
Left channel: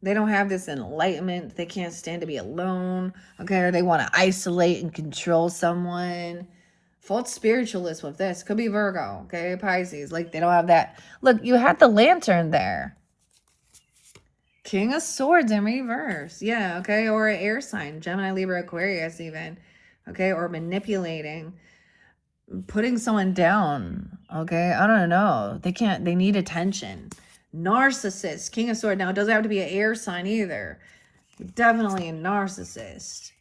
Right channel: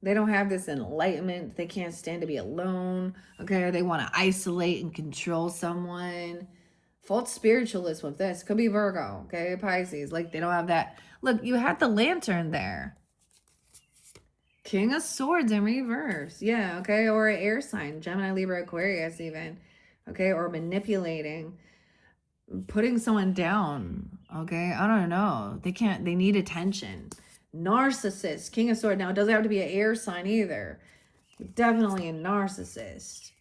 They don't have this enlightenment. They can't stand to be alone, okay? Or they want to isolate and control someone. False spiritualist with this. Could be Virgo, okay? Pisces. Like, they don't have that. Look, you had the lantern there. King of Swords in reverse. Yeah, okay? Or an air sign. Gemini, Libra, Aquarius even. Okay? Or manipulating. Putting someone down. Okay? I don't know. They need attention. Narcissist. King of Swords. Now, it doesn't have to be an air sign either. Definitely a narcissist.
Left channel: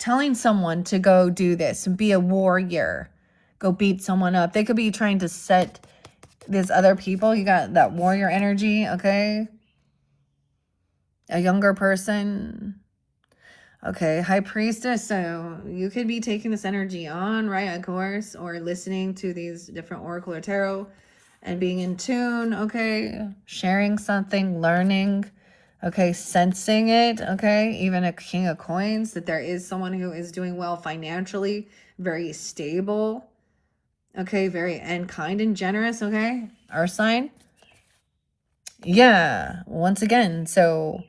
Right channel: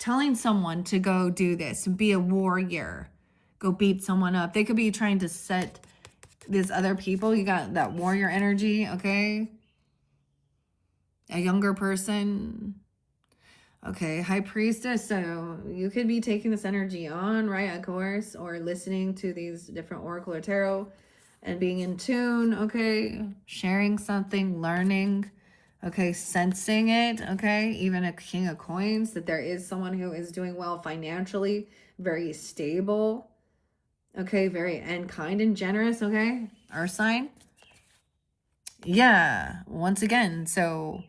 Telling someone to go do this and be a warrior. Go beat someone up. They could be trying to set these other people. You got that warrior energy, okay? A younger person. Okay, High Priestess. So you could be taking this energy on, right? Of course. Or listening to these different Oracle or Tarot and being in tune, okay? Sharing something, learning, okay? Sensing it, okay? Even a King of Coins, that there is someone who is doing well financially, very stable, Okay, very, and kind and generous, okay? Earth sign. Yeah, once again, so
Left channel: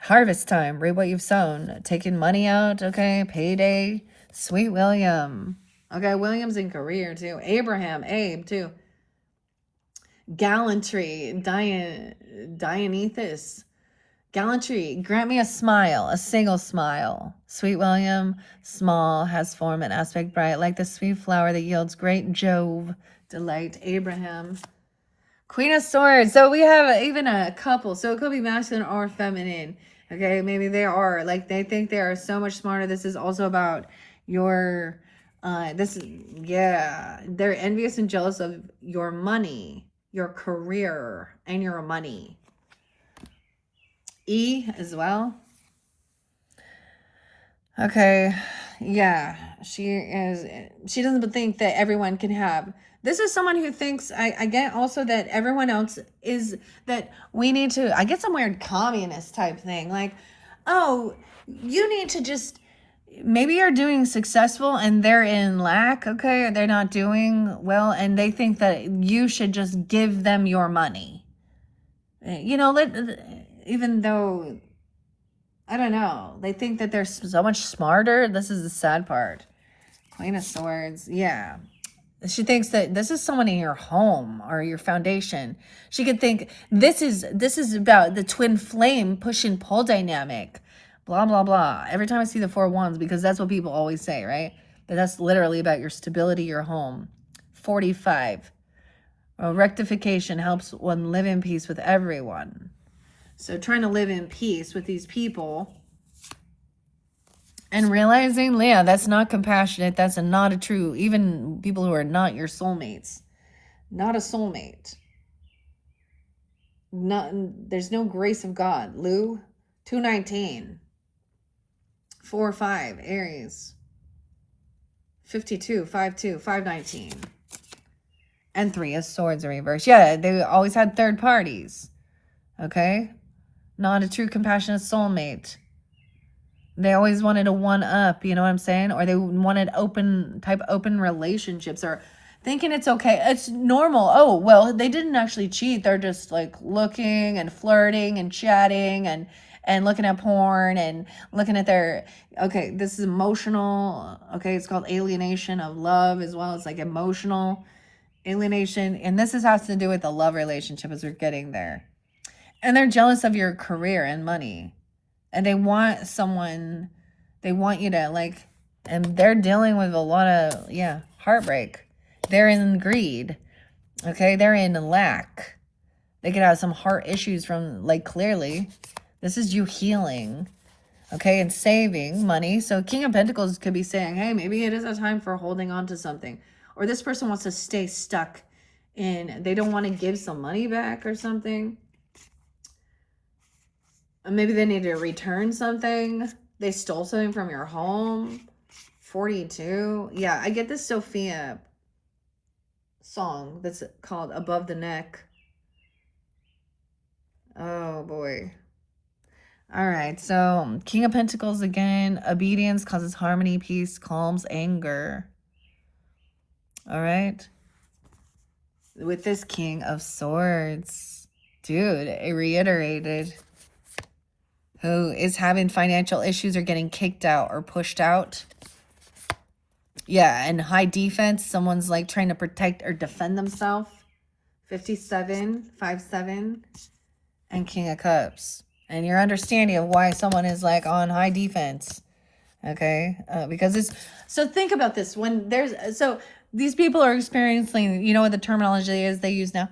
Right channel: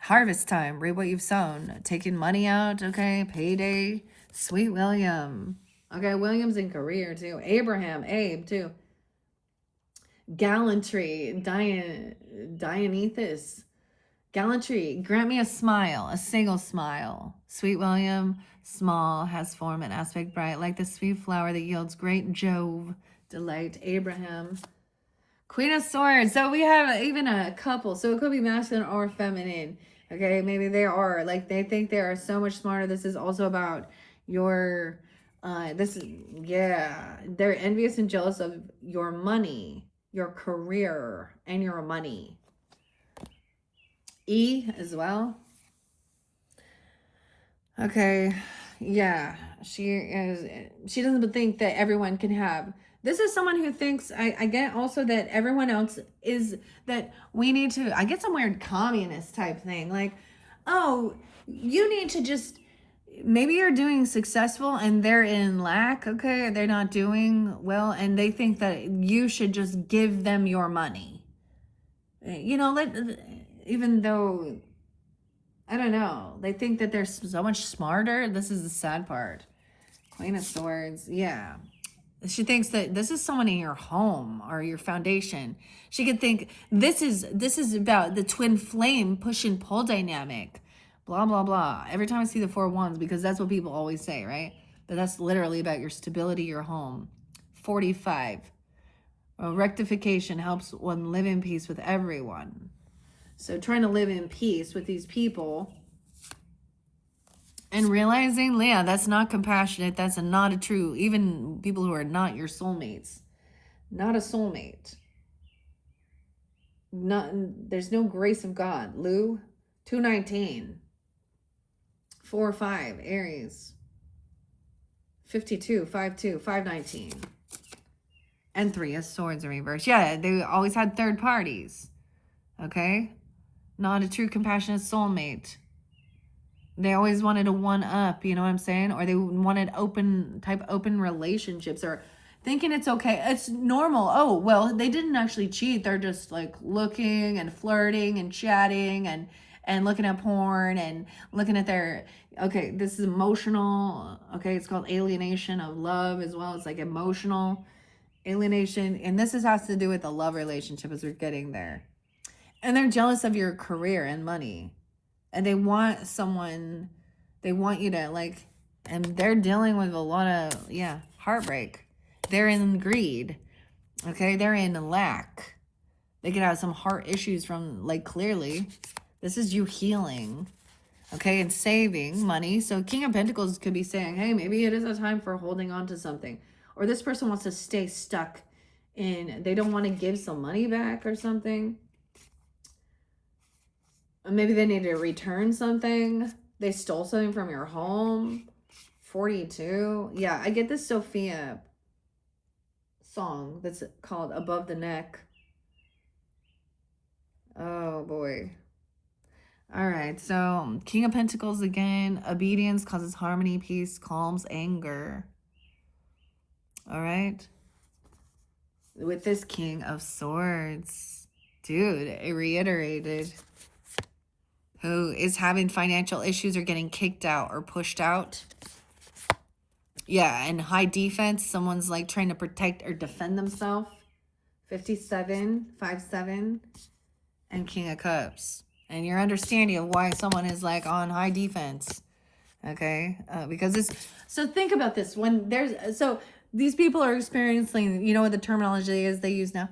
harvest time, reap what you've sown, taking money out, okay, payday, sweet William. Okay, William's in career too. Abraham, Abe too. Gallantry, Dionysus. Gallantry, grant me a smile, a single smile. Sweet William, small, has form and aspect bright, like the sweet flower that yields great Jove delight. Abraham. Queen of Swords. So we have even a couple. So it could be masculine or feminine. Okay, maybe they are like they think they are so much smarter. This is also about your this is yeah, they're envious and jealous of your money, your career, and your money. E as well. Okay. Yeah, she doesn't think that everyone can have. This is someone who thinks I get also that everyone else is that we need to I get some weird communist type thing. Like, oh, you need to just maybe you're doing successful and they're in lack, okay? Or they're not doing well and they think that you should just give them your money. You know, even though I don't know. They think that they're so much smarter. This is the sad part. Queen of Swords. Yeah. She thinks that this is someone in your home or your foundation. She could think this is about the twin flame push and pull dynamic. Blah blah blah. Every time I see the 4 wands, because that's what people always say, right? But that's literally about your stability, your home. 45. Rectification helps one live in peace with everyone. So trying to live in peace with these people and realizing, yeah, that's not compassionate. That's not a true, even people who are not your soulmates. Not a soulmate. Not, there's no grace of God. Lou, 219. 4 5, Aries. 52, 5 519. And 3 is swords in reverse. Yeah, they always had third parties. Okay? Not a true compassionate soulmate. They always wanted a one up, you know what I'm saying? Or they wanted open relationships or thinking it's okay. It's normal. Oh, well, they didn't actually cheat. They're just like looking and flirting and chatting and looking at porn and looking at their okay, this is emotional. Okay, it's called alienation of love as well. It's like emotional alienation. And this has to do with the love relationship as we're getting there. And they're jealous of your career and money. And they want you to like, and they're dealing with a lot of, yeah, heartbreak. They're in greed. Okay. They're in lack. They could have some heart issues from like, clearly this is you healing. Okay. And saving money. So King of Pentacles could be saying, hey, maybe it is a time for holding on to something, or this person wants to stay stuck in, they don't want to give some money back or something. Maybe they need to return something. They stole something from your home. 42. Yeah, I get this Sophia song that's called Above the Neck. Oh, boy. All right, so King of Pentacles again. Obedience causes harmony, peace, calms anger. All right. With this King of Swords. Dude, it reiterated. Who is having financial issues or getting kicked out or pushed out. Yeah, and high defense. Someone's like trying to protect or defend themselves. 57, 5-7. And King of Cups. And your understanding of why someone is like on high defense. Okay? Because it's... So think about this. When there's... So these people are experiencing... You know what the terminology is they use now?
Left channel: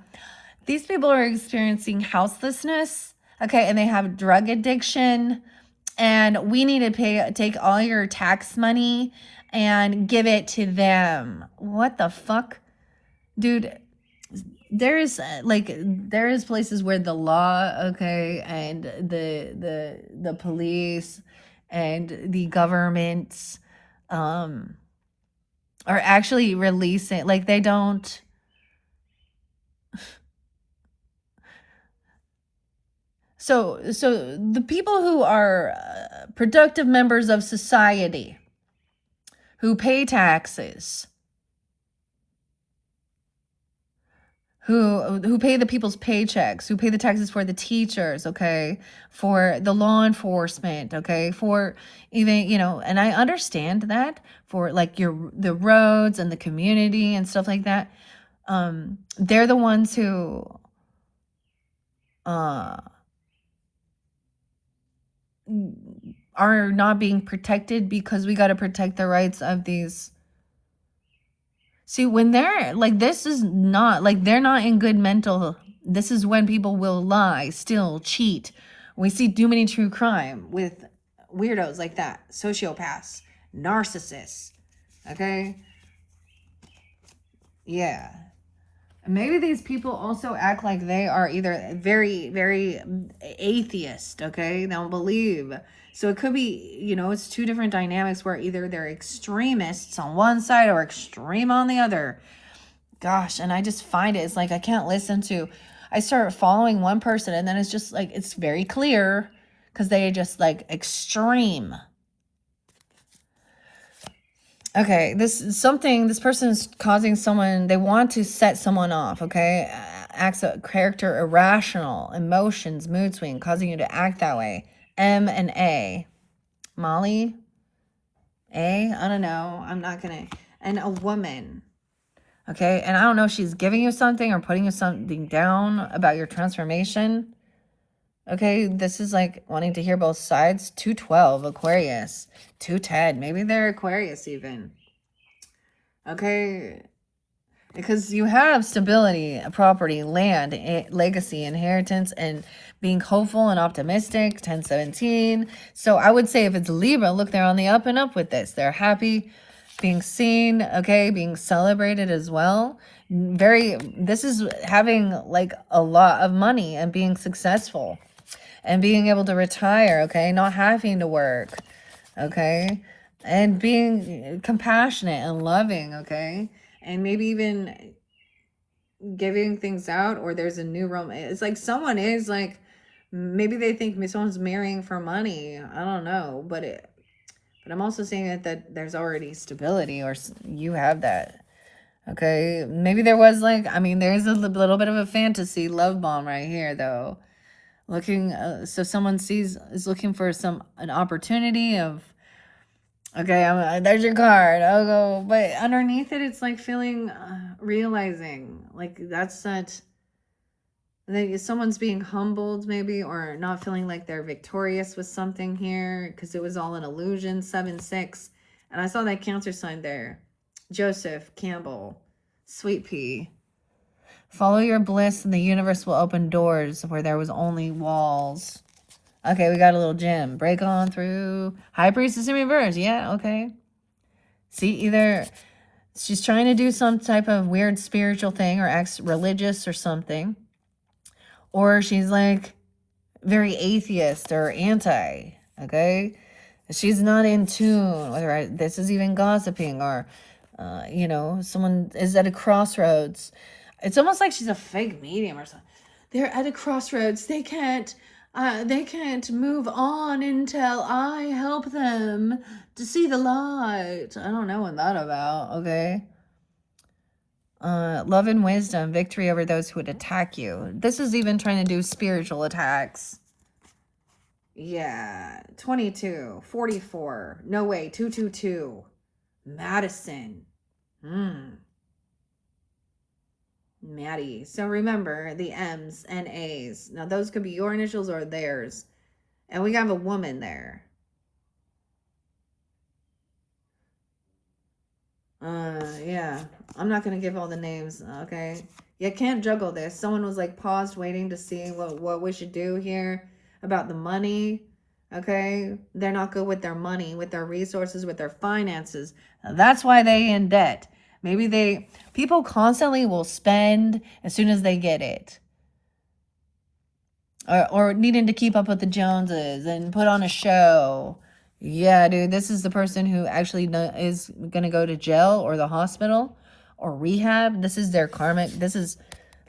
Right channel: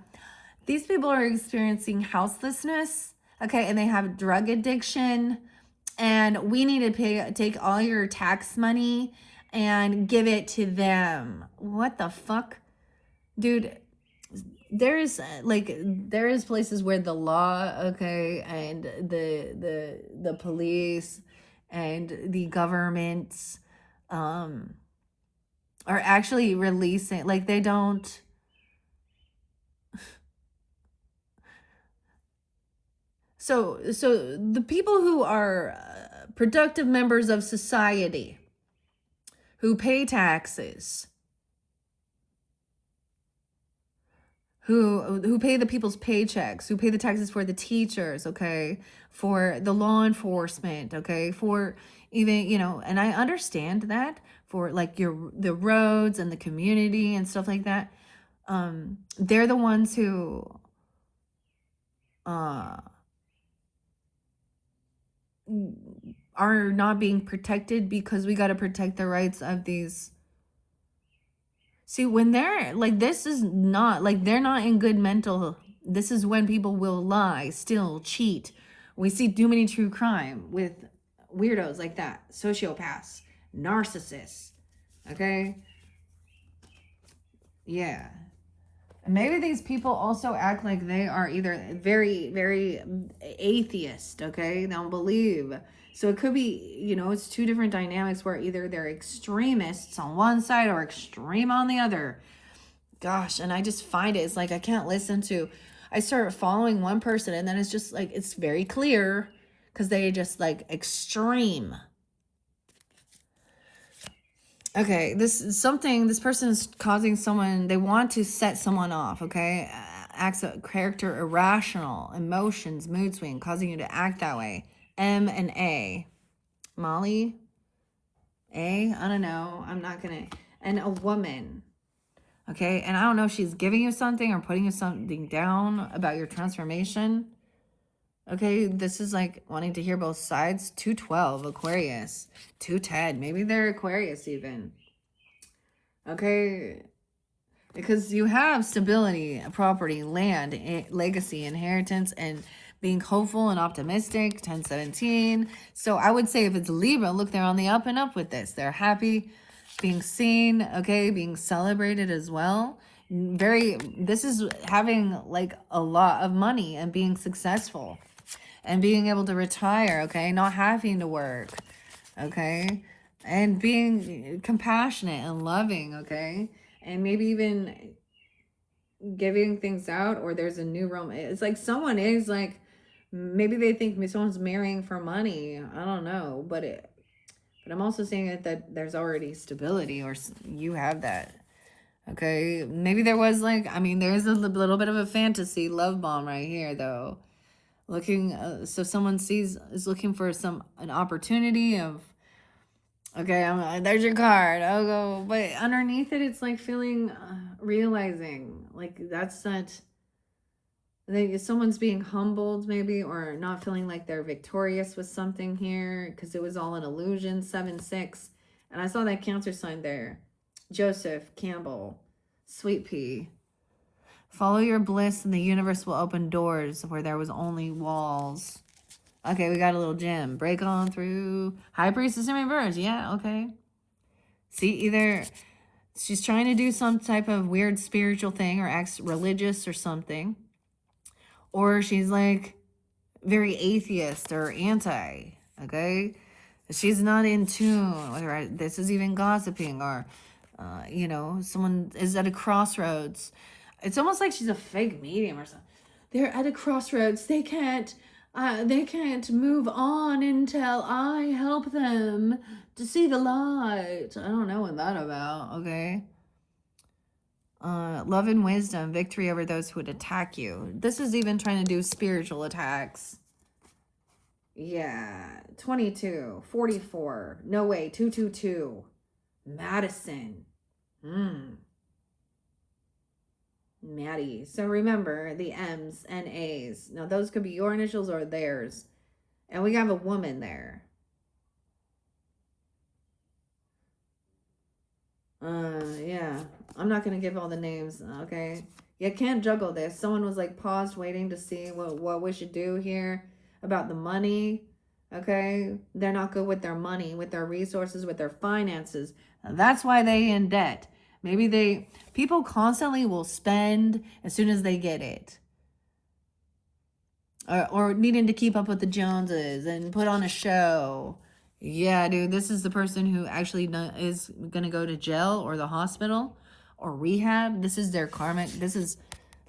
These people are experiencing houselessness. Okay, and they have drug addiction, and we need to take all your tax money and give it to them. What the fuck? Dude, there is places where the law, okay, and the police and the government are actually releasing, like they don't. So the people who are productive members of society, who pay taxes, who pay the people's paychecks, who pay the taxes for the teachers, okay, for the law enforcement, okay, for even, you know, and I understand that for like the roads and the community and stuff like that. They're the ones who are not being protected because we got to protect the rights of these. See, when they're like, this is not like they're not in good mental. This is when people will lie, steal, cheat. We see too many true crime with weirdos like that, sociopaths, narcissists. Okay. Yeah. Maybe these people also act like they are either very, very atheist, okay? They don't believe. So it could be, you know, it's two different dynamics where either they're extremists on one side or extreme on the other. Gosh, and I just find it's like I can't listen to. I start following one person and then it's just like, it's very clear because they just like extreme. Okay, this person is causing someone, they want to set someone off, okay? Acts of character irrational, emotions, mood swing, causing you to act that way. M and A. Molly? A? I don't know. I'm not gonna. And a woman. Okay, and I don't know if she's giving you something or putting you something down about your transformation. Okay, this is like wanting to hear both sides. 212, Aquarius. 210, maybe they're Aquarius even. Okay, because you have stability, property, land, legacy, inheritance, and being hopeful and optimistic. 1017. So I would say if it's Libra, look, they're on the up and up with this. They're happy, being seen, okay, being celebrated as well. This is having like a lot of money and being successful and being able to retire, okay, not having to work, okay, and being compassionate and loving, okay, and maybe even giving things out, or there's a new romance. It's like someone is like, maybe they think someone's marrying for money. I don't know, but I'm also saying that there's already stability, or you have that. Okay, maybe there was like, I mean, there's a little bit of a fantasy love bomb right here, though. Looking, so someone is looking for an opportunity of, okay, there's your card. I'll go, but underneath it, it's like feeling, realizing like that's not. Someone's being humbled, maybe, or not feeling like they're victorious with something here because it was all an illusion. 7-6, and I saw that Cancer sign there. Joseph Campbell, Sweet Pea. Follow your bliss, and the universe will open doors where there was only walls. Okay, we got a little gem. Break on through. High Priestess in reverse. Yeah, okay. See, either she's trying to do some type of weird spiritual thing or acts religious or something. Or she's like very atheist or anti, okay? She's not in tune with her. This is even gossiping, or, you know, someone is at a crossroads. It's almost like she's a fake medium or something. They're at a crossroads. They can't move on until I help them to see the light. I don't know what that's about, okay? Love and wisdom, victory over those who would attack you. This is even trying to do spiritual attacks. Yeah, 22, 44. No way, 222. Madison. Maddie. So remember the M's and A's. Now those could be your initials or theirs. And we have a woman there. Yeah. I'm not going to give all the names, okay? You can't juggle this. Someone was like paused waiting to see what we should do here about the money, okay? They're not good with their money, with their resources, with their finances. That's why they in debt. Maybe people constantly will spend as soon as they get it. Or needing to keep up with the Joneses and put on a show. Yeah, dude, this is the person who actually is going to go to jail or the hospital or rehab. This is their karmic.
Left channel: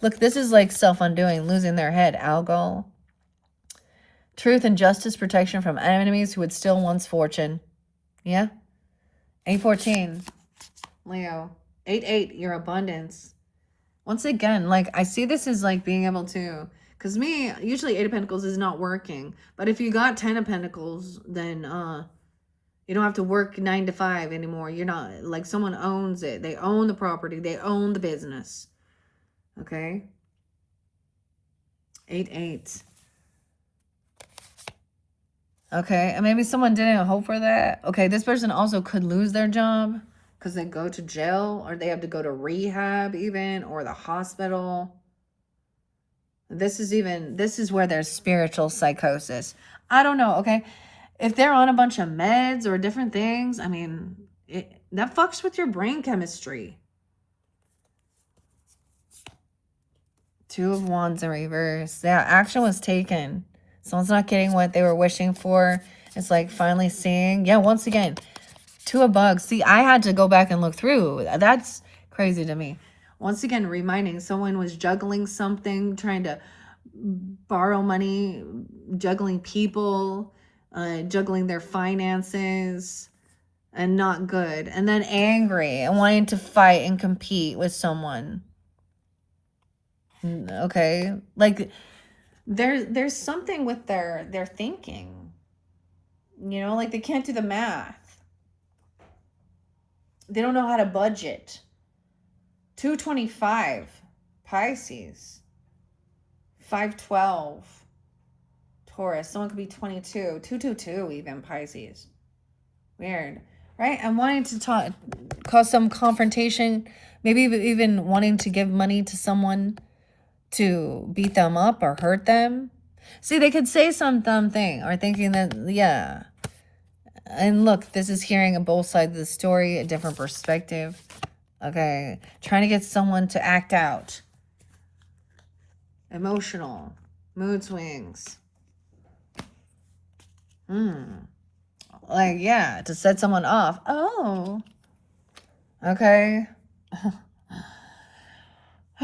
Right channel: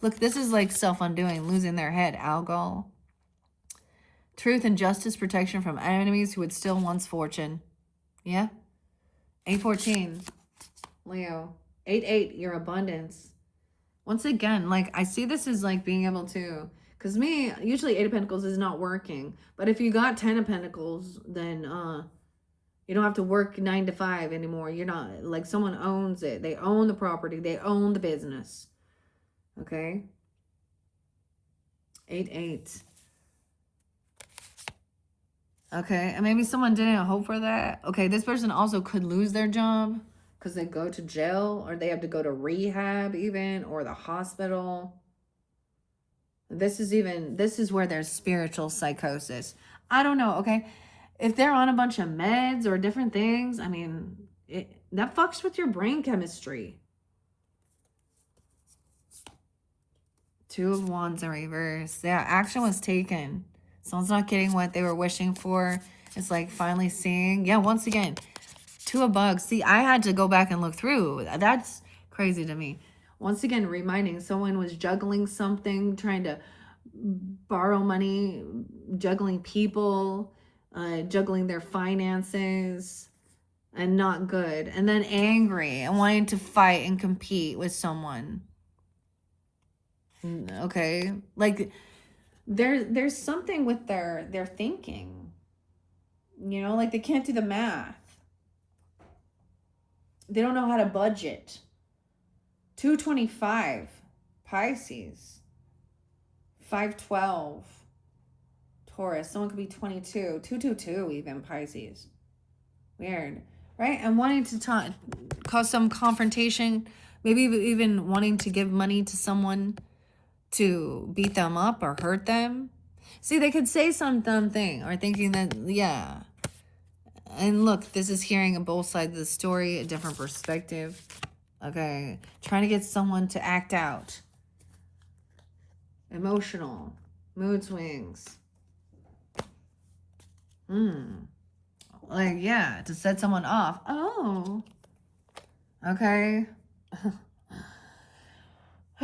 Look, this is like self-undoing, losing their head. Alcohol. Truth and justice, protection from enemies who would steal one's fortune. Yeah. 814. Leo. 88, your abundance. Once again, like, I see this as like being able to, because me, usually Eight of Pentacles is not working. But if you got 10 of Pentacles, then you don't have to work 9 to 5 anymore. You're not, like, someone owns it. They own the property. They own the business. Okay? 8-8. Okay, and maybe someone didn't hope for that. Okay, this person also could lose their job because they go to jail, or they have to go to rehab even, or the hospital. This is where there's spiritual psychosis. I don't know, okay? If they're on a bunch of meds or different things, I mean, that fucks with your brain chemistry. 2 of Wands in reverse. Yeah, action was taken. Someone's not getting what they were wishing for. It's like finally seeing. Yeah, once again, 2 of Bugs. See, I had to go back and look through. That's crazy to me. Once again, reminding someone was juggling something, trying to borrow money, juggling people, juggling their finances, and not good. And then angry and wanting to fight and compete with someone. Okay, like there's something with their thinking, you know, like they can't do the math. They don't know how to budget. 225 Pisces, 512 Taurus. Someone could be 22, 222 even Pisces. Weird, right? I'm wanting to cause some confrontation, maybe even wanting to give money to someone to beat them up or hurt them. See, they could say some dumb thing or thinking that, yeah. And look, this is hearing both sides of the story, a different perspective. Okay, trying to get someone to act out. Emotional, mood swings. Like, yeah, to set someone off. Oh, okay.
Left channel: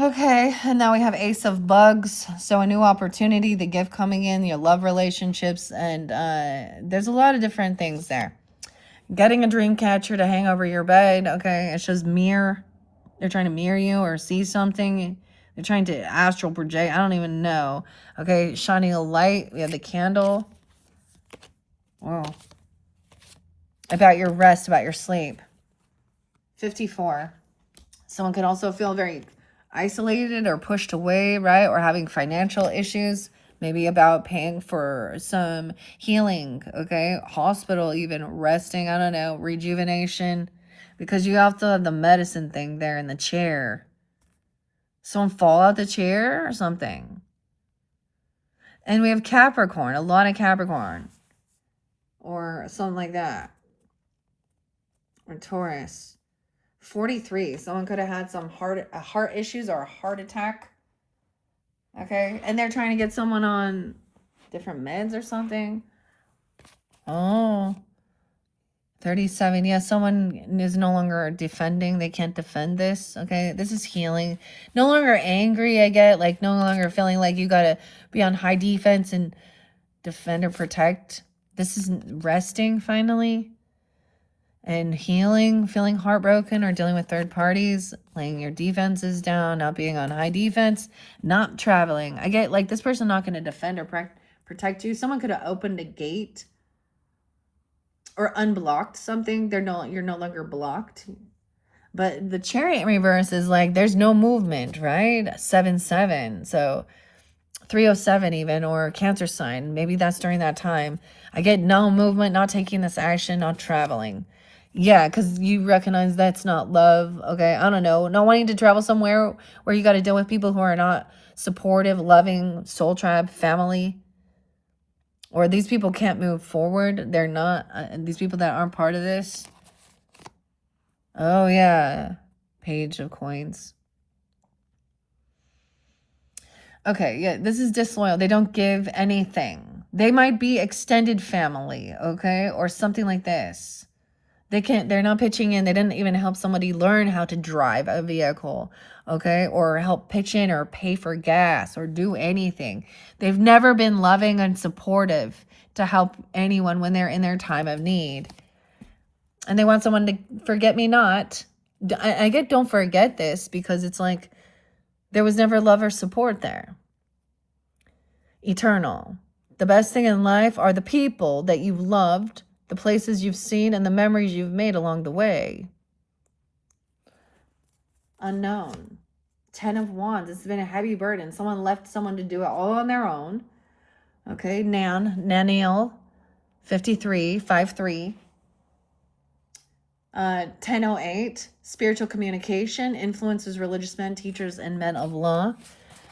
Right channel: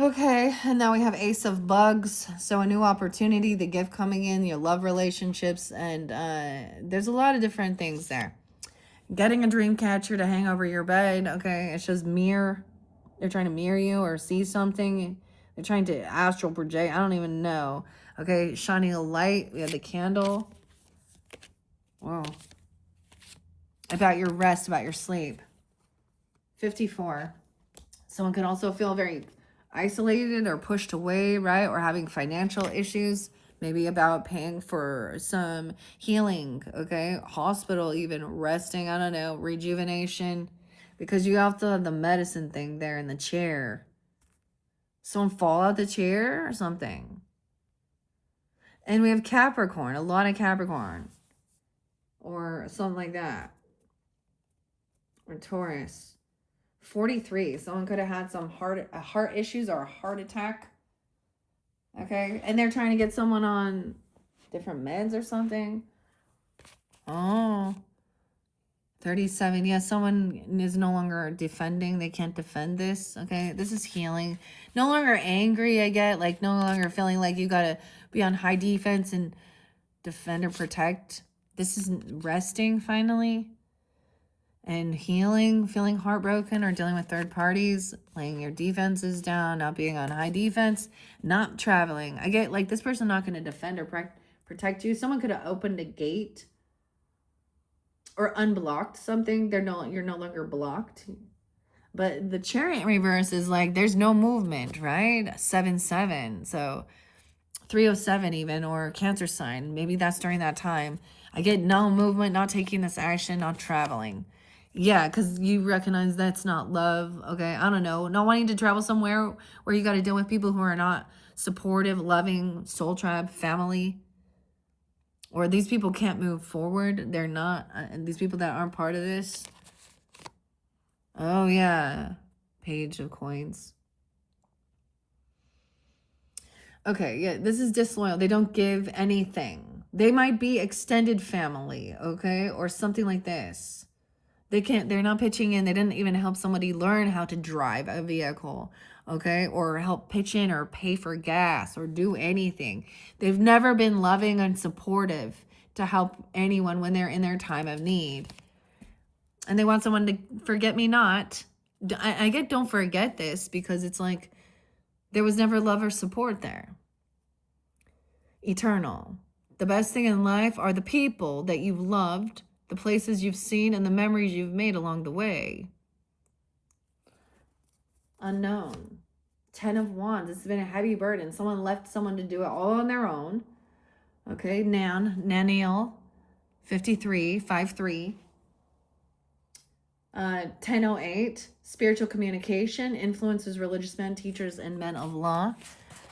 Okay, and now we have Ace of Bugs. So a new opportunity, the gift coming in, your love relationships, and there's a lot of different things there. Getting a dream catcher to hang over your bed. Okay, it shows mirror. They're trying to mirror you or see something. They're trying to astral project. I don't even know. Okay, shining a light. We have the candle. Whoa. About your rest, about your sleep. 54. Someone could also feel very isolated or pushed away, right? Or having financial issues, maybe about paying for some healing, okay? Hospital, even resting, I don't know, rejuvenation, because you have to have the medicine thing there in the chair. Someone fall out the chair or something. And we have Capricorn, a lot of Capricorn, or something like that. Or Taurus. 43. Someone could have had some heart issues or a heart attack. Okay. And they're trying to get someone on different meds or something. Oh. 37. Yeah, someone is no longer defending. They can't defend this. Okay. This is healing. No longer angry, I get. Like, no longer feeling like you got to be on high defense and defend or protect. This is resting finally. And healing, feeling heartbroken or dealing with third parties, laying your defenses down, not being on high defense, not traveling. I get like this person not going to defend or protect you. Someone could have opened a gate or unblocked something. You're no longer blocked. But the Chariot reverse is like there's no movement, right? 7-7. So 307 even, or Cancer sign. Maybe that's during that time. I get no movement, not taking this action, not traveling. Yeah, because you recognize that's not love. Okay, I don't know. Not wanting to travel somewhere where you got to deal with people who are not supportive, loving, soul tribe, family. Or these people can't move forward. They're not, these people that aren't part of this. Oh, yeah. Page of Coins. Okay, yeah, this is disloyal. They don't give anything. They might be extended family, okay? Or something like this. They're not pitching in. They didn't even help somebody learn how to drive a vehicle, okay? Or help pitch in or pay for gas or do anything. They've never been loving and supportive to help anyone when they're in their time of need. And they want someone to forget me not. I get don't forget this because it's like There was never love or support there. Eternal. The best thing in life are the people that you've loved, the places you've seen, and the memories you've made along the way. Unknown. 10 of Wands. It's been a heavy burden. Someone left someone to do it all on their own. Okay, Naniel, 53, 53. 1008, spiritual communication, influences religious men, teachers, and men of law.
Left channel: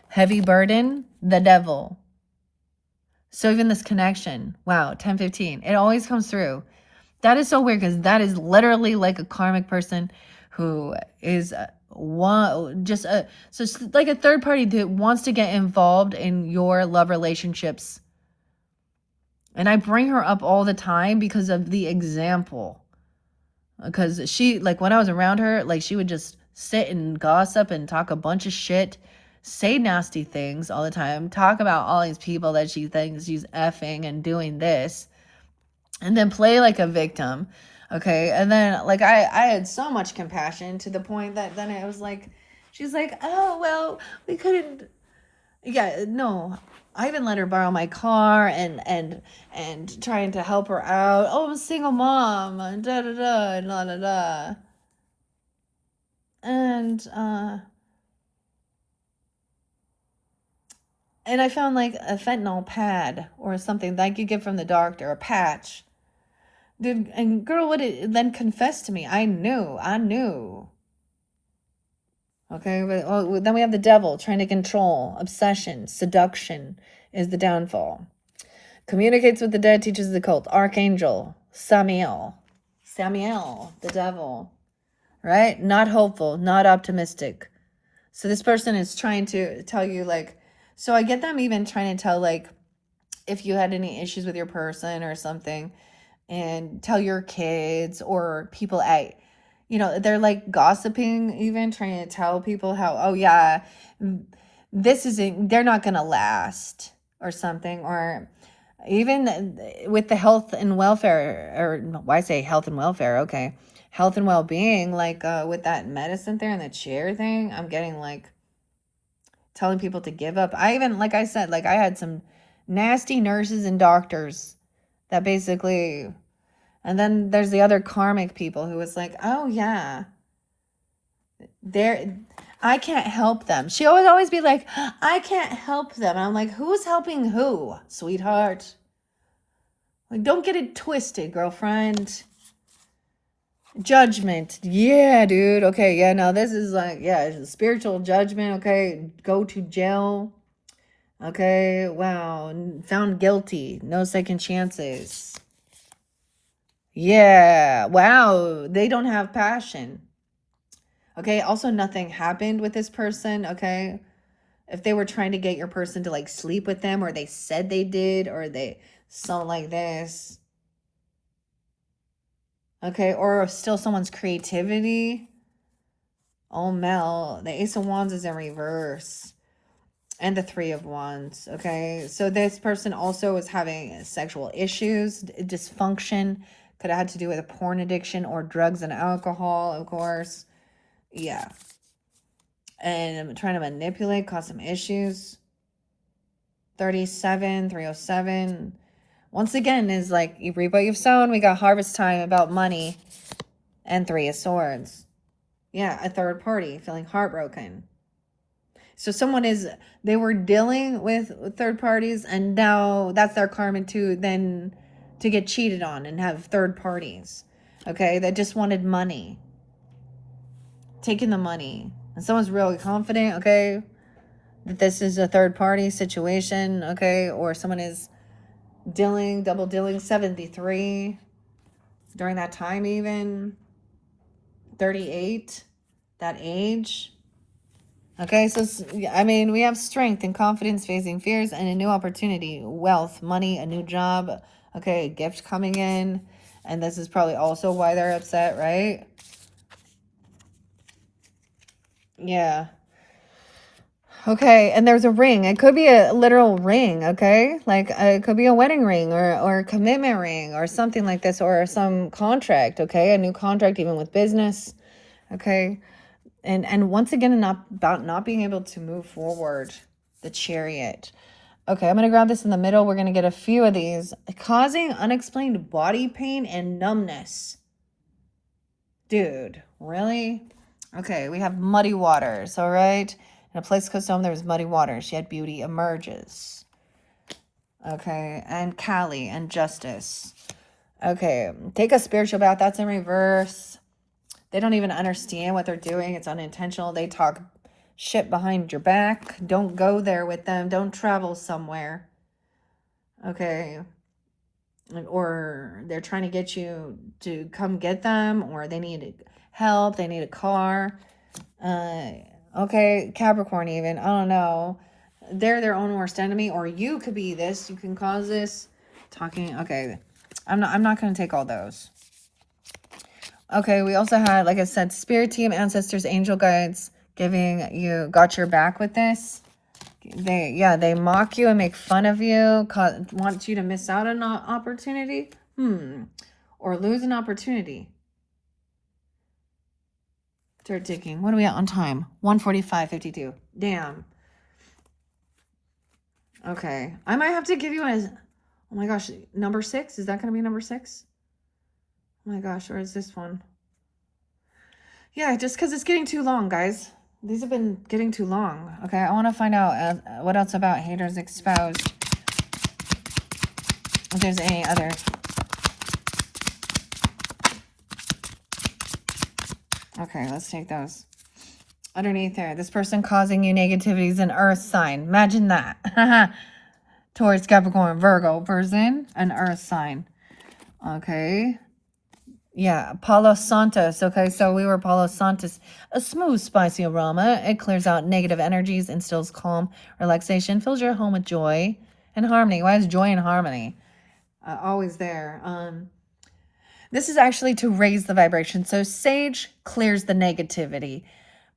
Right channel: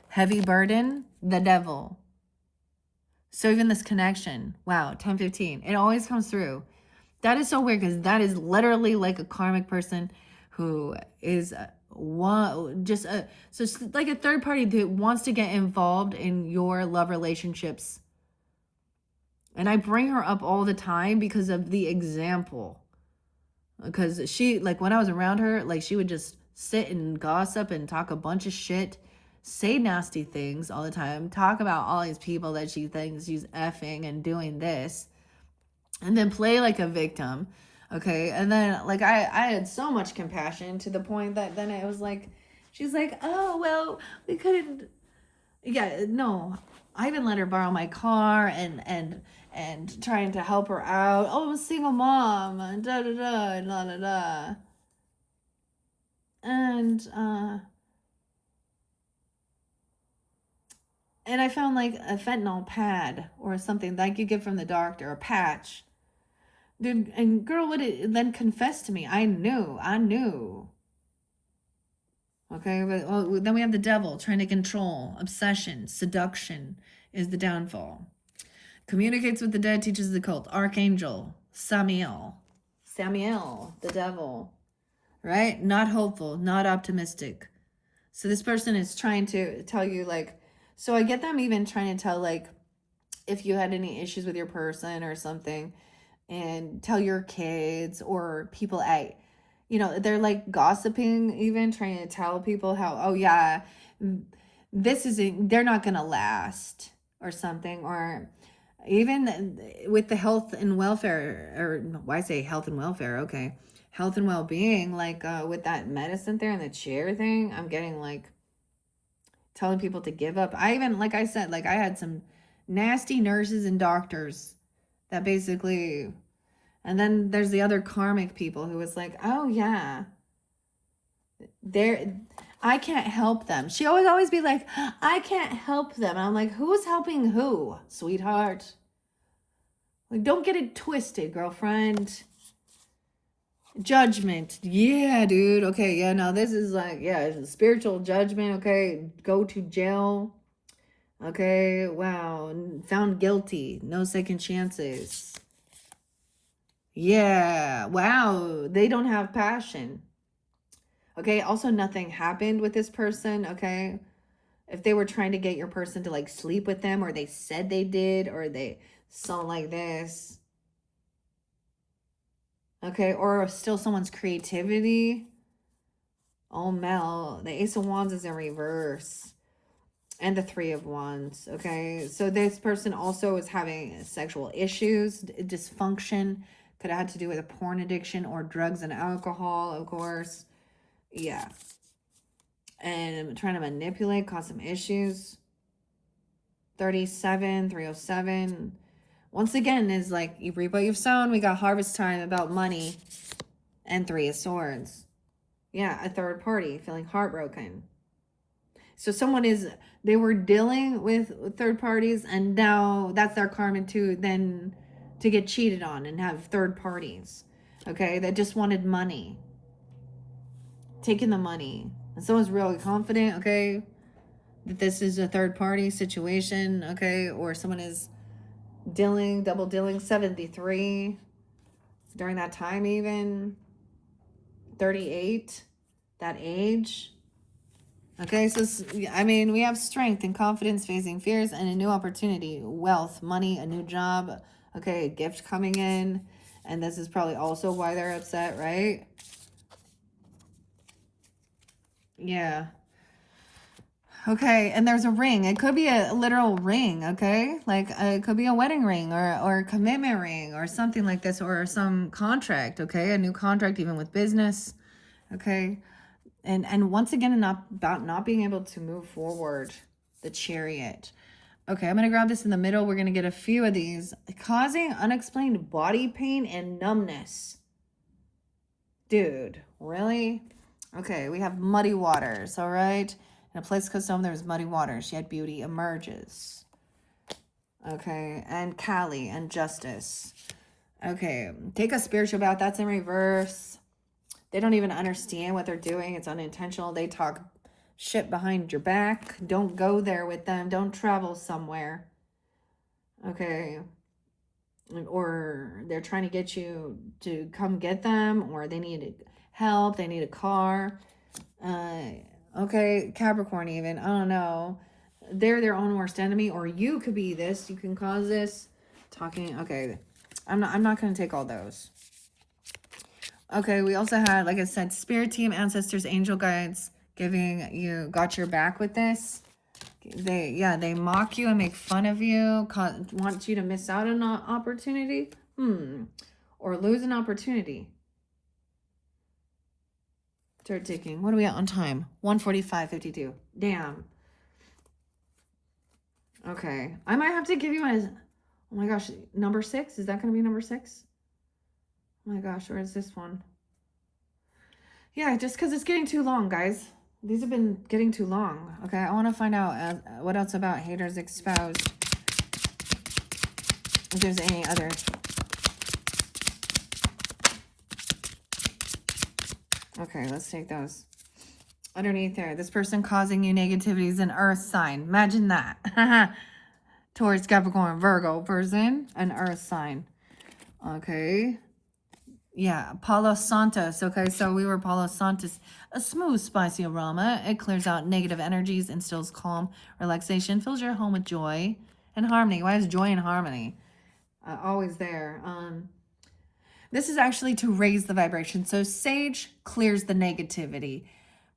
Heavy burden, the devil. So even this connection, wow, 1015, it always comes through. That is so weird because that is literally like a karmic person who is so it's like a third party that wants to get involved in your love relationships. And I bring her up all the time because of the example. Because she, like, when I was around her, like, she would just sit and gossip and talk a bunch of shit, say nasty things all the time, talk about all these people that she thinks she's effing and doing this, and then play like a victim. Okay, and then, like, I had so much compassion to the point that then it was like, she's like, oh, well, we couldn't, yeah, no, I even let her borrow my car and trying to help her out. Oh, I'm a single mom, da da da, la da da. And I found like a fentanyl pad or something like you get from the doctor, a patch. Dude, and girl would then confess to me. I knew. Okay, but then we have the devil trying to control, obsession, seduction is the downfall. Communicates with the dead, teaches the cult. Archangel, Samiel, the devil, right? Not hopeful, not optimistic. So this person is trying to tell you, like, so I get them even trying to tell, like, if you had any issues with your person or something, and tell your kids or people at, they're like gossiping, even trying to tell people how, oh yeah, they're not gonna last or something, or even with the health and welfare, or why say health and welfare, okay, health and well-being, like with that medicine there and the chair thing, I'm getting like telling people to give up. I even, like I said, like I had some nasty nurses and doctors that basically, and then there's the other karmic people who was like, oh yeah, I can't help them. She would always be like, I can't help them. And I'm like, who's helping who, sweetheart? Like, don't get it twisted, girlfriend. Judgment. Yeah, dude. Okay, yeah, no, this is like, yeah, spiritual judgment. Okay, go to jail. Okay, wow. Found guilty. No second chances. Yeah, wow. They don't have passion. Okay, also nothing happened with this person. Okay, if they were trying to get your person to like sleep with them, or they said they did, or they something like this. Okay, or still someone's creativity. Oh, Mel, the Ace of Wands is in reverse. And the Three of Wands. Okay, so this person also was having sexual issues, dysfunction. Could have had to do with a porn addiction or drugs and alcohol, of course. Yeah. And trying to manipulate, cause some issues. 37, 307. Once again, is like, you reap what you've sown. We got harvest time about money. And Three of Swords. Yeah, a third party feeling heartbroken. So they were dealing with third parties, and now that's their karma to then to get cheated on and have third parties. Okay, that just wanted money. Taking the money. And someone's really confident, okay, that this is a third party situation, okay, or someone is double dealing, 73 during that time, even 38, that age. Okay, so I mean, we have strength and confidence, facing fears, and a new opportunity, wealth, money, a new job. Okay, a gift coming in, and this is probably also why they're upset, right? Yeah. Okay, and there's a ring. It could be a literal ring, okay? Like, it could be a wedding ring or a commitment ring or something like this, or some contract, okay? A new contract, even with business, okay? And once again, about not being able to move forward. The Chariot. Okay, I'm going to grab this in the middle. We're going to get a few of these. Causing unexplained body pain and numbness. Dude, really? Okay, we have muddy waters, all right? In a place close to home, there's muddy waters, yet beauty emerges. Okay, and Kali and justice. Okay, take a spiritual bath. That's in reverse. They don't even understand what they're doing. It's unintentional. They talk shit behind your back. Don't go there with them. Don't travel somewhere. Okay. Or they're trying to get you to come get them, or they need help. They need a car. Okay, Capricorn even. I don't know. They're their own worst enemy, or you could be this. You can cause this. Talking. Okay. I'm not going to take all those. Okay, we also had, like I said, spirit team, ancestors, angel guides giving you, got your back with this. They mock you and make fun of you, want you to miss out on an opportunity, or lose an opportunity. Start ticking. What are we at on time? 1:45:52. Damn. Okay, I might have to give you a, oh my gosh, number 6. Is that going to be number 6? Oh my gosh, or is this one? Yeah, just because it's getting too long, guys. These have been getting too long. Okay, I want to find out what else about haters exposed. If there's any other. Okay, let's take those. Underneath there, this person causing you negativity is an earth sign. Imagine that. Taurus, Capricorn, Virgo person, an earth sign. Okay. Yeah, Palo Santos. Okay, so we were Palo Santos. A smooth, spicy aroma. It clears out negative energies, instills calm, relaxation, fills your home with joy and harmony. Why is joy and harmony? Always there. This is actually to raise the vibration. So sage clears the negativity.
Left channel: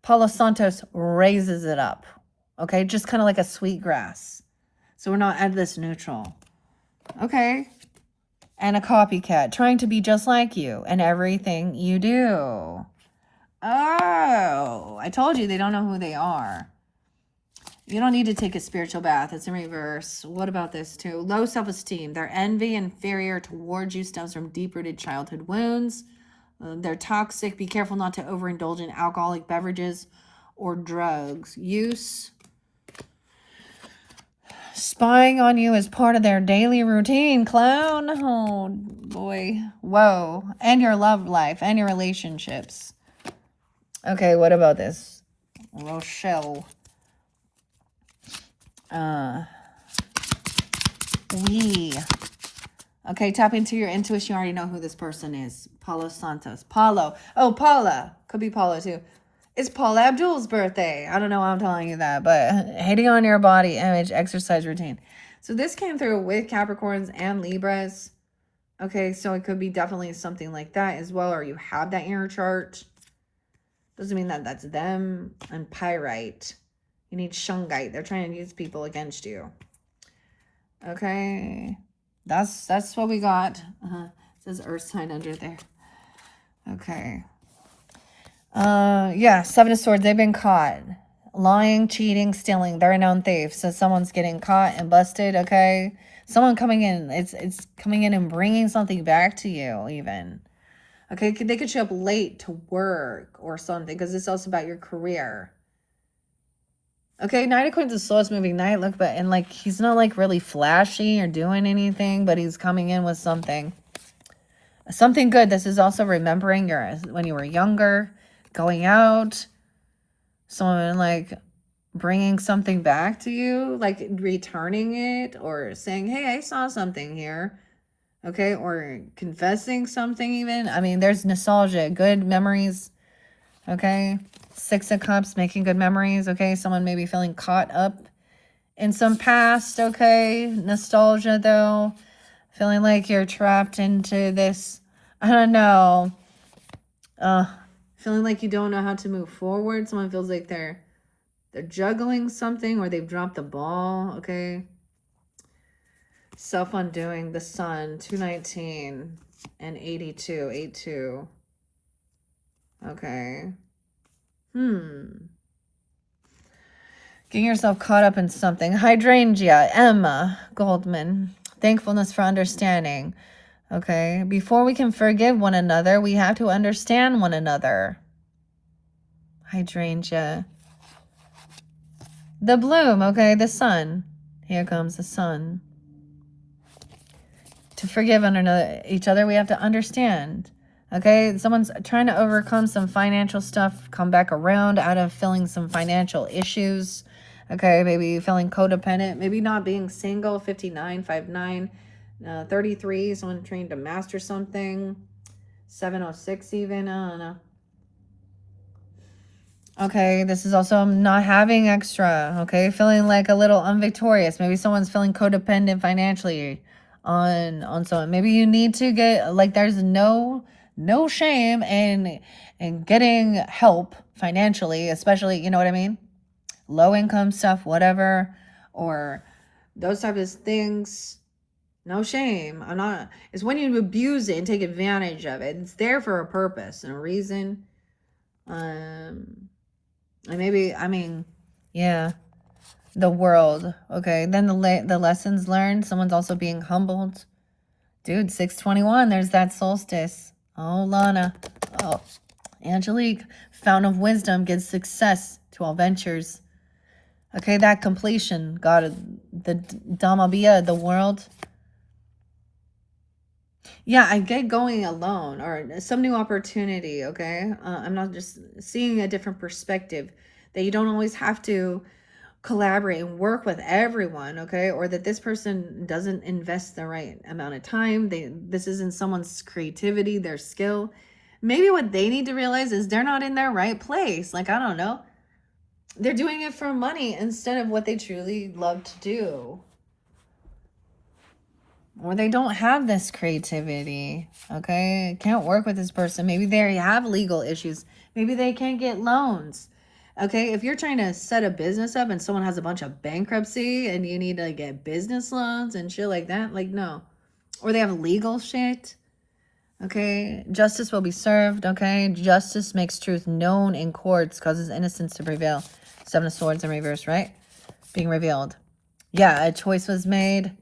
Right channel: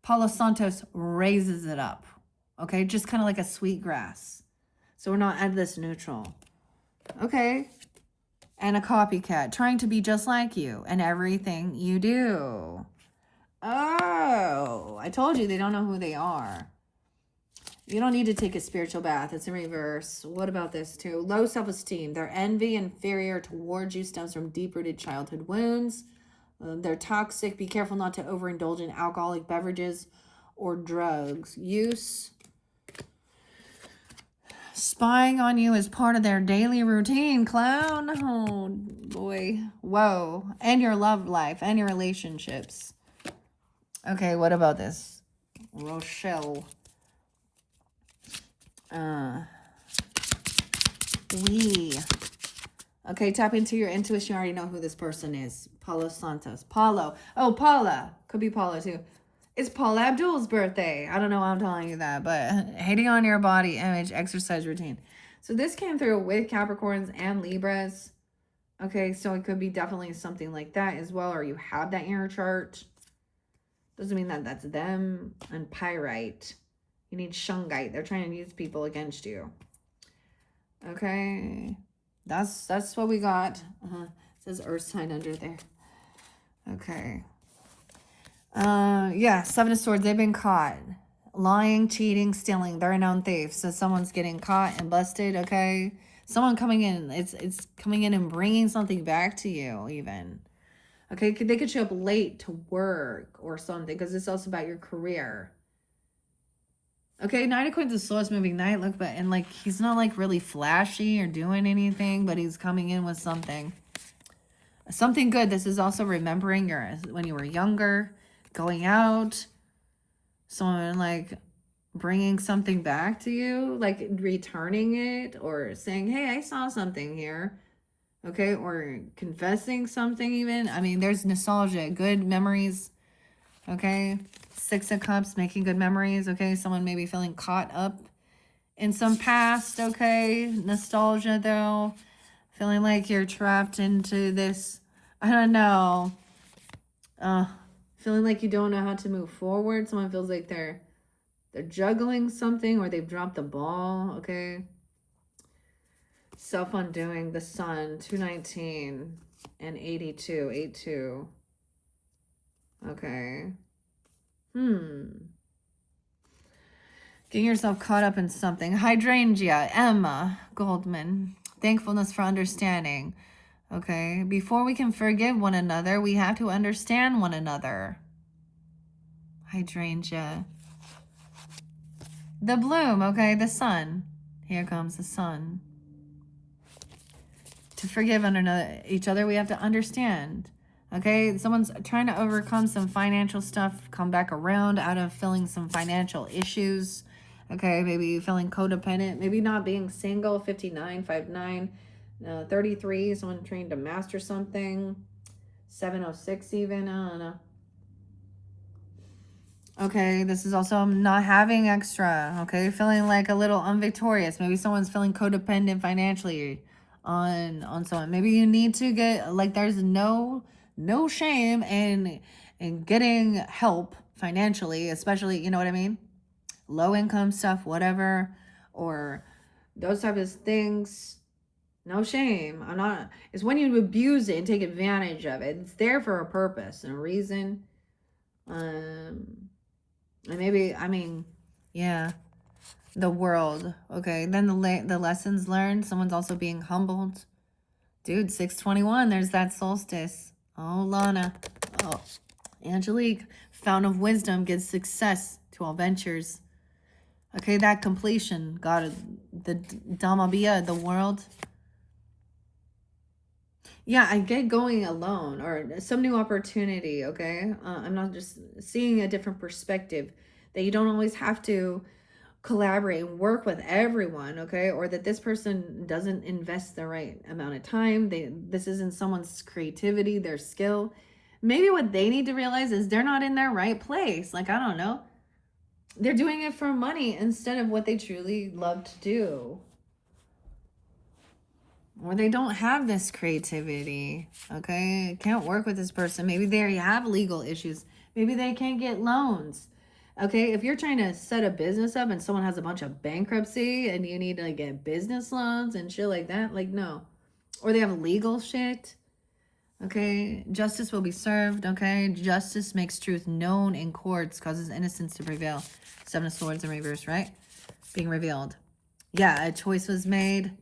Palo Santos raises it up. Okay, just kind of like a sweet grass. So we're not at this neutral. Okay. And a copycat, trying to be just like you in everything you do. Oh, I told you they don't know who they are. You don't need to take a spiritual bath. It's in reverse. What about this too? Low self-esteem. Their envy, inferior towards you, stems from deep-rooted childhood wounds. They're toxic. Be careful not to overindulge in alcoholic beverages or drugs use. Spying on you is part of their daily routine, clown. Oh, boy. Whoa. And your love life and your relationships. Okay, what about this? Rochelle. Okay, tap into your intuition. You already know who this person is. Paulo Santos. Paulo. Oh, Paula. Could be Paula, too. It's Paula Abdul's birthday. I don't know why I'm telling you that, but hating on your body image, exercise routine. So this came through with Capricorns and Libras. Okay, so it could be definitely something like that as well, or you have that in your chart. Doesn't mean that that's them. And Pyrite. You need Shungite. They're trying to use people against you. Okay. That's what we got. It says Earth sign under there. Okay. Yeah, 7 of Swords, they've been caught. Lying, cheating, stealing. They're a known thief. So someone's getting caught and busted, okay? Someone coming in, it's coming in and bringing something back to you, even. Okay, they could show up late to work or something, because it's also about your career. Okay, Knight of Coins is the slowest moving knight. Look, but, and like, he's not like really flashy or doing anything, but he's coming in with something. Something good. This is also remembering when you were younger, going out, someone like bringing something back to you, like returning it or saying, hey, I saw something here. Okay, or confessing something even. I mean, there's nostalgia, good memories. Okay, 6 of Cups, making good memories. Okay, someone may be feeling caught up in some past. Okay, nostalgia though. Feeling like you're trapped into this, I don't know. Feeling like you don't know how to move forward. Someone feels like they're juggling something, or they've dropped the ball. Okay. Self-undoing, the Sun, 219 and 82, 82. Okay. Getting yourself caught up in something. Hydrangea, Emma Goldman. Thankfulness for understanding. Okay, before we can forgive one another, we have to understand one another. Hydrangea. The bloom, okay, the sun. Here comes the sun. To forgive each other, we have to understand. Okay, someone's trying to overcome some financial stuff, come back around out of feeling some financial issues. Okay, maybe feeling codependent, maybe not being single, 59, 59, 33, someone trying to master something, 706 even, I don't know. Okay, this is also not having extra, okay, feeling like a little unvictorious. Maybe someone's feeling codependent financially on someone. Maybe you need to get, like, there's no shame in getting help financially, especially, you know what I mean? Low income stuff, whatever, or those types of things. No shame. It's when you abuse it and take advantage of it. It's there for a purpose and a reason. And maybe, yeah, the world. Okay, then the lessons learned. Someone's also being humbled. Dude, 621, there's that solstice. Oh, Lana. Oh, Angelique. Fountain of wisdom gives success to all ventures. Okay, that completion. God, the Dhamabia, the world. Yeah, I get going alone or some new opportunity, okay? I'm not just seeing a different perspective that you don't always have to collaborate and work with everyone, okay? Or that this person doesn't invest the right amount of time. This isn't someone's creativity, their skill. Maybe what they need to realize is they're not in their right place. Like, I don't know. They're doing it for money instead of what they truly love to do. Or they don't have this creativity, okay? Can't work with this person. Maybe they have legal issues. Maybe they can't get loans, okay? If you're trying to set a business up and someone has a bunch of bankruptcy and you need to get business loans and shit like that, like, no. Or they have legal shit, okay? Justice will be served, okay? Justice makes truth known in courts, causes innocence to prevail. Seven of Swords in reverse, right? Being revealed. Yeah, a choice was made.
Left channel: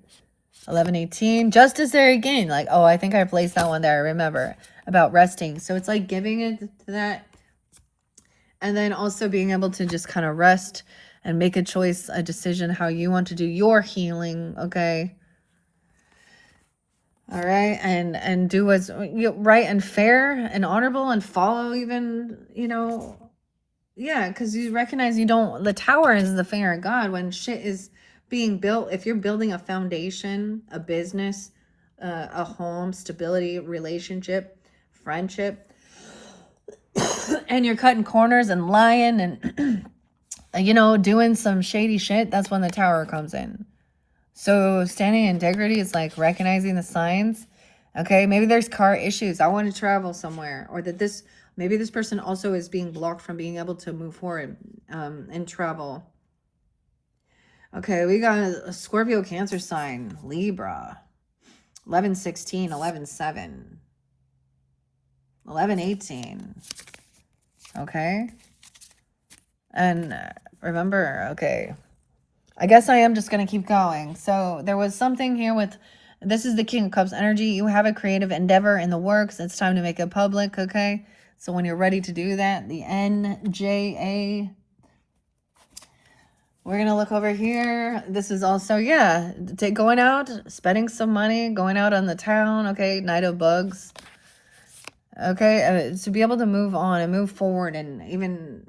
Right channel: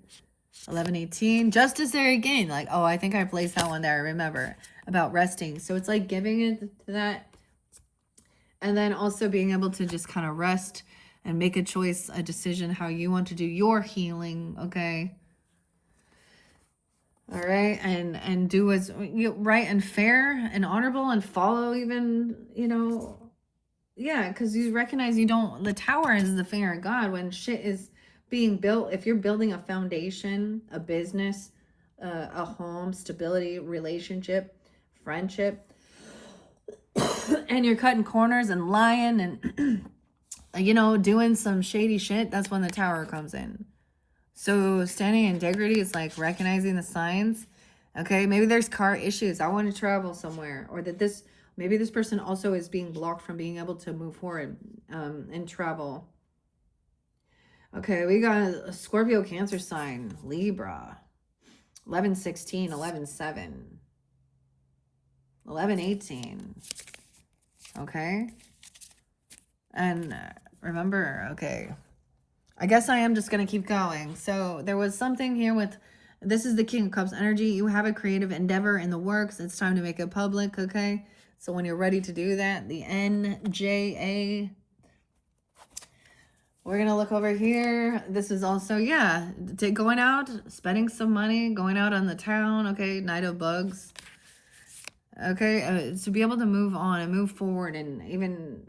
11:18. Justice there again. Like, oh, I think I placed that one there. I remember about resting. So it's like giving it to that. And then also being able to just kind of rest and make a choice, a decision, how you want to do your healing. Okay. All right. And do what's right and fair and honorable and follow even, yeah, because you recognize the tower is the finger of God when shit is being built. If you're building a foundation, a business, a home, stability, relationship, friendship, and you're cutting corners and lying and, doing some shady shit, that's when the tower comes in. So standing in integrity is like recognizing the signs. Okay, maybe there's car issues. I want to travel somewhere, or that maybe this person also is being blocked from being able to move forward and travel. Okay, we got a Scorpio Cancer sign, Libra, 11:16, 11:7, 11:18. Okay, and remember, okay, I guess I am just going to keep going. So there was something here with, this is the King of Cups energy. You have a creative endeavor in the works. It's time to make it public, okay? So when you're ready to do that, the NJA. We're going to look over here. This is also, yeah, going out, spending some money, going out on the town, okay? Knight of Bugs. Okay, to be able to move on and move forward and even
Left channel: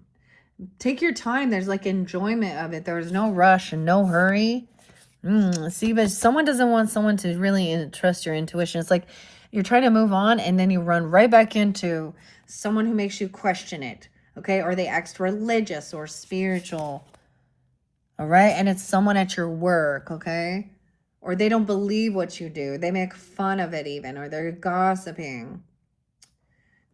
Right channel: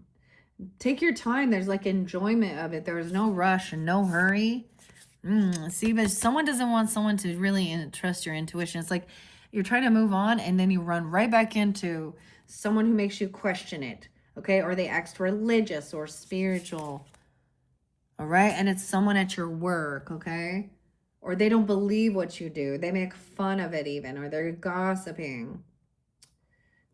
take your time. There's like enjoyment of it. There's no rush and no hurry. See, but someone doesn't want someone to really trust your intuition. It's like you're trying to move on and then you run right back into someone who makes you question it. Okay, or they act religious or spiritual. All right, and it's someone at your work, okay? Or they don't believe what you do. They make fun of it even, or they're gossiping.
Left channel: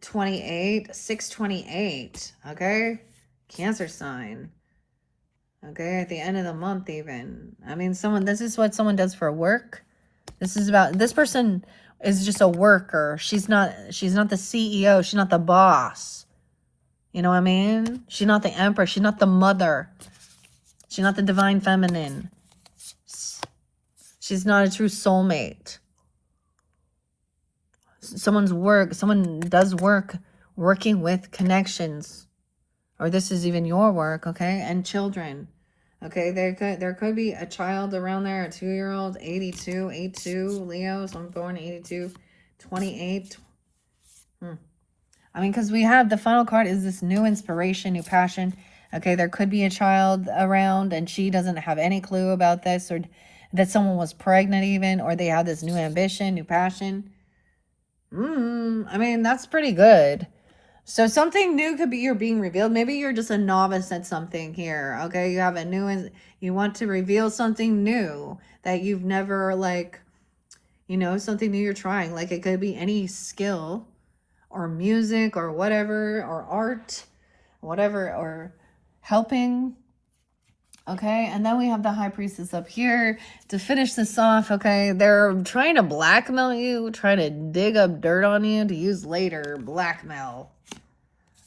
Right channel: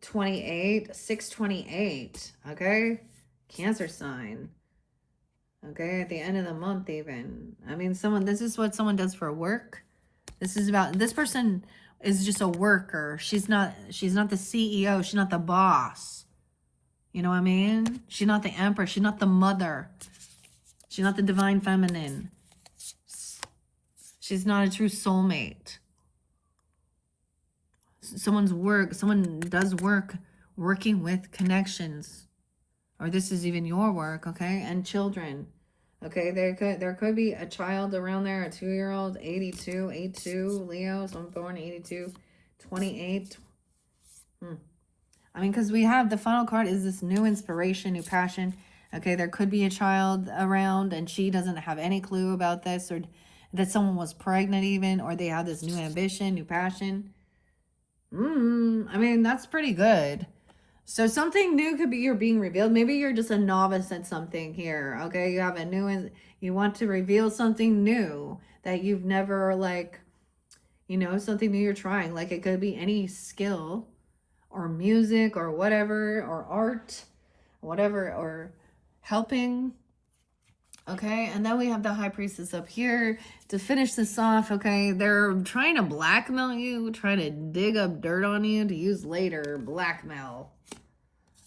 28, 628, okay? Cancer sign. Okay, at the end of the month even. I mean, this is what someone does for work. This is about, this person is just a worker. She's not the CEO. She's not the boss. You know what I mean? She's not the empress. She's not the mother. She's not the divine feminine. She's not a true soulmate. Someone does working with connections. Or this is even your work, okay? And children. Okay, there could be a child around there, a 2-year-old, 82, Leo, so I'm born 82, 28. I mean, because we have the final card is this new inspiration, new passion. Okay, there could be a child around and she doesn't have any clue about this, or that someone was pregnant even, or they have this new ambition, new passion. I mean, that's pretty good. So something new could be you're being revealed. Maybe you're just a novice at something here. Okay, you have a new, you want to reveal something new that you've never, like, you know, something new you're trying. Like, it could be any skill or music or whatever, or art, whatever, or helping. Okay, and then we have the High Priestess up here to finish this off. Okay, they're trying to blackmail you, trying to dig up dirt on you to use later. Blackmail.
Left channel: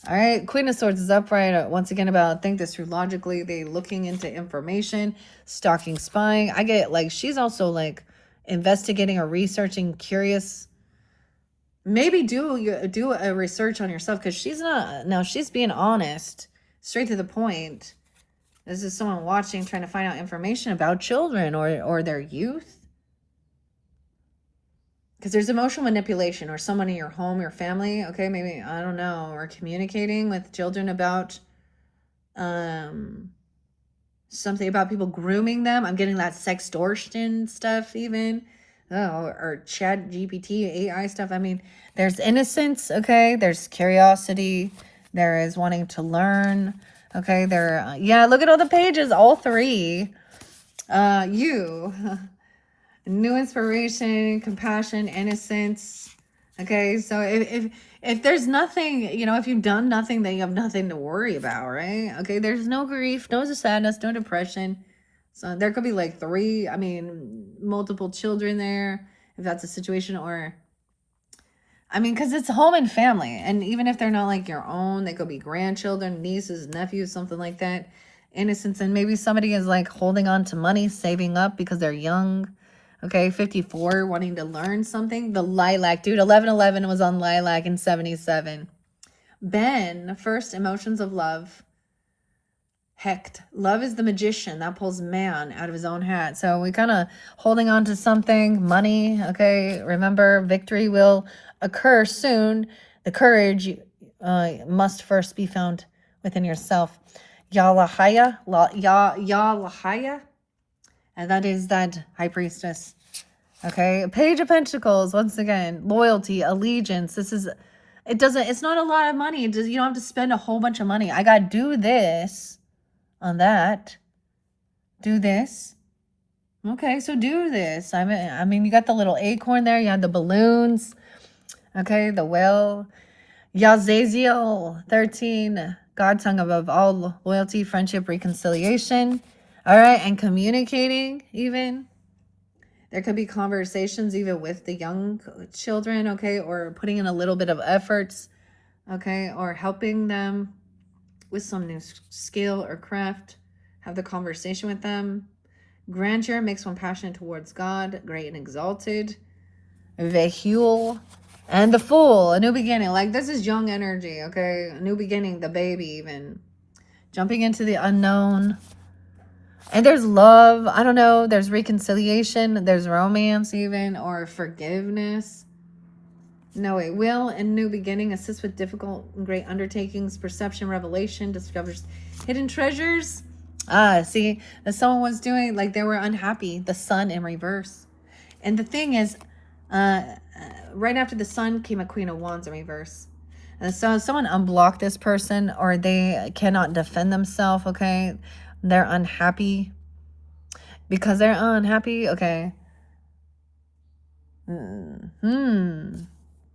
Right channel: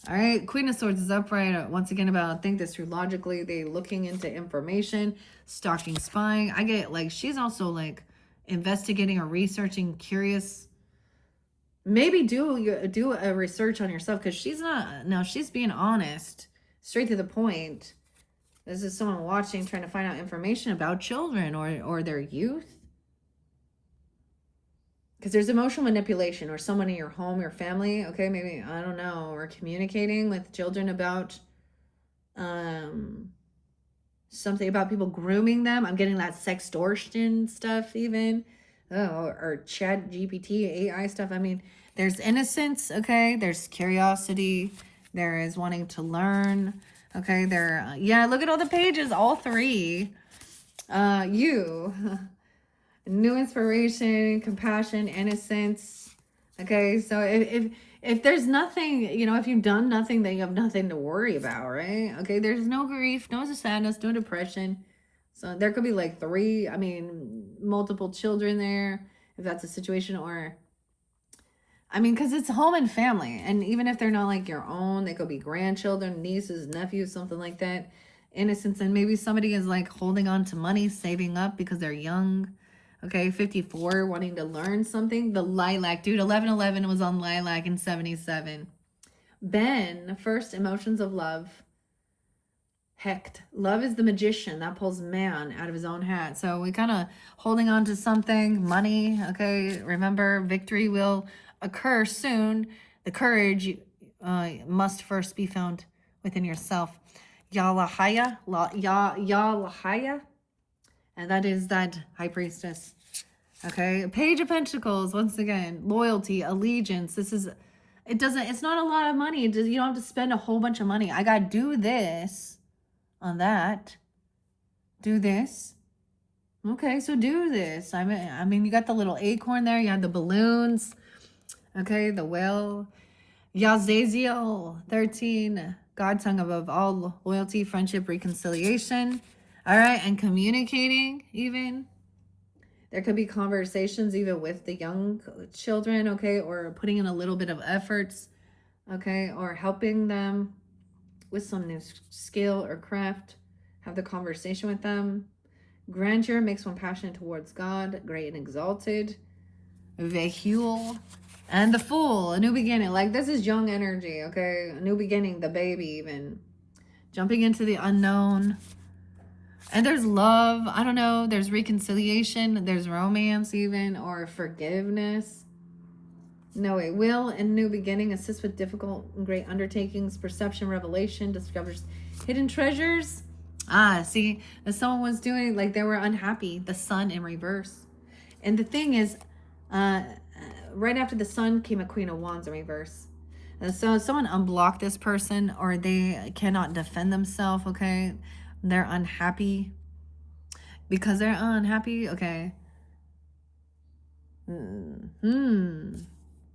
All right, Queen of Swords is upright. Once again, about think this through logically. They looking into information, stalking, spying. I get, like, she's also, like, investigating or researching, curious. Maybe do a research on yourself, because she's not, no, she's being honest, straight to the point. This is someone watching, trying to find out information about children or their youth. Because there's emotional manipulation, or someone in your home, your family, okay, maybe, I don't know, or communicating with children about something about people grooming them. I'm getting that sextortion stuff even. Oh, or chat GPT, AI stuff. I mean, there's innocence, okay? There's curiosity. There is wanting to learn, okay? There, yeah, look at all the pages, all three. You, new inspiration, compassion, innocence, okay? So if there's nothing, you know, if you've done nothing, then you have nothing to worry about, right? Okay, there's no grief, no sadness, no depression. So there could be like multiple children there, if that's a situation, or, I mean, because it's home and family. And even if they're not like your own, they could be grandchildren, nieces, nephews, something like that. Innocence. And maybe somebody is like holding on to money, saving up because they're young. Okay, 54, wanting to learn something. The lilac, dude, 1111 was on lilac in 77. Ben, first, emotions of love. Hecht, love is the magician that pulls man out of his own hat. So we kind of holding on to something, money, okay? Remember, victory will occur soon. The courage must first be found within yourself. Yalahaya, Yalahaya, and that is that High Priestess. Okay, Page of Pentacles, once again, loyalty, allegiance. It's not a lot of money. You don't have to spend a whole bunch of money. I got to do this on that. Do this. Okay, so do this. I mean, you got the little acorn there. You have the balloons. Okay, the whale. Yazaziel 13. God tongue above all, loyalty, friendship, reconciliation. All right, and communicating even. There could be conversations even with the young children, okay, or putting in a little bit of efforts, okay, or helping them with some new skill or craft. Have the conversation with them. Grandeur makes one passionate towards God, great and exalted. Vehule. And the Fool, a new beginning. Like, this is young energy, okay? A new beginning, the baby even. Jumping into the unknown. And there's love. I don't know. There's reconciliation. There's romance even. Or forgiveness. No, wait. Will and new beginning. Assist with difficult and great undertakings. Perception, revelation. Discovers hidden treasures. See, that someone was doing, like, they were unhappy. The Sun in reverse. And the thing is, right after the Sun came a Queen of Wands in reverse. And so someone unblocked this person, or they cannot defend themselves, okay? They're unhappy. Because they're unhappy, okay.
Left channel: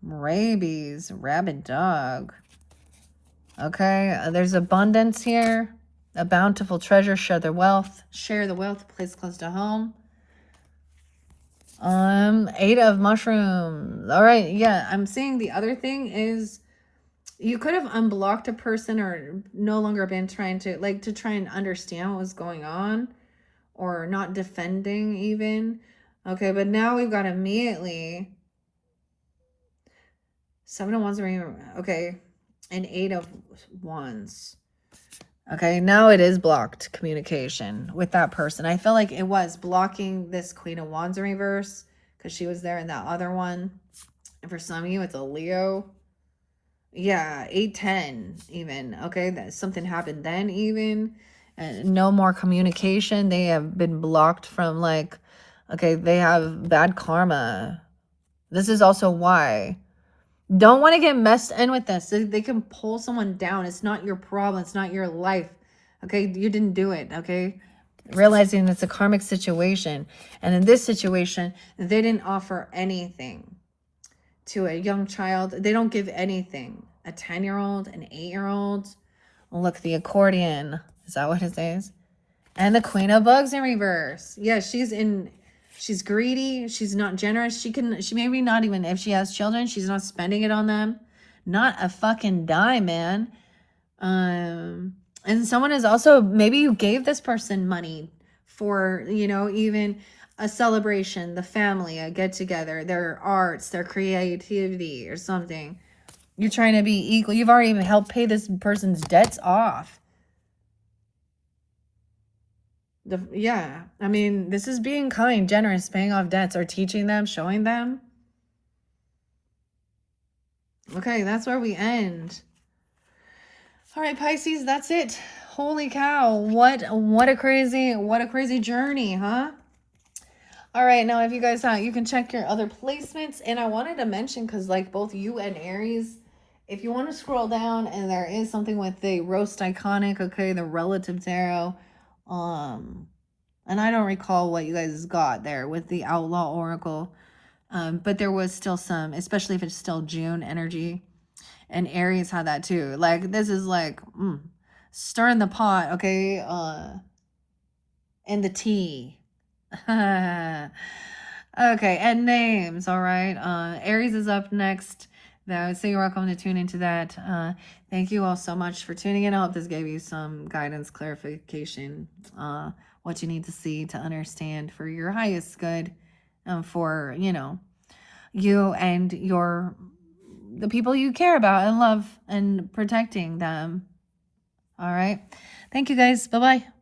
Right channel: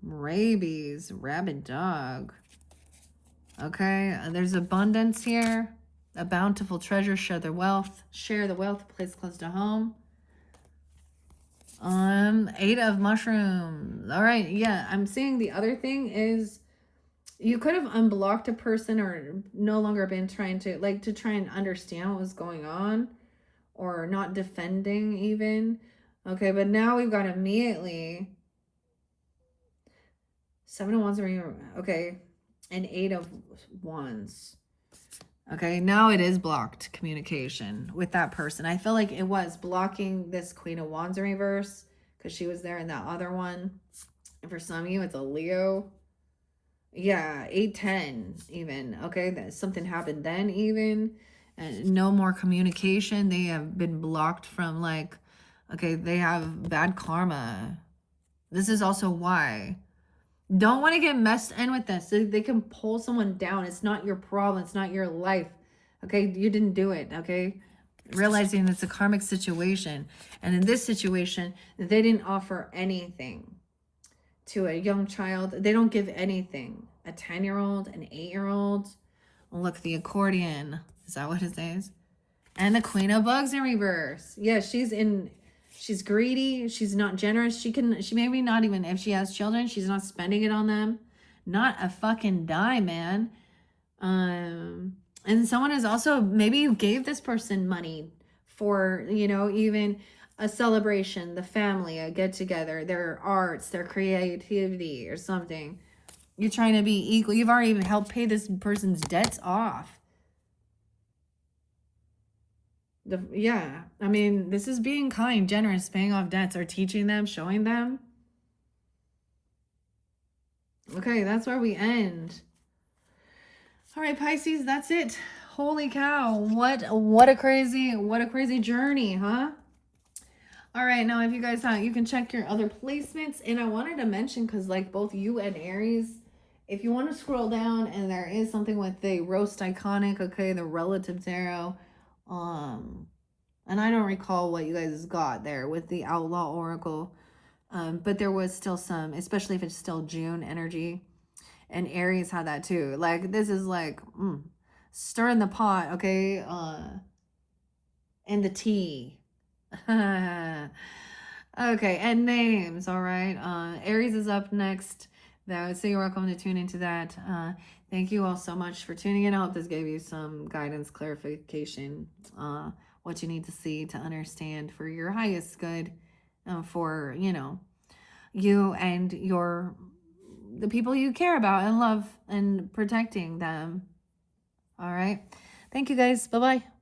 Rabies, rabid dog. Okay, there's abundance here. A bountiful treasure, share the wealth. Share the wealth, place close to home. 8 of mushrooms. All right, yeah, I'm seeing the other thing is You could have unblocked a person or no longer been trying to, like, to try and understand what was going on, or not defending even. Okay, but now we've got immediately 7 of Wands, okay, and 8 of Wands. Okay, now it is blocked communication with that person. I feel like it was blocking this Queen of Wands in reverse because she was there in that other one. And for some of you, it's a Leo. Yeah, 8-10 even. Okay, that something happened then even. No more communication. They have been blocked from, like, okay, they have bad karma. This is also why. Don't want to get messed in with this. They can pull someone down. It's not your problem. It's not your life. Okay, you didn't do it. Okay, realizing it's a karmic situation. And in this situation, they didn't offer anything to a young child. They don't give anything. A 10-year-old, an 8-year-old. Look, the accordion. Is that what it says? And the Queen of Bugs in reverse. Yeah, she's greedy. She's not generous. She maybe not even, if she has children, she's not spending it on them. Not a fucking dime, man. And someone is also, maybe you gave this person money for, you know, even a celebration, the family, a get together, their arts, their creativity or something. You're trying to be equal. You've already even helped pay this person's debts off. Yeah, I mean, this is being kind, generous, paying off debts, or teaching them, showing them. Okay, that's where we end. All right, Pisces, that's it. Holy cow, what a crazy journey, huh? All right, now if you guys you can check your other placements, and I wanted to mention, because like both you and Aries, if you want to scroll down, and there is something with the Roast Iconic, okay, the Relative Tarot, and I don't recall what you guys got there with the Outlaw Oracle, but there was still some, especially if it's still June energy. And Aries had that too. Like, this is like stirring the pot, okay? And the tea. Okay, and names, all right? Aries is up next. Now, so you're welcome to tune into that. Thank you all so much for tuning in. I hope this gave you some guidance, clarification, what you need to see to understand for your highest good, for, you know, you and the people you care about and love, and protecting them. All right. Thank you guys. Bye-bye.